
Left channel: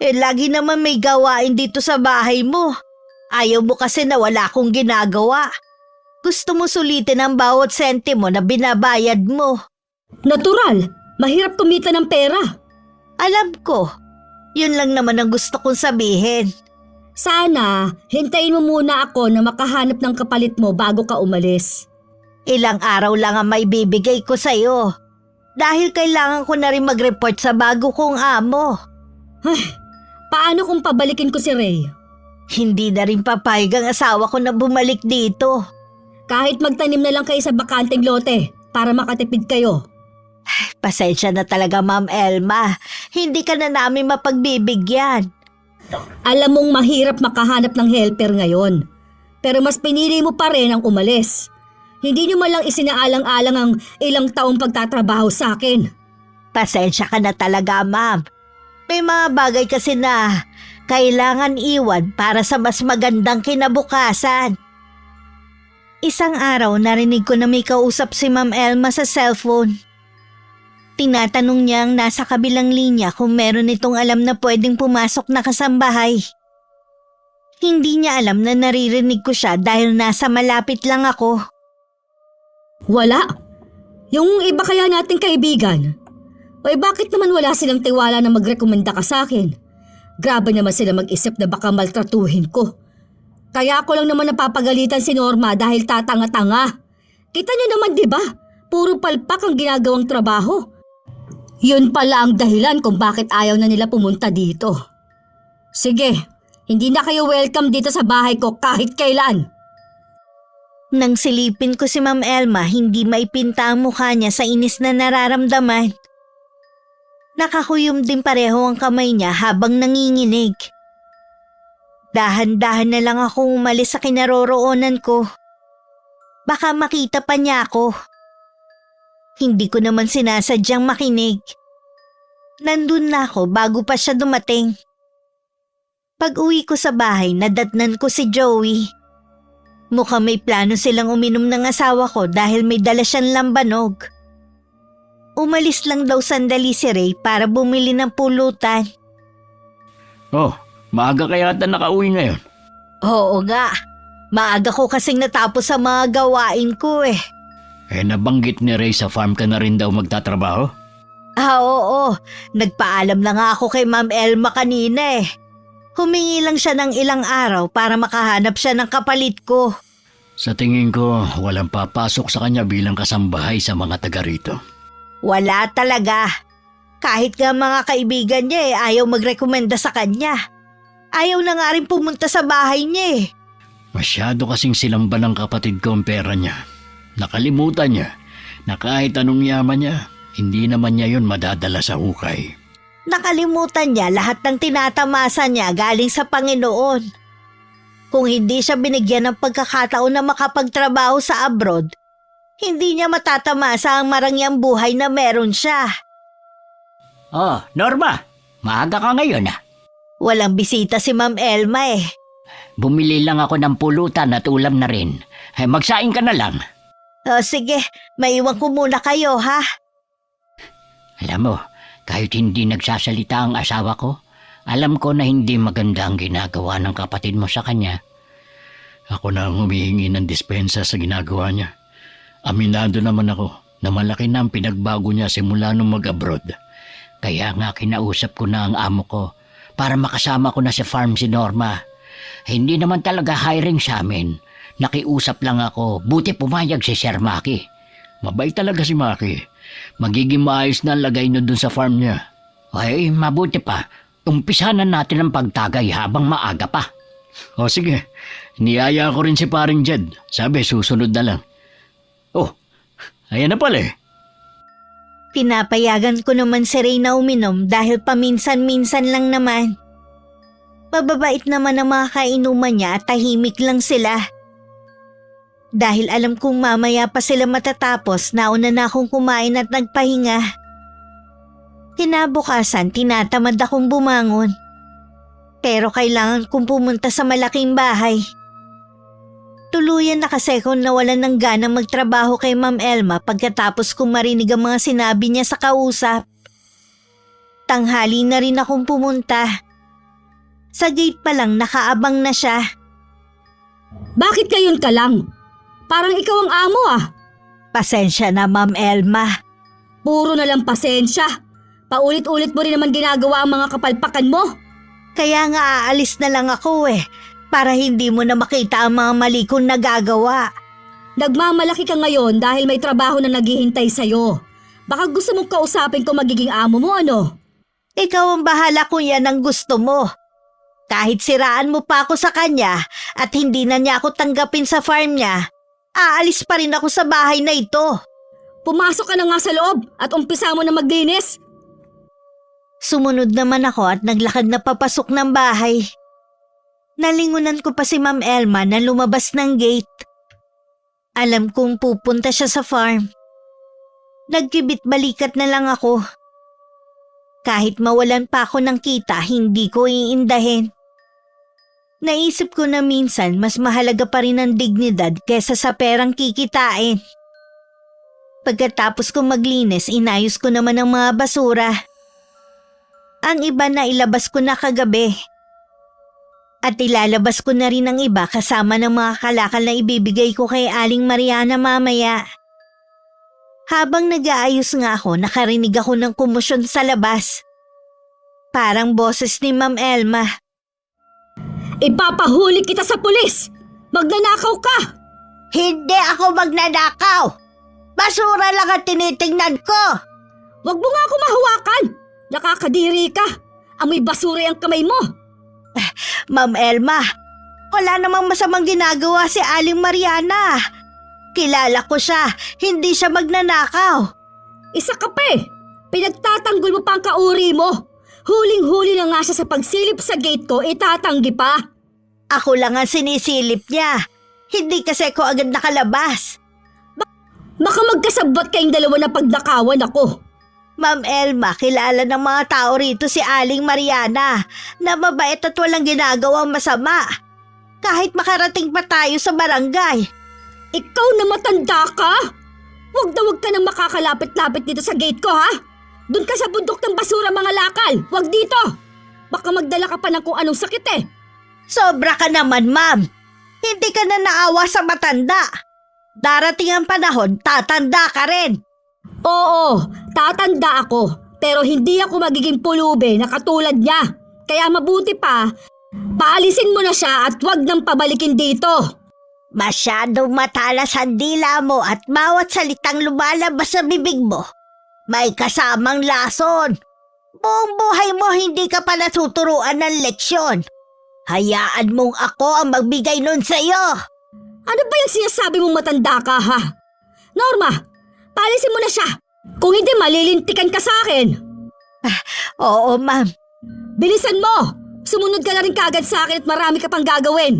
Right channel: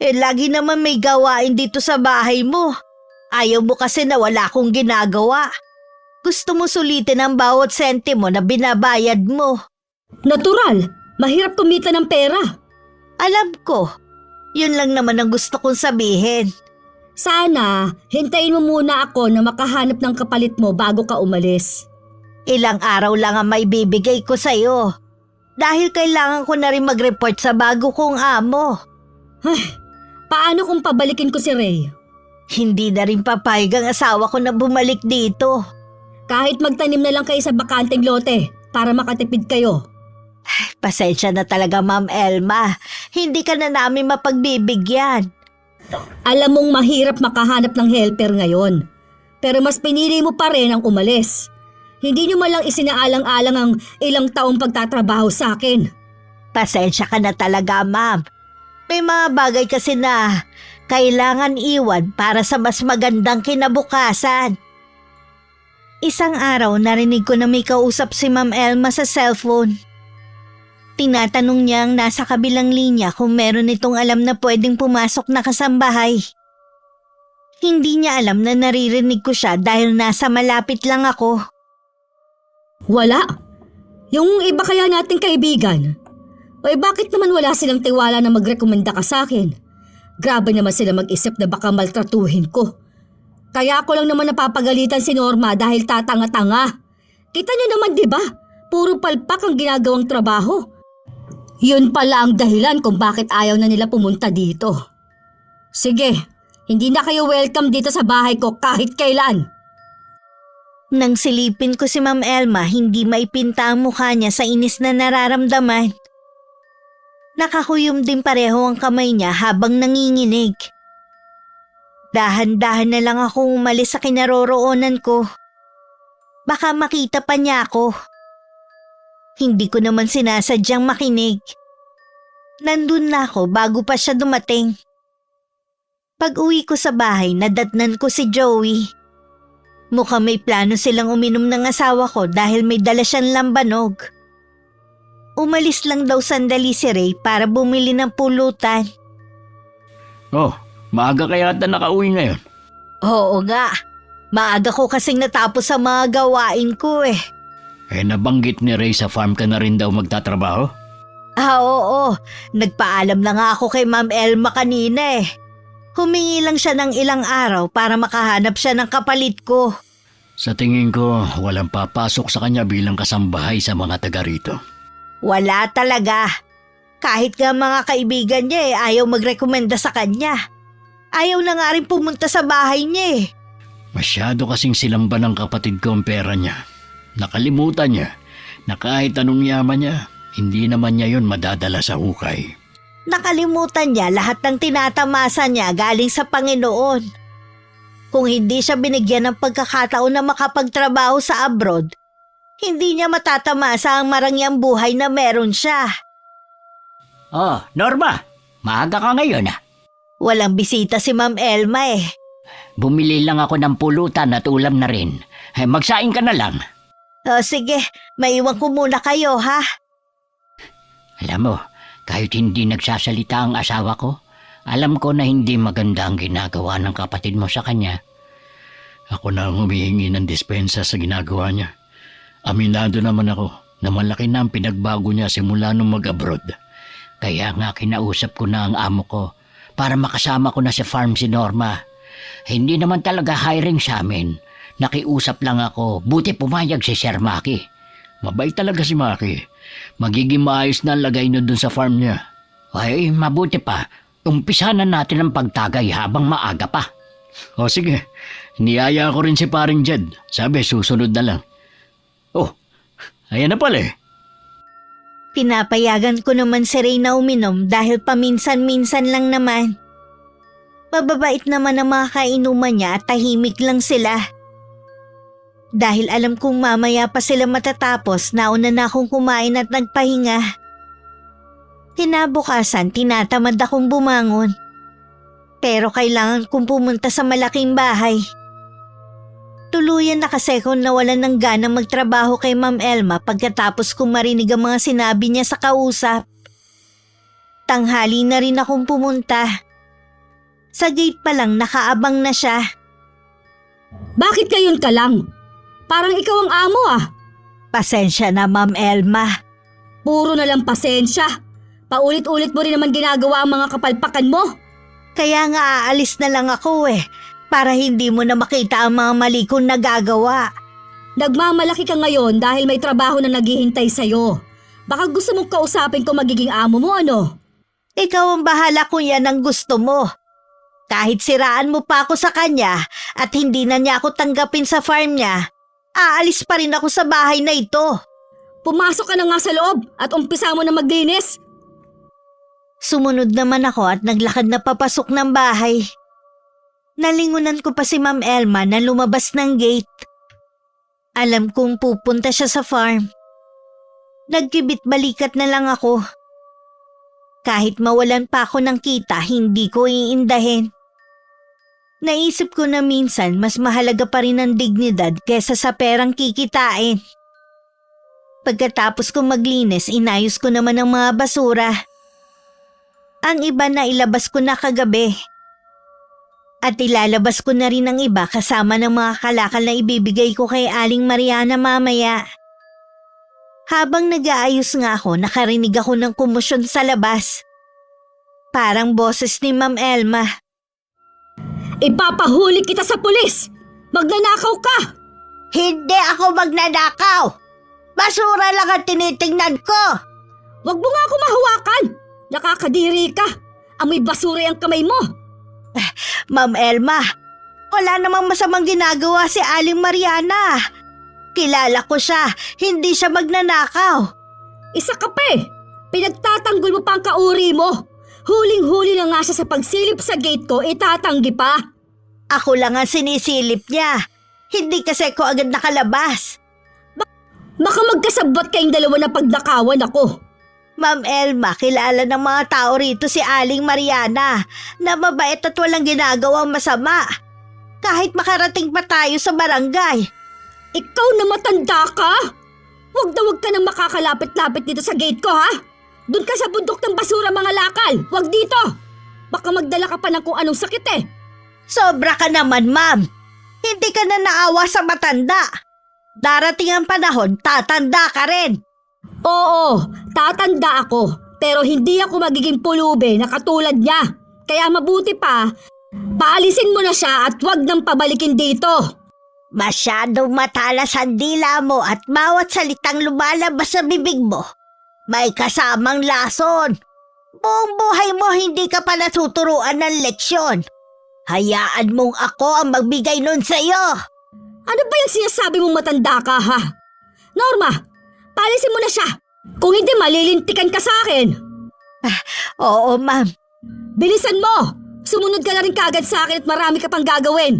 Lagi naman may gawain dito sa bahay mo. Ayaw mo kasi na wala akong ginagawa. Gusto mo sulitin ang bawat sentimo na binabayad mo. Natural, mahirap kumita ng pera. Alam ko, yun lang naman ang gusto kong sabihin. Sana, hintayin mo muna ako na makahanap ng kapalit mo bago ka umalis. Ilang araw lang ang may bibigay ko sa'yo. Dahil kailangan ko na rin mag-report sa bago kong amo. Paano kung pabalikin ko si Ray? Hindi na rin papayag ang asawa ko na bumalik dito. Kahit magtanim na lang kayo sa bakanteng lote para makatipid kayo. Pasensya na talaga, Ma'am Elma. Hindi ka na namin mapagbibigyan. Alam mong mahirap makahanap ng helper ngayon. Pero mas pinili mo pa rin ang umalis. Hindi nyo malang isinaalang-alang ang ilang taong pagtatrabaho sa akin. Pasensya ka na talaga, Ma'am. May mga bagay kasi na kailangan iwan para sa mas magandang kinabukasan. Isang araw narinig ko na may kausap si Ma'am Elma sa cellphone. tinatanong niya ang nasa kabilang linya kung meron itong alam na pwedeng pumasok na kasambahay. Hindi niya alam na naririnig ko siya dahil nasa malapit lang ako. Wala. Yung iba kaya nating kaibigan. Ay bakit naman wala silang tiwala na magrekomenda ka sa akin? Grabe naman sila mag-isip na baka maltratuhin ko. Kaya ako lang naman napapagalitan si Norma dahil tatanga-tanga. Kita niyo naman, di ba? Puro palpak ang ginagawang trabaho. Yun pala ang dahilan kung bakit ayaw na nila pumunta dito. Sige, hindi na kayo welcome dito sa bahay ko kahit kailan. Nang silipin ko si Ma'am Elma, hindi maipinta ang mukha niya sa inis na nararamdaman. Nakakuyom din pareho ang kamay niya habang nanginginig. Dahan-dahan na lang akong umalis sa kinaroroonan ko. Baka makita pa niya ako. Hindi ko naman sinasadyang makinig. Nandun na ako bago pa siya dumating. Pag-uwi ko sa bahay, nadatnan ko si Joey. Mukhang may plano silang uminom ng asawa ko dahil may dala siyang lambanog. Umalis lang daw sandali si Ray para bumili ng pulutan. Oh, maaga kaya ata nakauwi ngayon. Oo nga. Maaga ko kasing natapos sa mga gawain ko eh. Eh, nabanggit ni Ray sa farm ka na rin daw magtatrabaho? Oo. Nagpaalam na nga ako kay Ma'am Elma kanina eh. Humingi lang siya ng ilang araw para makahanap siya ng kapalit ko. Sa tingin ko, walang papasok sa kanya bilang kasambahay sa mga taga rito. Wala talaga. Kahit nga mga kaibigan niya eh, ayaw magrekomenda sa kanya. Ayaw na nga rin pumunta sa bahay niya eh. Masyado kasing silang ba ng kapatid ko ang pera niya. Nakalimutan niya na kahit anong yaman niya, hindi naman niya yun madadala sa hukay. Nakalimutan niya lahat ng tinatamasa niya galing sa Panginoon. Kung hindi siya binigyan ng pagkakataon na makapagtrabaho sa abroad, hindi niya matatamasa ang marangyang buhay na meron siya. Oh, Norma, maaga ka ngayon ah. Walang bisita si Ma'am Elma eh. Bumili lang ako ng pulutan at ulam na rin. Eh, magsaing ka na lang. Sige, maiwan ko muna kayo ha. Alam mo, kahit hindi nagsasalita ang asawa ko, alam ko na hindi maganda ang ginagawa ng kapatid mo sa kanya. Ako na ang humihingi ng dispensa sa ginagawa niya. Aminado naman ako na malaki na ang pinagbago niya simula nung mag-abroad. Kaya nga kinausap ko na ang amo ko para makasama ko na sa farm si Norma. Hindi naman talaga hiring sa amin. Nakiusap lang ako, buti pumayag si Sir Maki. Mabait talaga si Maki. Magiging maayos na lagay niyo dun sa farm niya. Ay, mabuti pa. Umpisa na natin ang pagtagay habang maaga pa. O sige, niyaya ko rin si paring Jed. Sabi, susunod na lang. Oh, ayan na pala eh. Pinapayagan ko naman si Ray na uminom dahil paminsan-minsan lang naman. Mababait naman ang mga kainuman niya at tahimik lang sila. Dahil alam kong mamaya pa sila matatapos, nauna na akong kumain at nagpahinga. Kinabukasan, tinatamad akong bumangon. Pero kailangan kong pumunta sa malaking bahay. Tuluyan na kasi kung nawalan ng gana magtrabaho kay Ma'am Elma pagkatapos kong marinig ang mga sinabi niya sa kausap. Tanghali na rin akong pumunta. Sa gate pa lang nakaabang na siya. Bakit ngayon ka lang? Parang ikaw ang amo ah. Pasensya na Ma'am Elma. Puro na lang pasensya. Paulit-ulit mo rin naman ginagawa ang mga kapalpakan mo. Kaya nga aalis na lang ako eh. Para hindi mo na makita ang mga mali kong nagagawa. Nagmamalaki ka ngayon dahil may trabaho na naghihintay sa'yo. Baka gusto mong kausapin ko magiging amo mo ano? Ikaw ang bahala kung yan ang gusto mo. Kahit siraan mo pa ako sa kanya at hindi na niya ako tanggapin sa farm niya, aalis pa rin ako sa bahay na ito. Pumasok ka na nga sa loob at umpisa mo na maglinis. Sumunod naman ako at naglakad na papasok ng bahay. Nalingunan ko pa si Ma'am Elma na lumabas ng gate. Alam kong pupunta siya sa farm. Nagkibit balikat na lang ako. Kahit mawalan pa ako ng kita, hindi ko iindahin. Naisip ko na minsan mas mahalaga pa rin ang dignidad kesa sa perang kikitain. Pagkatapos kong maglinis, inayos ko naman ang mga basura. Ang iba na ilabas ko na kagabi. At ilalabas ko na rin ang iba kasama ng mga kalakal na ibibigay ko kay Aling Mariana mamaya. Habang nag-aayos nga ako, nakarinig ako ng komosyon sa labas. Parang boses ni Ma'am Elma. Ipapahuli kita sa pulis! Magnanakaw ka! Hindi ako magnanakaw! Basura lang ang tinitingnan ko! Wag mo nga ako mahawakan! Nakakadiri ka! Amoy basura ang kamay mo! Ma'am Elma, wala namang masamang ginagawa si Aling Mariana. Kilala ko siya, hindi siya magnanakaw. Isa ka pa eh! Pinagtatanggol mo pa ang kauri mo! Huling-huli na nga siya sa pagsilip sa gate ko, itatanggi pa! Ako lang ang sinisilip niya. Hindi kasi ako agad nakalabas. Baka magkasabot kayong dalawa na pagdakawan ako. Ma'am Elma, kilala ng mga tao rito si Aling Mariana na mabait at walang ginagawang masama. Kahit makarating pa tayo sa barangay. Ikaw na matanda ka? Huwag na huwag ka nang makakalapit-lapit dito sa gate ko, ha? Doon ka sa bundok ng basura, mga lakal. Huwag dito. Baka magdala ka pa ng kung anong sakit eh. Sobra ka naman, ma'am. Hindi ka na naawa sa matanda. Darating ang panahon, tatanda ka rin. Oo, tatanda ako. Pero hindi ako magiging pulube na katulad niya. Kaya mabuti pa, paalisin mo na siya at huwag nang pabalikin dito. Masyadong matalas ang dila mo at bawat salitang lumalabas sa bibig mo, may kasamang lason. Buong buhay mo hindi ka pa natuturuan ng leksyon. Hayaan mong ako ang magbigay nun sa'yo. Ano ba yung sinasabi mong matanda ka, ha? Norma, paalisin mo na siya. Kung hindi, malilintikan ka sa akin. Oo, ma'am. Bilisan mo! Sumunod ka na rin kagad sa akin at marami ka pang gagawin.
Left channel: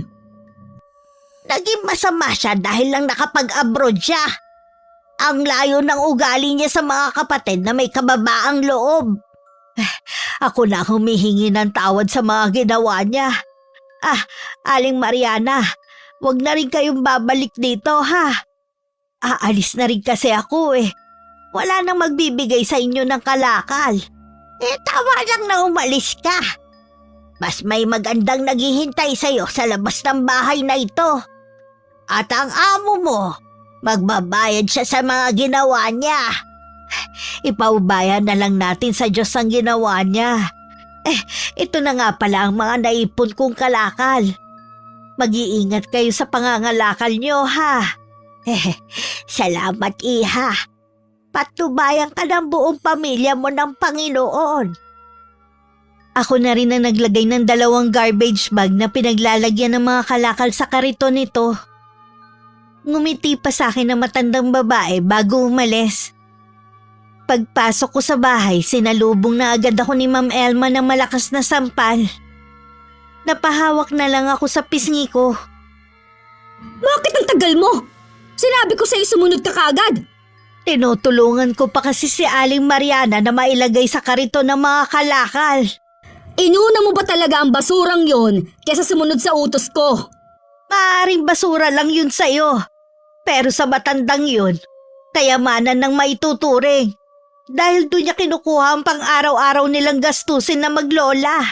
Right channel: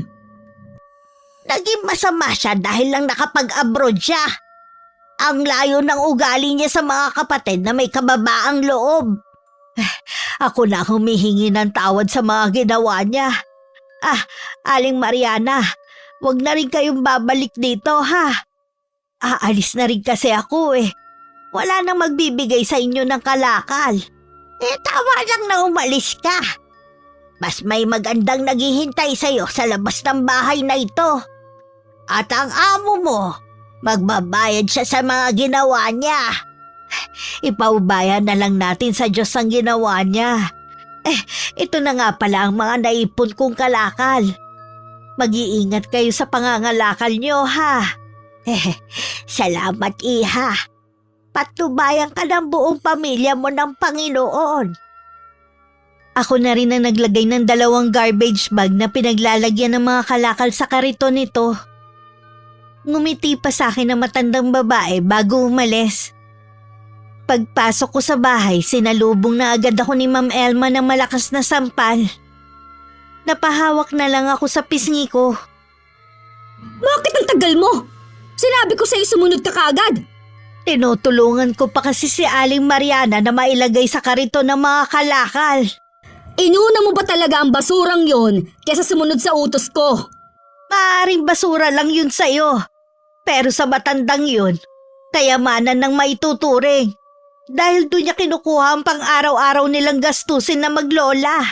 Naging masama siya dahil lang nakapag-abroad siya. Ang layo ng ugali niya sa mga kapatid na may kababaang loob. Ako na humihingi ng tawad sa mga ginawa niya. Aling Mariana, wag na rin kayong babalik dito, ha? Aalis na rin kasi ako eh. Wala nang magbibigay sa inyo ng kalakal. Tama lang na umalis ka. Mas may magandang naghihintay sa'yo sa labas ng bahay na ito. At ang amo mo, magbabayad siya sa mga ginawa niya. Ipaubayan na lang natin sa Diyos ang ginawa niya. Ito na nga pala ang mga naipon kong kalakal. Mag-iingat kayo sa pangangalakal niyo, ha? Salamat, iha. Patnubayan ka ng buong pamilya mo ng Panginoon. Ako na rin ang naglagay ng 2 garbage bag na pinaglalagyan ng mga kalakal sa kariton nito. Ngumiti pa sa akin ang matandang babae bago umalis. Pagpasok ko sa bahay, sinalubong na agad ako ni Ma'am Elma ng malakas na sampal. Napahawak na lang ako sa pisngi ko. Bakit ang tagal mo? Sinabi ko sa'yo sumunod ka kaagad. Tinutulungan ko pa kasi si Aling Mariana na mailagay sa kariton ng mga kalakal. Inuna mo ba talaga ang basurang yon kaysa sumunod sa utos ko? Maaaring basura lang yun sa'yo. Pero sa matandang yun, kayamanan ng maituturing. Dahil doon niya kinukuha ang pang-araw-araw nilang gastusin na maglola.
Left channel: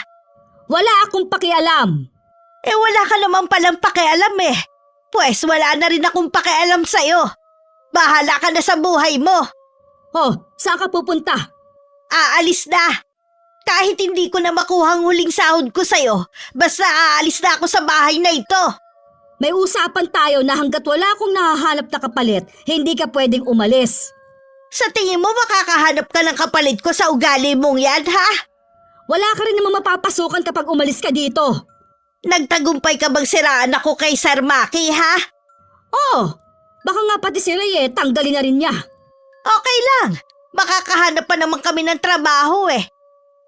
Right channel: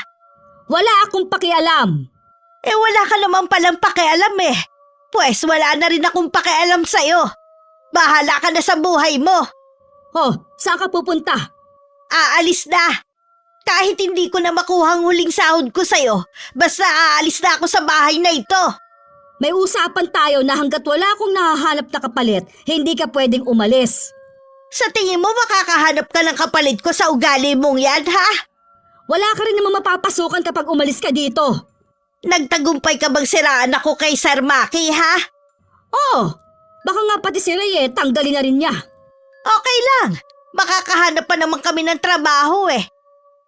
Wala akong pakialam. Wala ka naman palang pakialam eh. Pues wala na rin akong pakialam sa'yo. Bahala ka na sa buhay mo. Oh, saan ka pupunta? Aalis na. Kahit hindi ko na makuha ang huling sahod ko sa'yo, basta aalis na ako sa bahay na ito. May usapan tayo na hanggat wala akong nahahanap na kapalit, hindi ka pwedeng umalis. Sa tingin mo makakahanap ka ng kapalit ko sa ugali mong yan, ha? Wala ka rin naman mapapasukan kapag umalis ka dito. Nagtagumpay ka bang siraan ako kay Sir Maki, ha? Oh, baka nga pati si Ray tanggalin na rin niya. Okay lang. Makakahanap pa naman kami ng trabaho eh.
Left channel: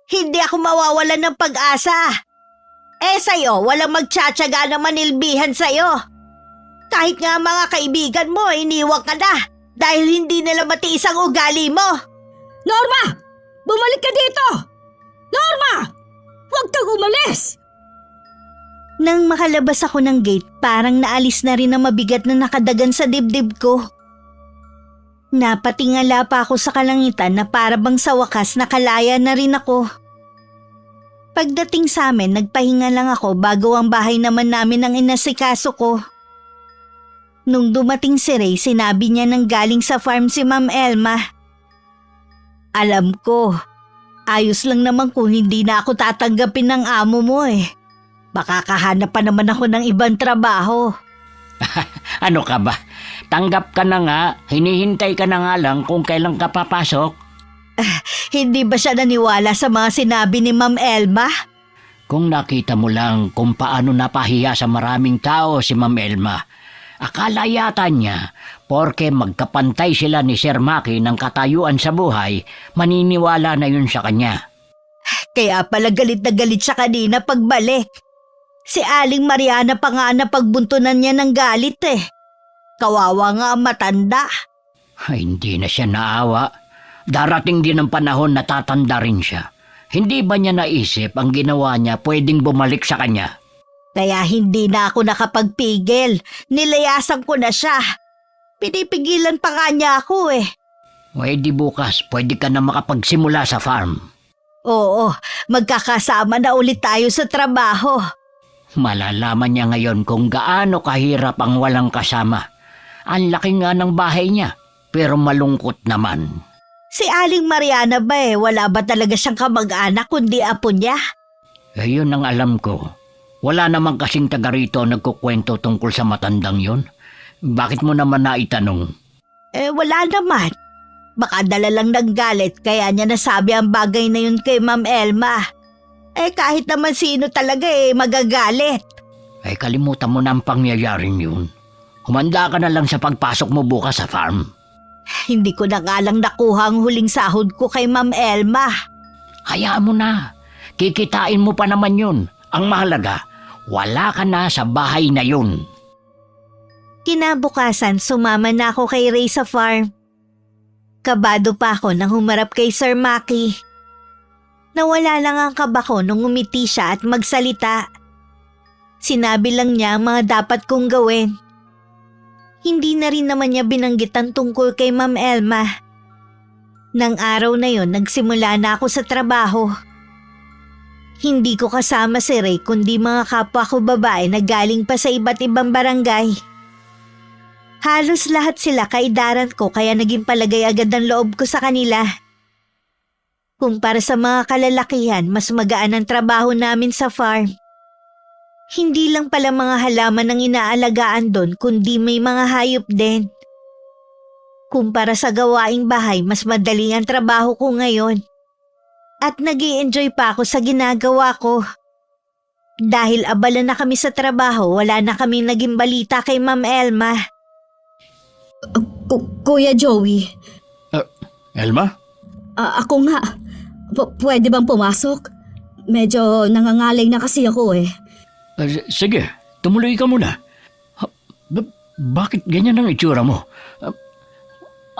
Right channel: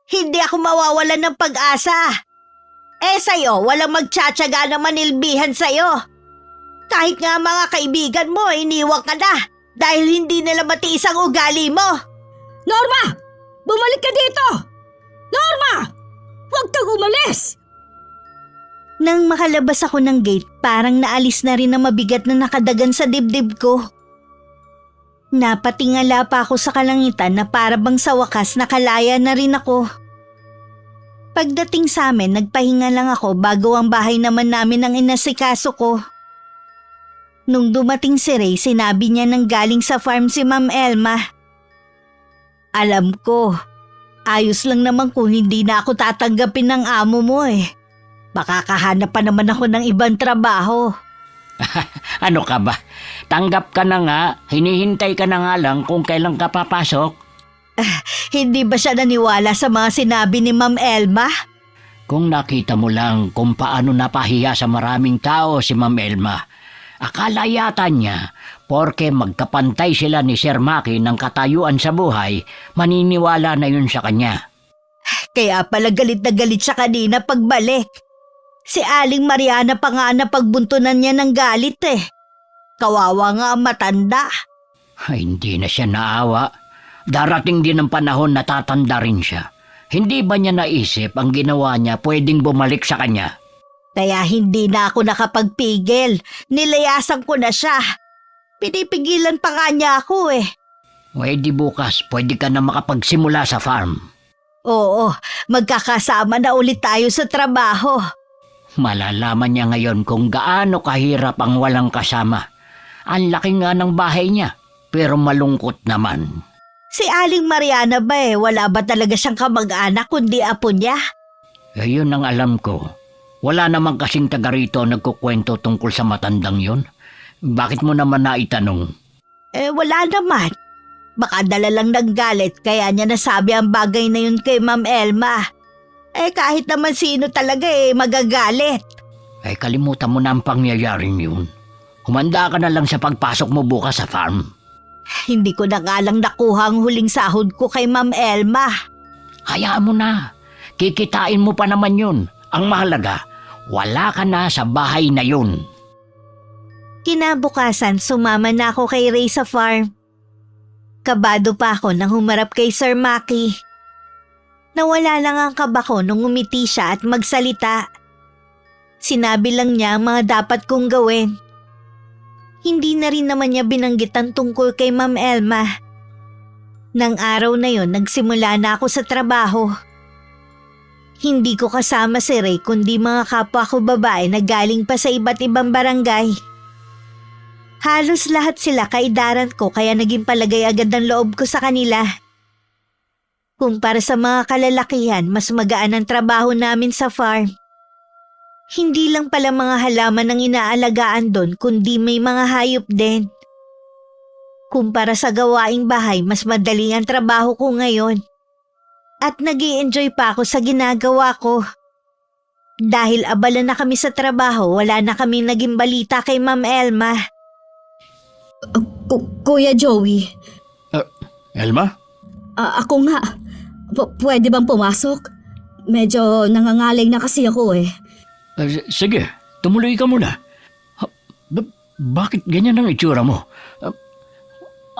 Hindi ako mawawalan ng pag-asa. Sa'yo, walang magtsatsaga na manilbihan sa'yo. Kahit nga mga kaibigan mo, iniwag ka na dahil hindi nila matiis ang ugali mo. Norma! Bumalik ka dito! Norma! Huwag kang umalis! Nang makalabas ako ng gate, parang naalis na rin ang mabigat na nakadagan sa dibdib ko. Napatingala pa ako sa kalangitan na para bang sa wakas nakalaya na rin ako. Pagdating sa amin, nagpahinga lang ako bago ang bahay naman namin ang inasikaso ko. Nung dumating si Ray, sinabi niya nang galing sa farm si Ma'am Elma. Alam ko, ayos lang naman kung hindi na ako tatanggapin ng amo mo eh. Baka kahanap pa naman ako ng ibang trabaho. Ano ka ba? Tanggap ka na nga, hinihintay ka na nga lang kung kailan ka papasok. Hindi ba siya naniwala sa mga sinabi ni Ma'am Elma? Kung nakita mo lang kung paano napahiya sa maraming tao si Ma'am Elma, akala yata niya, porke magkapantay sila ni Sir Maki ng katayuan sa buhay, maniniwala na yun sa kanya. Kaya pala galit na galit siya kanina pagbalik. Si Aling Mariana pa nga napagbuntunan niya ng galit eh. Kawawa nga ang matanda. Ay, hindi na siya naawa. Darating din ang panahon na tatanda rin siya. Hindi ba niya naisip ang ginawa niya pwedeng bumalik sa kanya? Kaya hindi na ako nakapagpigil. Nilayasan ko na siya. Pinipigilan pa nga niya ako eh. Pwede bukas, pwede ka na makapagsimula sa farm. Oo, magkakasama na ulit tayo sa trabaho. Malalaman niya ngayon kung gaano kahirap ang walang kasama. Ang laki nga ng bahay niya, pero malungkot naman. Si Aling Mariana ba wala ba talaga siyang kamag-anak kundi apo niya? Ayun ang alam ko. Wala namang kasing taga rito nagkukwento tungkol sa matandang yun. Bakit mo naman naitanong? Wala naman. Baka dala lang ng galit kaya niya nasabi ang bagay na yun kay Ma'am Elma. Kahit naman sino talaga magagalit. Kalimutan mo na ang pangyayaring yun. Humanda ka na lang sa pagpasok mo bukas sa farm. Hindi ko na nga lang nakuha ang huling sahod ko kay Ma'am Elma. Hayaan mo na. Kikitain mo pa naman yun. Ang mahalaga, wala ka na sa bahay na yun. Kinabukasan, sumama na ako kay Ray sa farm. Kabado pa ako nang humarap kay Sir Maki. Nawala lang ang kaba ko nung umiti siya at magsalita. Sinabi lang niya ang mga dapat kong gawin. Hindi na rin naman niya binanggit ang tungkol kay Ma'am Elma. Nang araw na yon, nagsimula na ako sa trabaho. Hindi ko kasama si Ray kundi mga kapwa ko babae na galing pa sa iba't ibang barangay. Halos lahat sila kaidaran ko kaya naging palagay agad ang loob ko sa kanila. Kumpara sa mga kalalakihan, mas magaan ang trabaho namin sa farm. Hindi lang pala mga halaman ang inaalagaan doon, kundi may mga hayop din. Kumpara sa gawaing bahay, mas madali ang trabaho ko ngayon. At nag-i-enjoy pa ako sa ginagawa ko. Dahil abala na kami sa trabaho, wala na kami naging balita kay Ma'am Elma. Kuya Joey, Elma? ako nga. Pwede bang pumasok? Medyo nangangalay na kasi ako eh. Sige, tumuloy ka muna. Bakit ganyan ang itsura mo?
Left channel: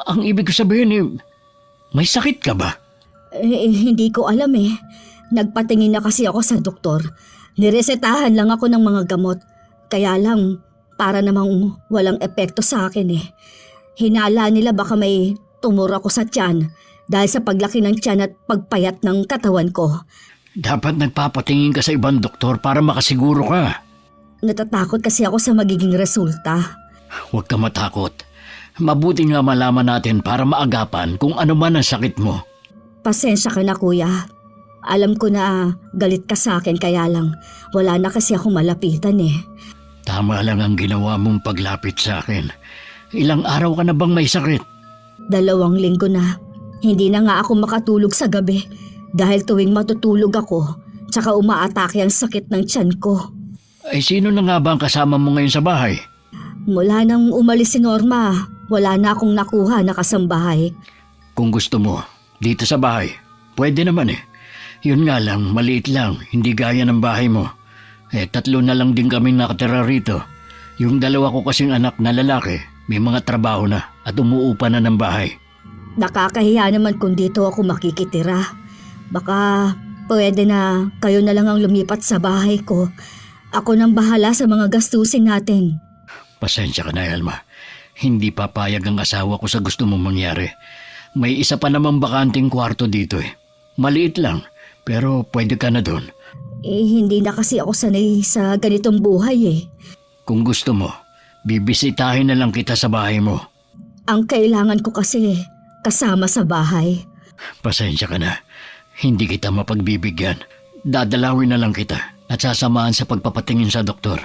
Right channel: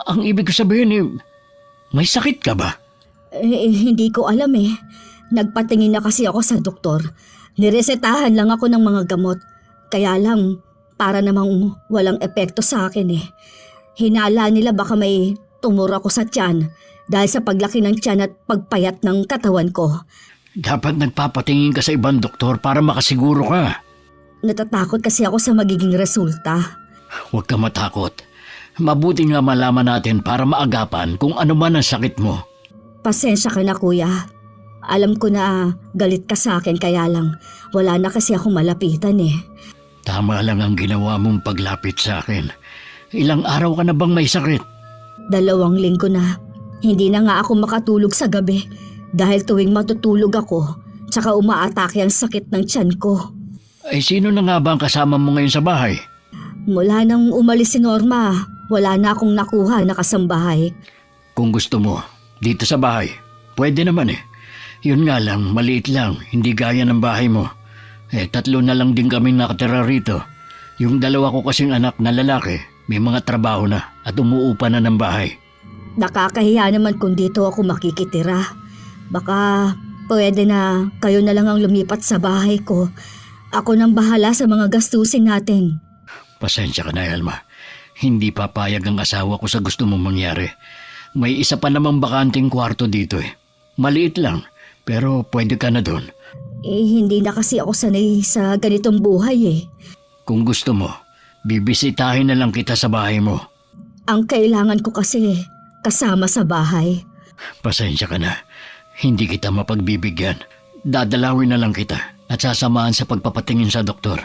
Ang ibig ko sabihin may sakit ka ba? Hindi ko alam eh. Nagpatingin na kasi ako sa doktor. Niresetahan lang ako ng mga gamot. Kaya lang, para namang walang epekto sa akin eh. Hinala nila baka may tumor ako sa tiyan dahil sa paglaki ng tiyan at pagpayat ng katawan ko. Dapat nagpapatingin ka sa ibang doktor para makasiguro ka. Natatakot kasi ako sa magiging resulta. Huwag ka matakot. Mabuti nga malaman natin para maagapan kung ano man ang sakit mo. Pasensya ka na kuya. Alam ko na galit ka sa akin kaya lang wala na kasi ako malapitan eh. Tama lang ang ginawa mong paglapit sa akin. Ilang araw ka na bang may sakit? 2 linggo na. Hindi na nga ako makatulog sa gabi dahil tuwing matutulog ako, tsaka umaatake ang sakit ng tiyan ko. Ay sino na nga ba ang kasama mo ngayon sa bahay? Mula nang umalis si Norma, wala na akong nakuha na kasambahay. Kung gusto mo, dito sa bahay. Pwede naman eh. Yun nga lang, maliit lang, hindi gaya ng bahay mo. 3 na lang din kami nakatira rito. Yung 2 ko kasing anak na lalaki, may mga trabaho na at umuupa na ng bahay. Nakakahiya naman kung dito ako makikitira. Baka pwede na kayo na lang ang lumipat sa bahay ko. Ako nang bahala sa mga gastusin natin. Pasensya ka na, Elma. Hindi papayag ang asawa ko sa gusto mong mangyari. May isa pa namang bakanting kwarto dito eh. Maliit lang, pero pwede ka na doon. Hindi na kasi ako sanay sa ganitong buhay eh. Kung gusto mo, bibisitahin na lang kita sa bahay mo. Ang kailangan ko kasi kasama sa bahay. Pasensya ka na. Hindi kita mapagbibigyan. Dadalawin na lang kita at sasamahan sa pagpapatingin sa doktor.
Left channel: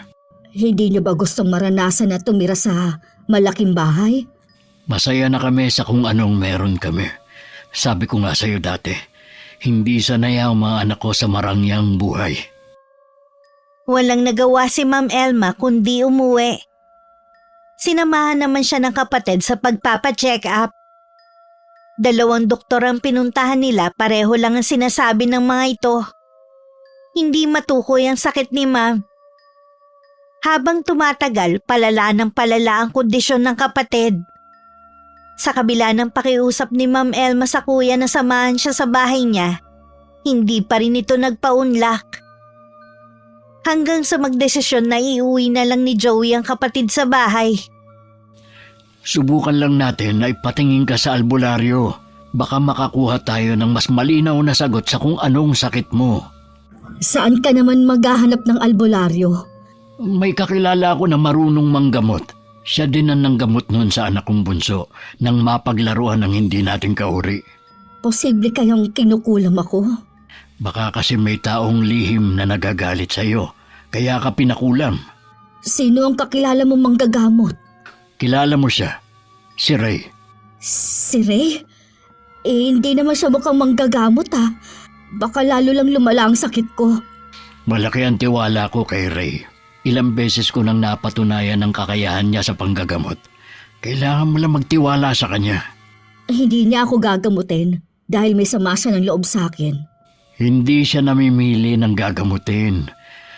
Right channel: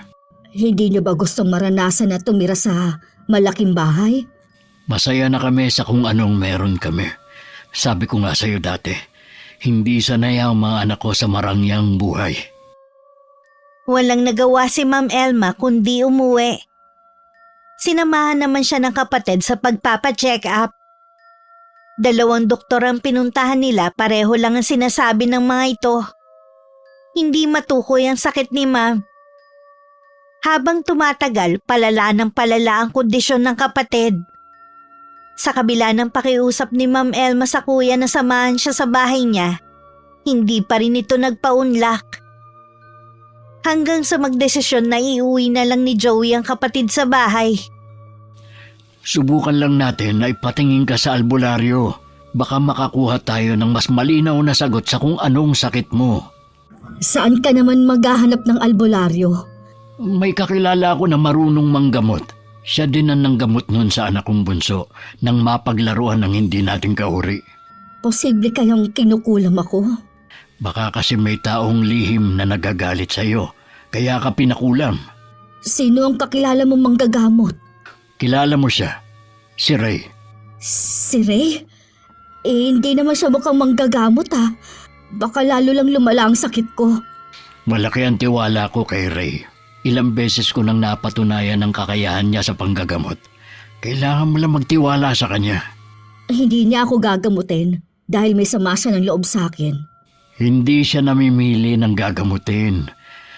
Hindi niyo ba gusto maranasan na tumira sa malaking bahay? Masaya na kami sa kung anong meron kami. Sabi ko nga sa'yo dati, hindi sanay ang mga anak ko sa marangyang buhay. Walang nagawa si Ma'am Elma kundi umuwi. Sinamahan naman siya ng kapatid sa pagpapacheck up. 2 doktor ang pinuntahan nila, pareho lang ang sinasabi ng mga ito. Hindi matukoy ang sakit ni Ma'am. Habang tumatagal, palala ng palala ang kondisyon ng kapatid. Sa kabila ng pakiusap ni Ma'am Elma sa kuya na samahan siya sa bahay niya, hindi pa rin ito nagpaunlak. Hanggang sa magdesisyon na iuwi na lang ni Joey ang kapatid sa bahay. Subukan lang natin na ipatingin ka sa albularyo. Baka makakuha tayo ng mas malinaw na sagot sa kung anong sakit mo. Saan ka naman maghahanap ng albularyo? May kakilala ko na marunong manggamot. Siya din ang nanggamot noon sa anak kong bunso nang mapaglaruan ng hindi natin kahuri. Posible kayang kinukulam ako? Baka kasi may taong lihim na nagagalit sa iyo, kaya ka pinakulam. Sino ang kakilala mong manggagamot? Kilala mo siya, si Ray. Si Ray? Hindi naman siya mukhang manggagamot ha. Baka lalo lang lumala ang sakit ko. Malaki ang tiwala ko kay Ray. Ilang beses ko nang napatunayan ang kakayahan niya sa panggagamot. Kailangan mo lang magtiwala sa kanya. Hindi niya ako gagamutin dahil may sama siya ng loob sa akin. Hindi siya namimili ng gagamutin.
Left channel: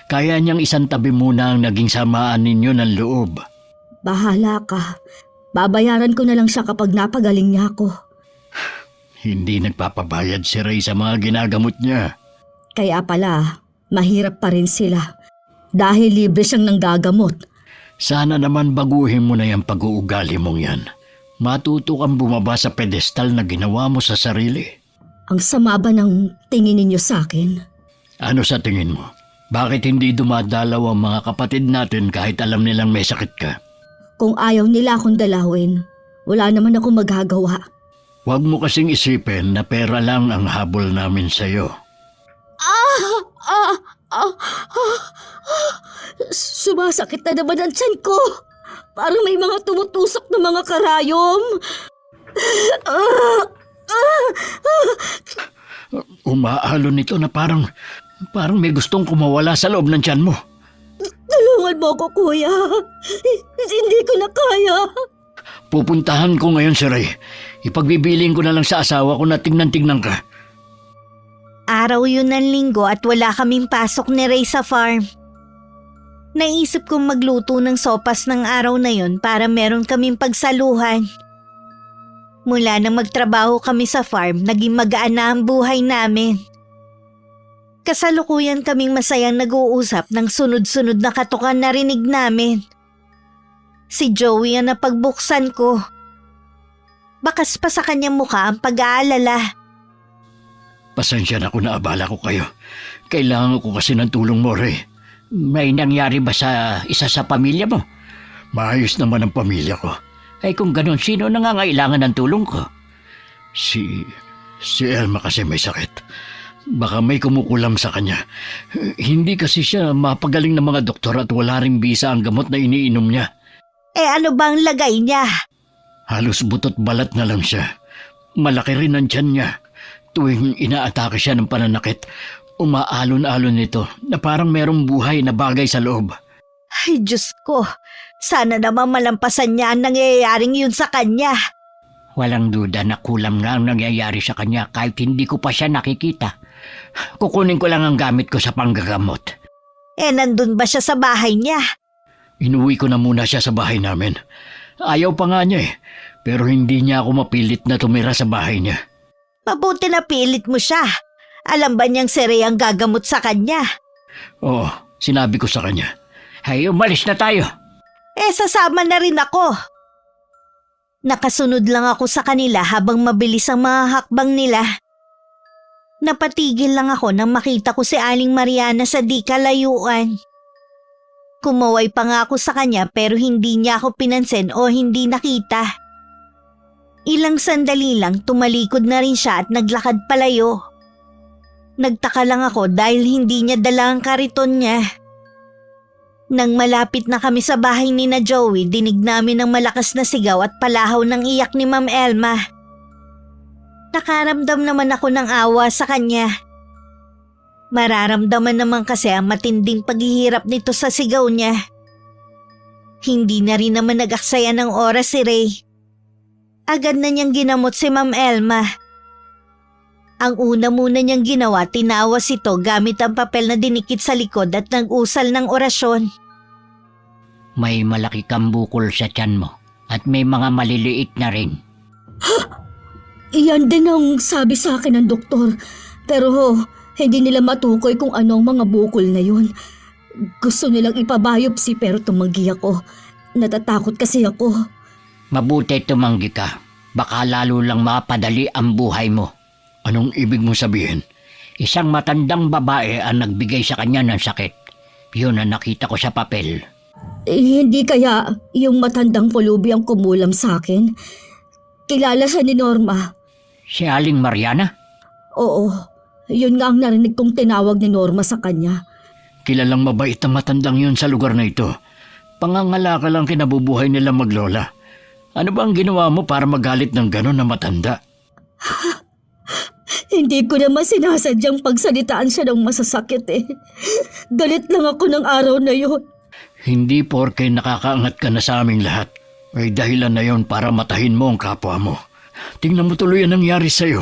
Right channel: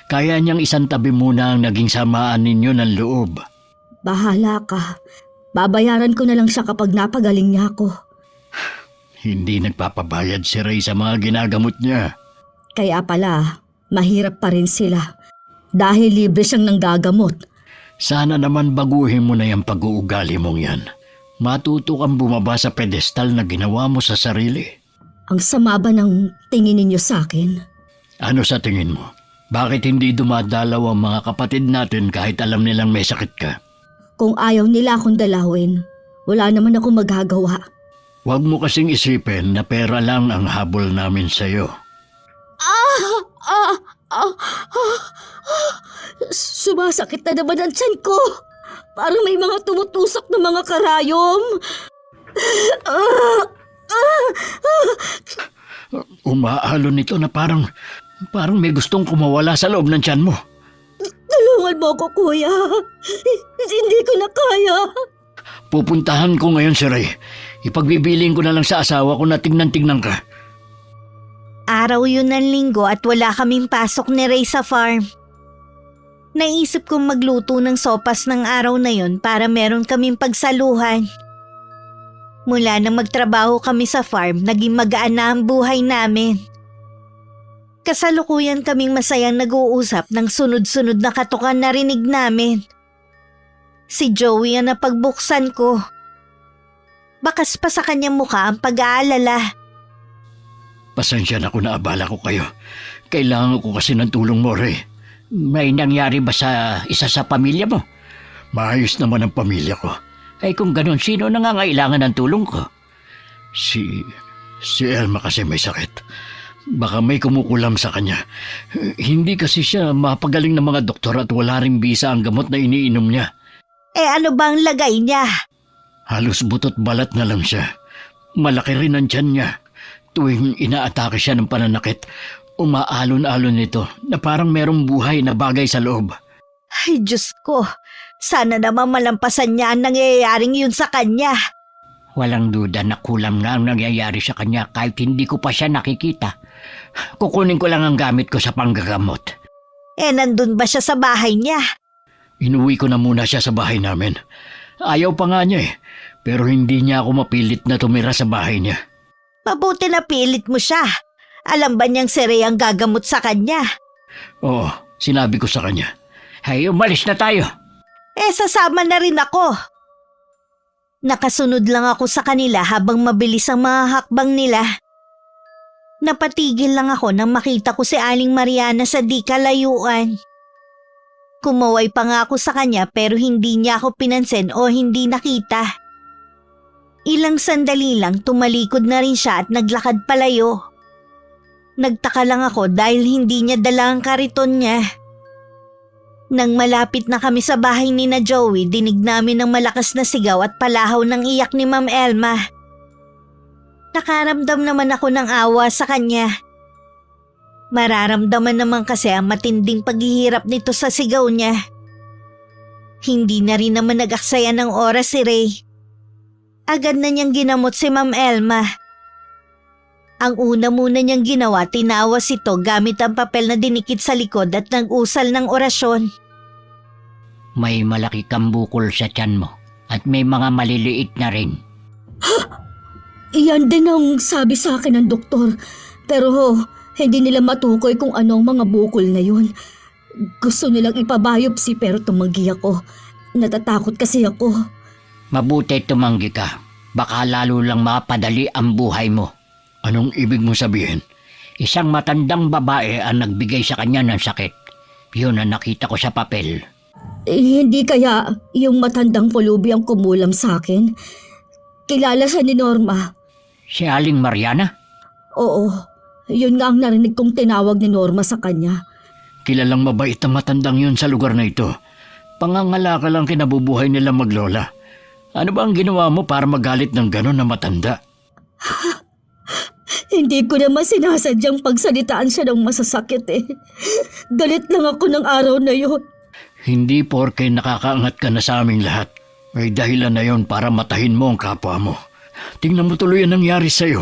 Kaya niyang isang tabi muna ang naging samaan ninyo ng loob. Bahala ka. Babayaran ko na lang siya kapag napagaling niya ako. Hindi nagpapabayad si Ray sa mga ginagamot niya. Kaya pala, mahirap pa rin sila. Dahil libre siyang nanggagamot. Sana naman baguhin mo na yung pag-uugali mong yan. Matuto kang bumaba sa pedestal na ginawa mo sa sarili. Ang sama ba ng tingin ninyo sa akin? Ano sa tingin mo? Bakit hindi dumadalaw ang mga kapatid natin kahit alam nilang may sakit ka? Kung ayaw nila akong dalawin, wala naman akong magagawa. Huwag mo kasing isipin na pera lang ang habol namin sa'yo. Sumasakit na naman ang tiyan ko. Parang may mga tumutusok na mga karayom. Umahalo nito na parang may gustong kumawala sa loob ng tiyan mo. Tulungan mo ako, kuya. Hindi ko na kaya. Pupuntahan ko ngayon si Ray. Ipagbibiling ko na lang sa asawa ko na tingnan ka. Araw yun ng linggo at wala kaming pasok ni Ray sa farm. Naisip kong magluto ng sopas ng araw na yun para meron kaming pagsaluhan. Mula na magtrabaho kami sa farm, naging magaan na ang buhay namin. Kasalukuyan kaming masayang nag-uusap ng sunod-sunod na katukan na rinig namin. Si Joey ang napagbuksan ko. Bakas pa sa kanyang mukha ang pag-aalala. Pasensya na kung naabala ko kayo. Kailangan ko kasi ng tulong mo, Ray. May nangyari ba sa isa sa pamilya mo? Maayos naman ang pamilya ko. Ay kung ganon, sino nangangailangan ng tulong ko? Si Elma kasi may sakit. Baka may kumukulam sa kanya. Hindi kasi siya mapagaling ng mga doktor at wala ring bisa ang gamot na iniinom niya. Ano ba ang lagay niya? Halos butot balat na lang siya. Malaki rin ang tiyan niya. Tuwing inaatake siya ng pananakit, umaalon-alon nito na parang merong buhay na bagay sa loob. Ay, Diyos ko. Sana naman malampasan niya ang nangyayaring yun sa kanya. Walang duda na kulang na ang nangyayari sa kanya kahit hindi ko pa siya nakikita. Kukunin ko lang ang gamit ko sa panggagamot. Nandun ba siya sa bahay niya? Inuwi ko na muna siya sa bahay namin. Ayaw pa nga niya eh, pero hindi niya ako mapilit na tumira sa bahay niya. Mabuti na pilit mo siya. Alam ba niyang si Ray ang gagamot sa kanya? Oo, sinabi ko sa kanya. Ay, umalis na tayo. Sasama na rin ako. Nakasunod lang ako sa kanila habang mabilis ang mga hakbang nila. Napatigil lang ako nang makita ko si Aling Mariana sa di kalayuan. Kumuway pa nga ako sa kanya pero hindi niya ako pinansin o hindi nakita. Ilang sandali lang tumalikod na rin siya at naglakad palayo. Nagtaka lang ako dahil hindi niya dala ang kariton niya. Nang malapit na kami sa bahay ni na Joey, dinig namin ang malakas na sigaw at palahaw ng iyak ni Ma'am Elma. Nakaramdam naman ako ng awa sa kanya. Mararamdaman naman kasi ang matinding paghihirap nito sa sigaw niya. Hindi na rin naman nag-aksaya ng oras si Ray. Agad na niyang ginamot si Ma'am Elma. Ang una muna niyang ginawa, tinawas ito gamit ang papel na dinikit sa likod at nag-usal ng orasyon. May malaki kang bukol sa tiyan mo at may mga maliliit na rin. Iyan din ang sabi sa akin ng doktor. Pero hindi nila matukoy kung ano ang mga bukol na yun. Gusto nilang ipabiopsy pero tumanggi ako. Natatakot kasi ako. Mabuti tumanggi ka. Baka lalo lang mapadali ang buhay mo. Anong ibig mo sabihin? Isang matandang babae ang nagbigay sa kanya ng sakit. Yun ang nakita ko sa papel. Hindi kaya yung matandang pulubi ang kumulam sa akin? Kilala siya ni Norma. Si Aling Mariana? Oo, yun nga ang narinig kong tinawag ni Norma sa kanya. Kilalang mabait ang matandang yun sa lugar na ito. Pangangalakal ang kinabubuhay nila maglola. Ano ba ang ginawa mo para magalit ng gano'n na matanda? Hindi ko naman sinasadyang pagsalitaan siya ng masasakit eh. Galit lang ako ng araw na yun. Hindi porke nakakaangat ka na sa aming lahat. May dahilan na yon para matahin mo ang kapwa mo. Tingnan mo tuloy ang nangyari sa'yo.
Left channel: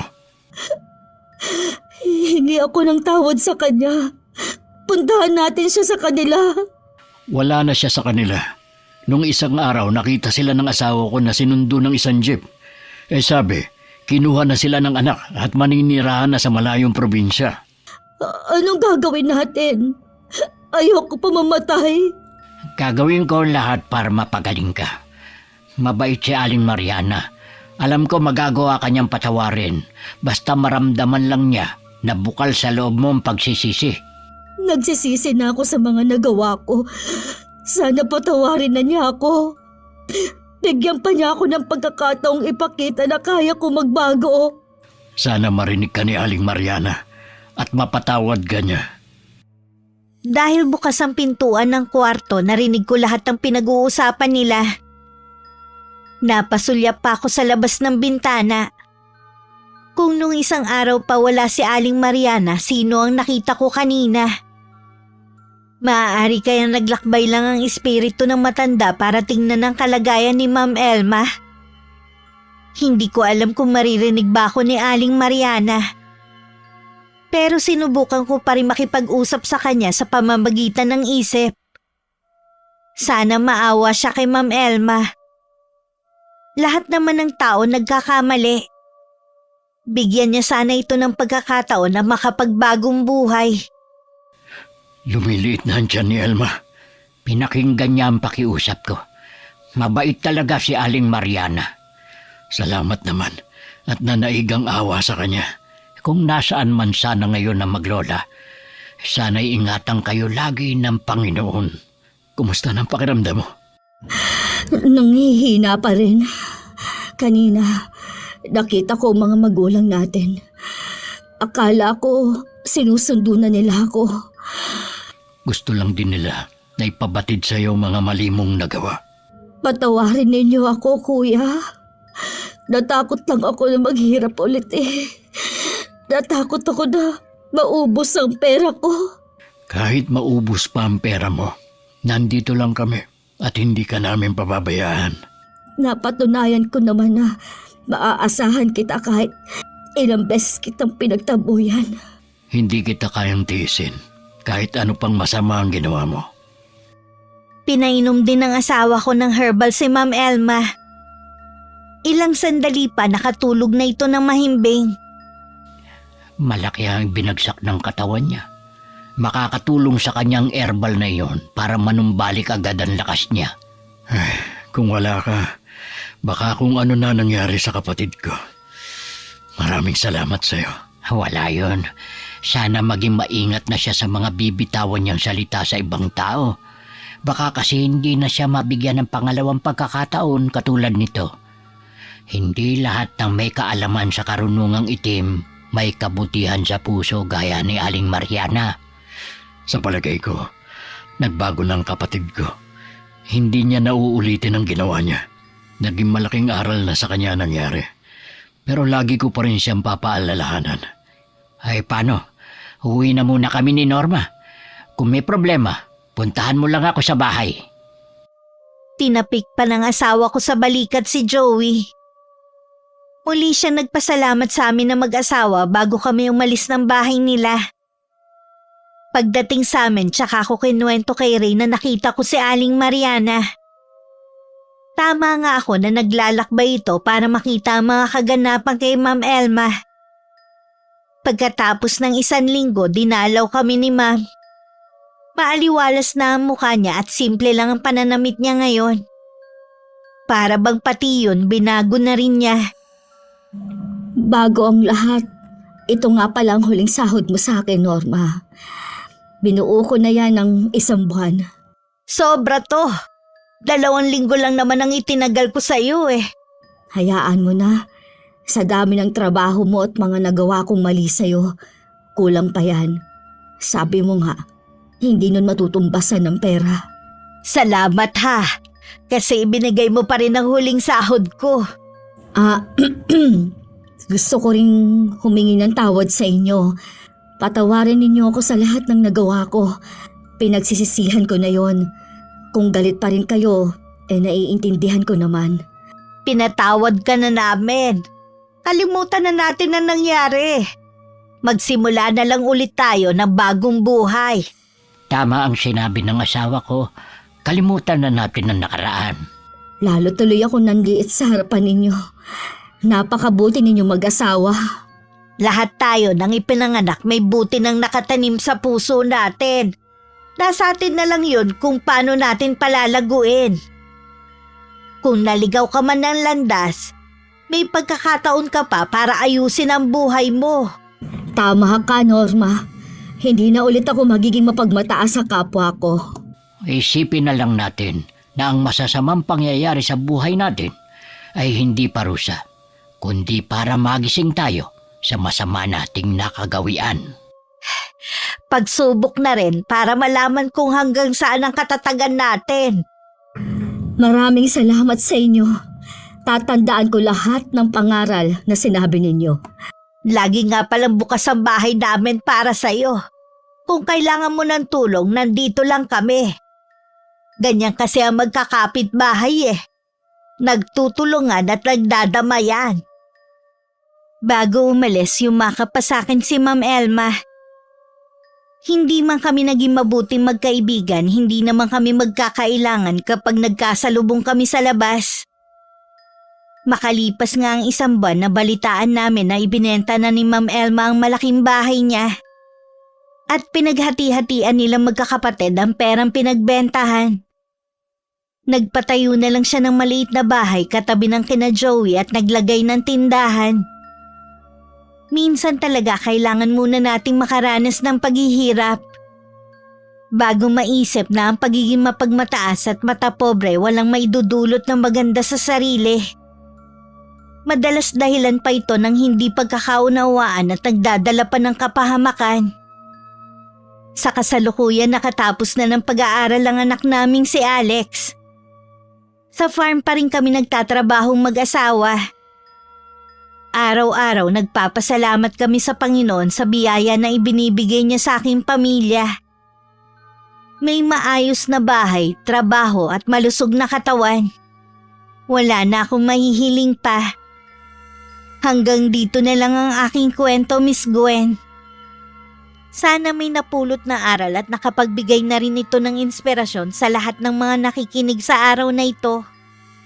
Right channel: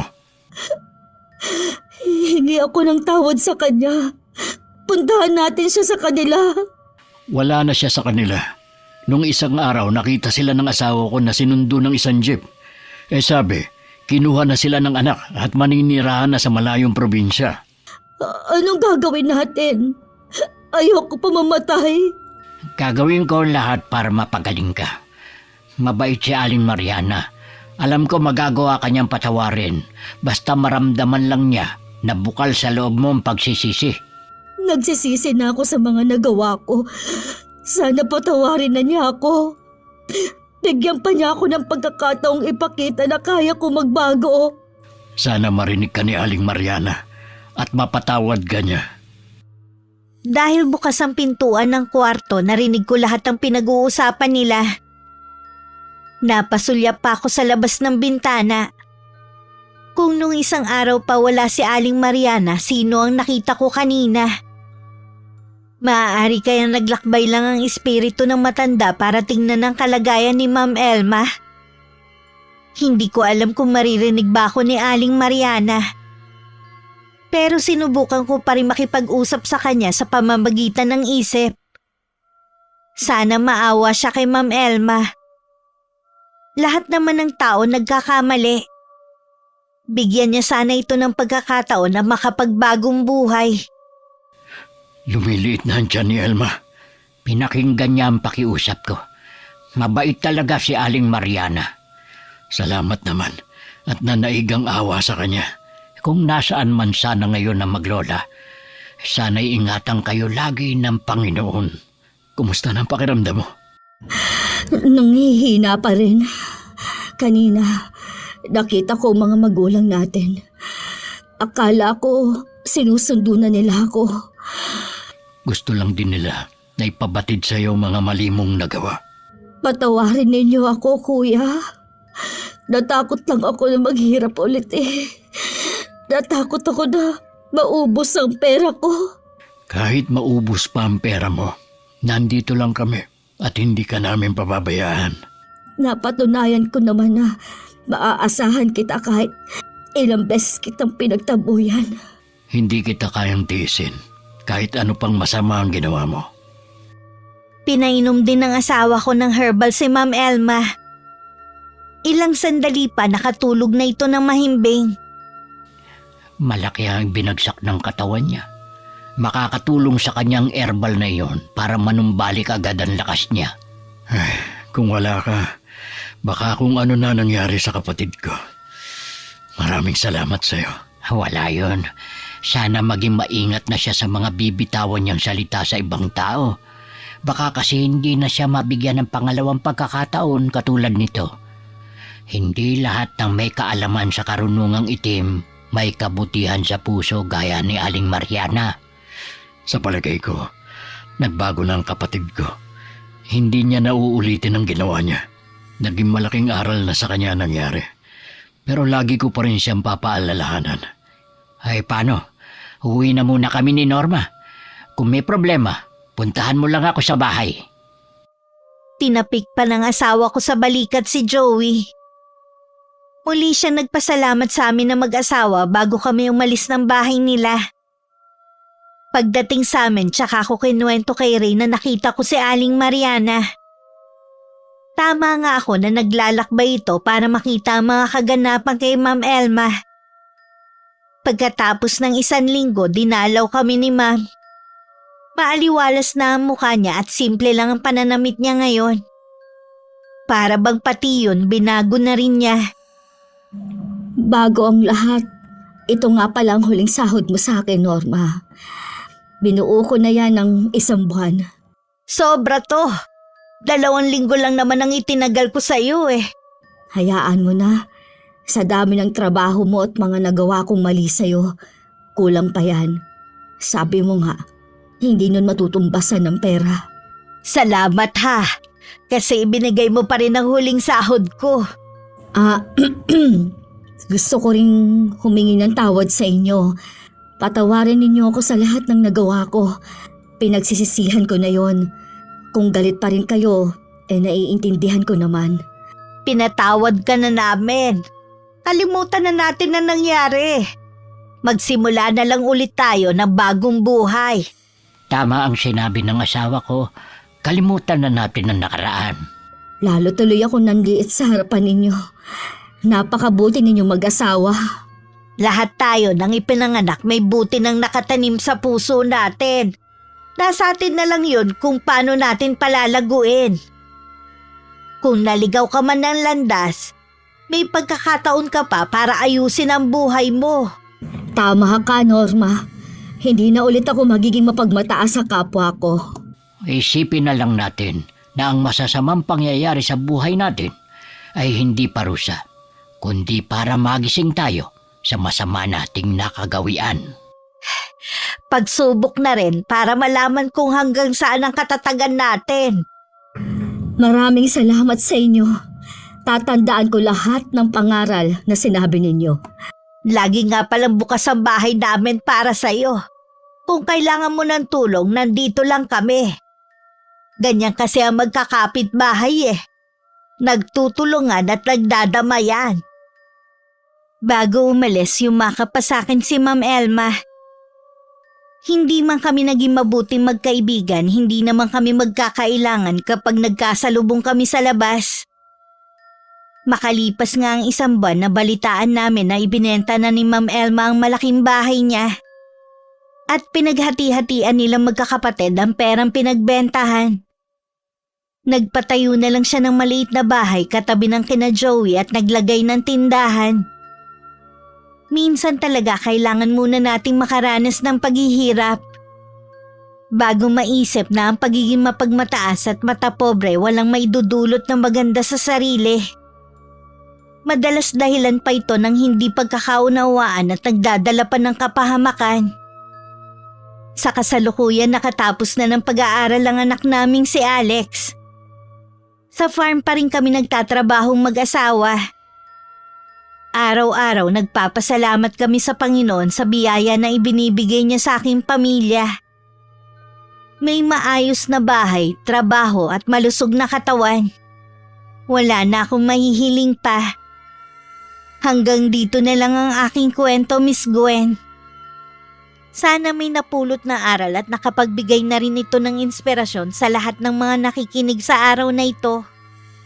Hingi ako ng tawad sa kanya. Puntahan natin siya sa kanila. Wala na siya sa kanila. Nung isang araw nakita sila ng asawa ko na sinundo ng isang jeep. Sabi, kinuha na sila ng anak at maninirahan na sa malayong probinsya. Anong gagawin natin? Ayoko pa mamatay. Gagawin ko lahat para mapagaling ka. Mabait si Aling Mariana. Alam ko magagawa kanyang patawarin. Basta maramdaman lang niya na bukal sa loob mo ang pagsisisi. Nagsisisi na ako sa mga nagawa ko. Sana patawarin na niya ako. Bigyan pa niya ako ng pagkakataong ipakita na kaya ko magbago. Sana marinig ka ni Aling Mariana at mapatawad ka niya. Dahil bukas ang pintuan ng kwarto, narinig ko lahat ng pinag-uusapan nila. Napasulyap pa ako sa labas ng bintana. Kung nung isang araw pa wala si Aling Mariana, sino ang nakita ko kanina? Maaari kaya naglakbay lang ang espiritu ng matanda para tingnan ang kalagayan ni Ma'am Elma. Hindi ko alam kung maririnig ba ako ni Aling Mariana. Pero sinubukan ko pa rin makipag-usap sa kanya sa pamamagitan ng isip. Sana maawa siya kay Ma'am Elma. Lahat naman ng tao nagkakamali. Bigyan niya sana ito ng pagkakataon na makapagbagong buhay. Lumiliit na ang tiyan ni Elma. Pinakinggan niya ang pakiusap ko. Mabait talaga si Aling Mariana. Salamat naman at nanaig ang awa sa kanya. Kung nasaan man sana ngayon na maglola, sana'y ingatan kayo lagi ng Panginoon. Kumusta ng pakiramdam mo? Nanghihina pa rin. Kanina, nakita ko mga magulang natin. Akala ko sinusundo na nila ako. Gusto lang din nila na ipabatid sa iyo mga mali mong nagawa. Patawarin ninyo ako, kuya. Natakot lang ako na maghirap ulit eh. Natakot ako na maubos ang pera ko. Kahit maubos pa ang pera mo, nandito lang kami at hindi ka namin pababayaan. Napatunayan ko naman na maaasahan kita kahit ilang beses kitang pinagtabuyan. Hindi kita kayang tiisin kahit ano pang masama ang ginawa mo. Pinainom din ng asawa ko ng herbal si Ma'am Elma. Ilang sandali pa nakatulog na ito ng mahimbing. Malaki ang binagsak ng katawan niya. Makakatulong sa kanyang herbal na iyon para manumbalik agad ang lakas niya. Ay, kung wala ka, Baka kung ano na nangyari sa kapatid ko. Maraming salamat sa'yo. Wala yun. Sana maging maingat na siya sa mga bibitawan niyang salita sa ibang tao. Baka kasi hindi na siya mabigyan ng pangalawang pagkakataon katulad nito. Hindi lahat ng may kaalaman sa karunungang itim may kabutihan sa puso gaya ni Aling Mariana. Sa palagay ko, nagbago na ang kapatid ko. Hindi niya nauulitin ang ginawa niya. Naging malaking aral na sa kanya nangyari. Pero lagi ko pa rin siyang papaalalahanan. Ay paano? Uwi na muna kami ni Norma. Kung may problema, puntahan mo lang ako sa bahay. Tinapik pa ng asawa ko sa balikat si Joey. Muli siya nagpasalamat sa amin na mag-asawa bago kami umalis ng bahay nila. Pagdating sa amin, tsaka ko kinuwento kay Ray na nakita ko si Aling Mariana. Tama nga ako na naglalakbay ito para makita ang mga kaganapan kay Ma'am Elma. Pagkatapos ng 1 linggo, dinalaw kami ni Ma'am. Paaliwalas na ang mukha niya at simple lang ang pananamit niya ngayon. Para bang pati yun, binago na rin niya. Bago ang lahat, ito nga palang huling sahod mo sa akin, Norma. Binuo ko na yan ng 1 buwan. Sobra to. 2 linggo lang naman ang itinagal ko sa iyo eh. Hayaan mo na. Sa dami ng trabaho mo at mga nagawa kong mali sa'yo, kulang pa yan. Sabi mo nga, hindi nun matutumbasan ng pera. Salamat ha. Kasi ibinigay mo pa rin ang huling sahod ko. Gusto ko rin humingi ng tawad sa inyo. Patawarin ninyo ako sa lahat ng nagawa ko. Pinagsisisihan ko na yon. Kung galit pa rin kayo, naiintindihan ko naman. Pinatawad ka na namin. Kalimutan na natin ang nangyari. Magsimula na lang ulit tayo ng bagong buhay. Tama ang sinabi ng asawa ko. Kalimutan na natin ang nakaraan. Lalo tuloy ako nanliit sa harapan ninyo. Napakabuti ninyo mag-asawa. Lahat tayo nang ipinanganak may buti nang nakatanim sa puso natin. Nasa atin na lang yun kung paano natin palalaguin. Kung naligaw ka man ng landas, may pagkakataon ka pa para ayusin ang buhay mo. Tama ka, Norma. Hindi na ulit ako magiging mapagmataas sa kapwa ko. Isipin na lang natin na ang masasamang pangyayari sa buhay natin ay hindi parusa, kundi para magising tayo sa masama nating nakagawian. Pagsubok na rin para malaman kung hanggang saan ang katatagan natin. Maraming salamat sa inyo. Tatandaan ko lahat ng pangaral na sinabi ninyo. Lagi nga palang bukas ang bahay namin para sa iyo. Kung kailangan mo ng tulong, nandito lang kami. Ganyan kasi ang magkakapit-bahay eh. Nagtutulungan at nagdadamayan. Bago umalis, yumakap pa sa akin si Ma'am Elma. Hindi man kami naging mabuting magkaibigan, hindi naman kami magkakailangan kapag nagkasalubong kami sa labas. Makalipas nga ang 1 buwan na balitaan namin na ibinenta na ni Ma'am Elma ang malaking bahay niya. At pinaghati-hatian nilang magkakapatid ang perang pinagbentahan. Nagpatayo na lang siya ng maliit na bahay katabi ng kina Joey at naglagay ng tindahan. Minsan talaga kailangan muna nating makaranas ng paghihirap. Bago maisip na ang pagiging mapagmataas at matapobre walang maidudulot na maganda sa sarili. Madalas dahilan pa ito ng hindi pagkakaunawaan at nagdadala pa ng kapahamakan. Sa kasalukuyan nakatapos na ng pag-aaral ang anak naming si Alex. Sa farm pa rin kami nagtatrabahong mag-asawa. Araw-araw nagpapasalamat kami sa Panginoon sa biyaya na ibinibigay niya sa aking pamilya. May maayos na bahay, trabaho at malusog na katawan. Wala na akong mahihiling pa. Hanggang dito na lang ang aking kwento, Miss Gwen. Sana may napulot na aral at nakapagbigay na rin ito ng inspirasyon sa lahat ng mga nakikinig sa araw na ito.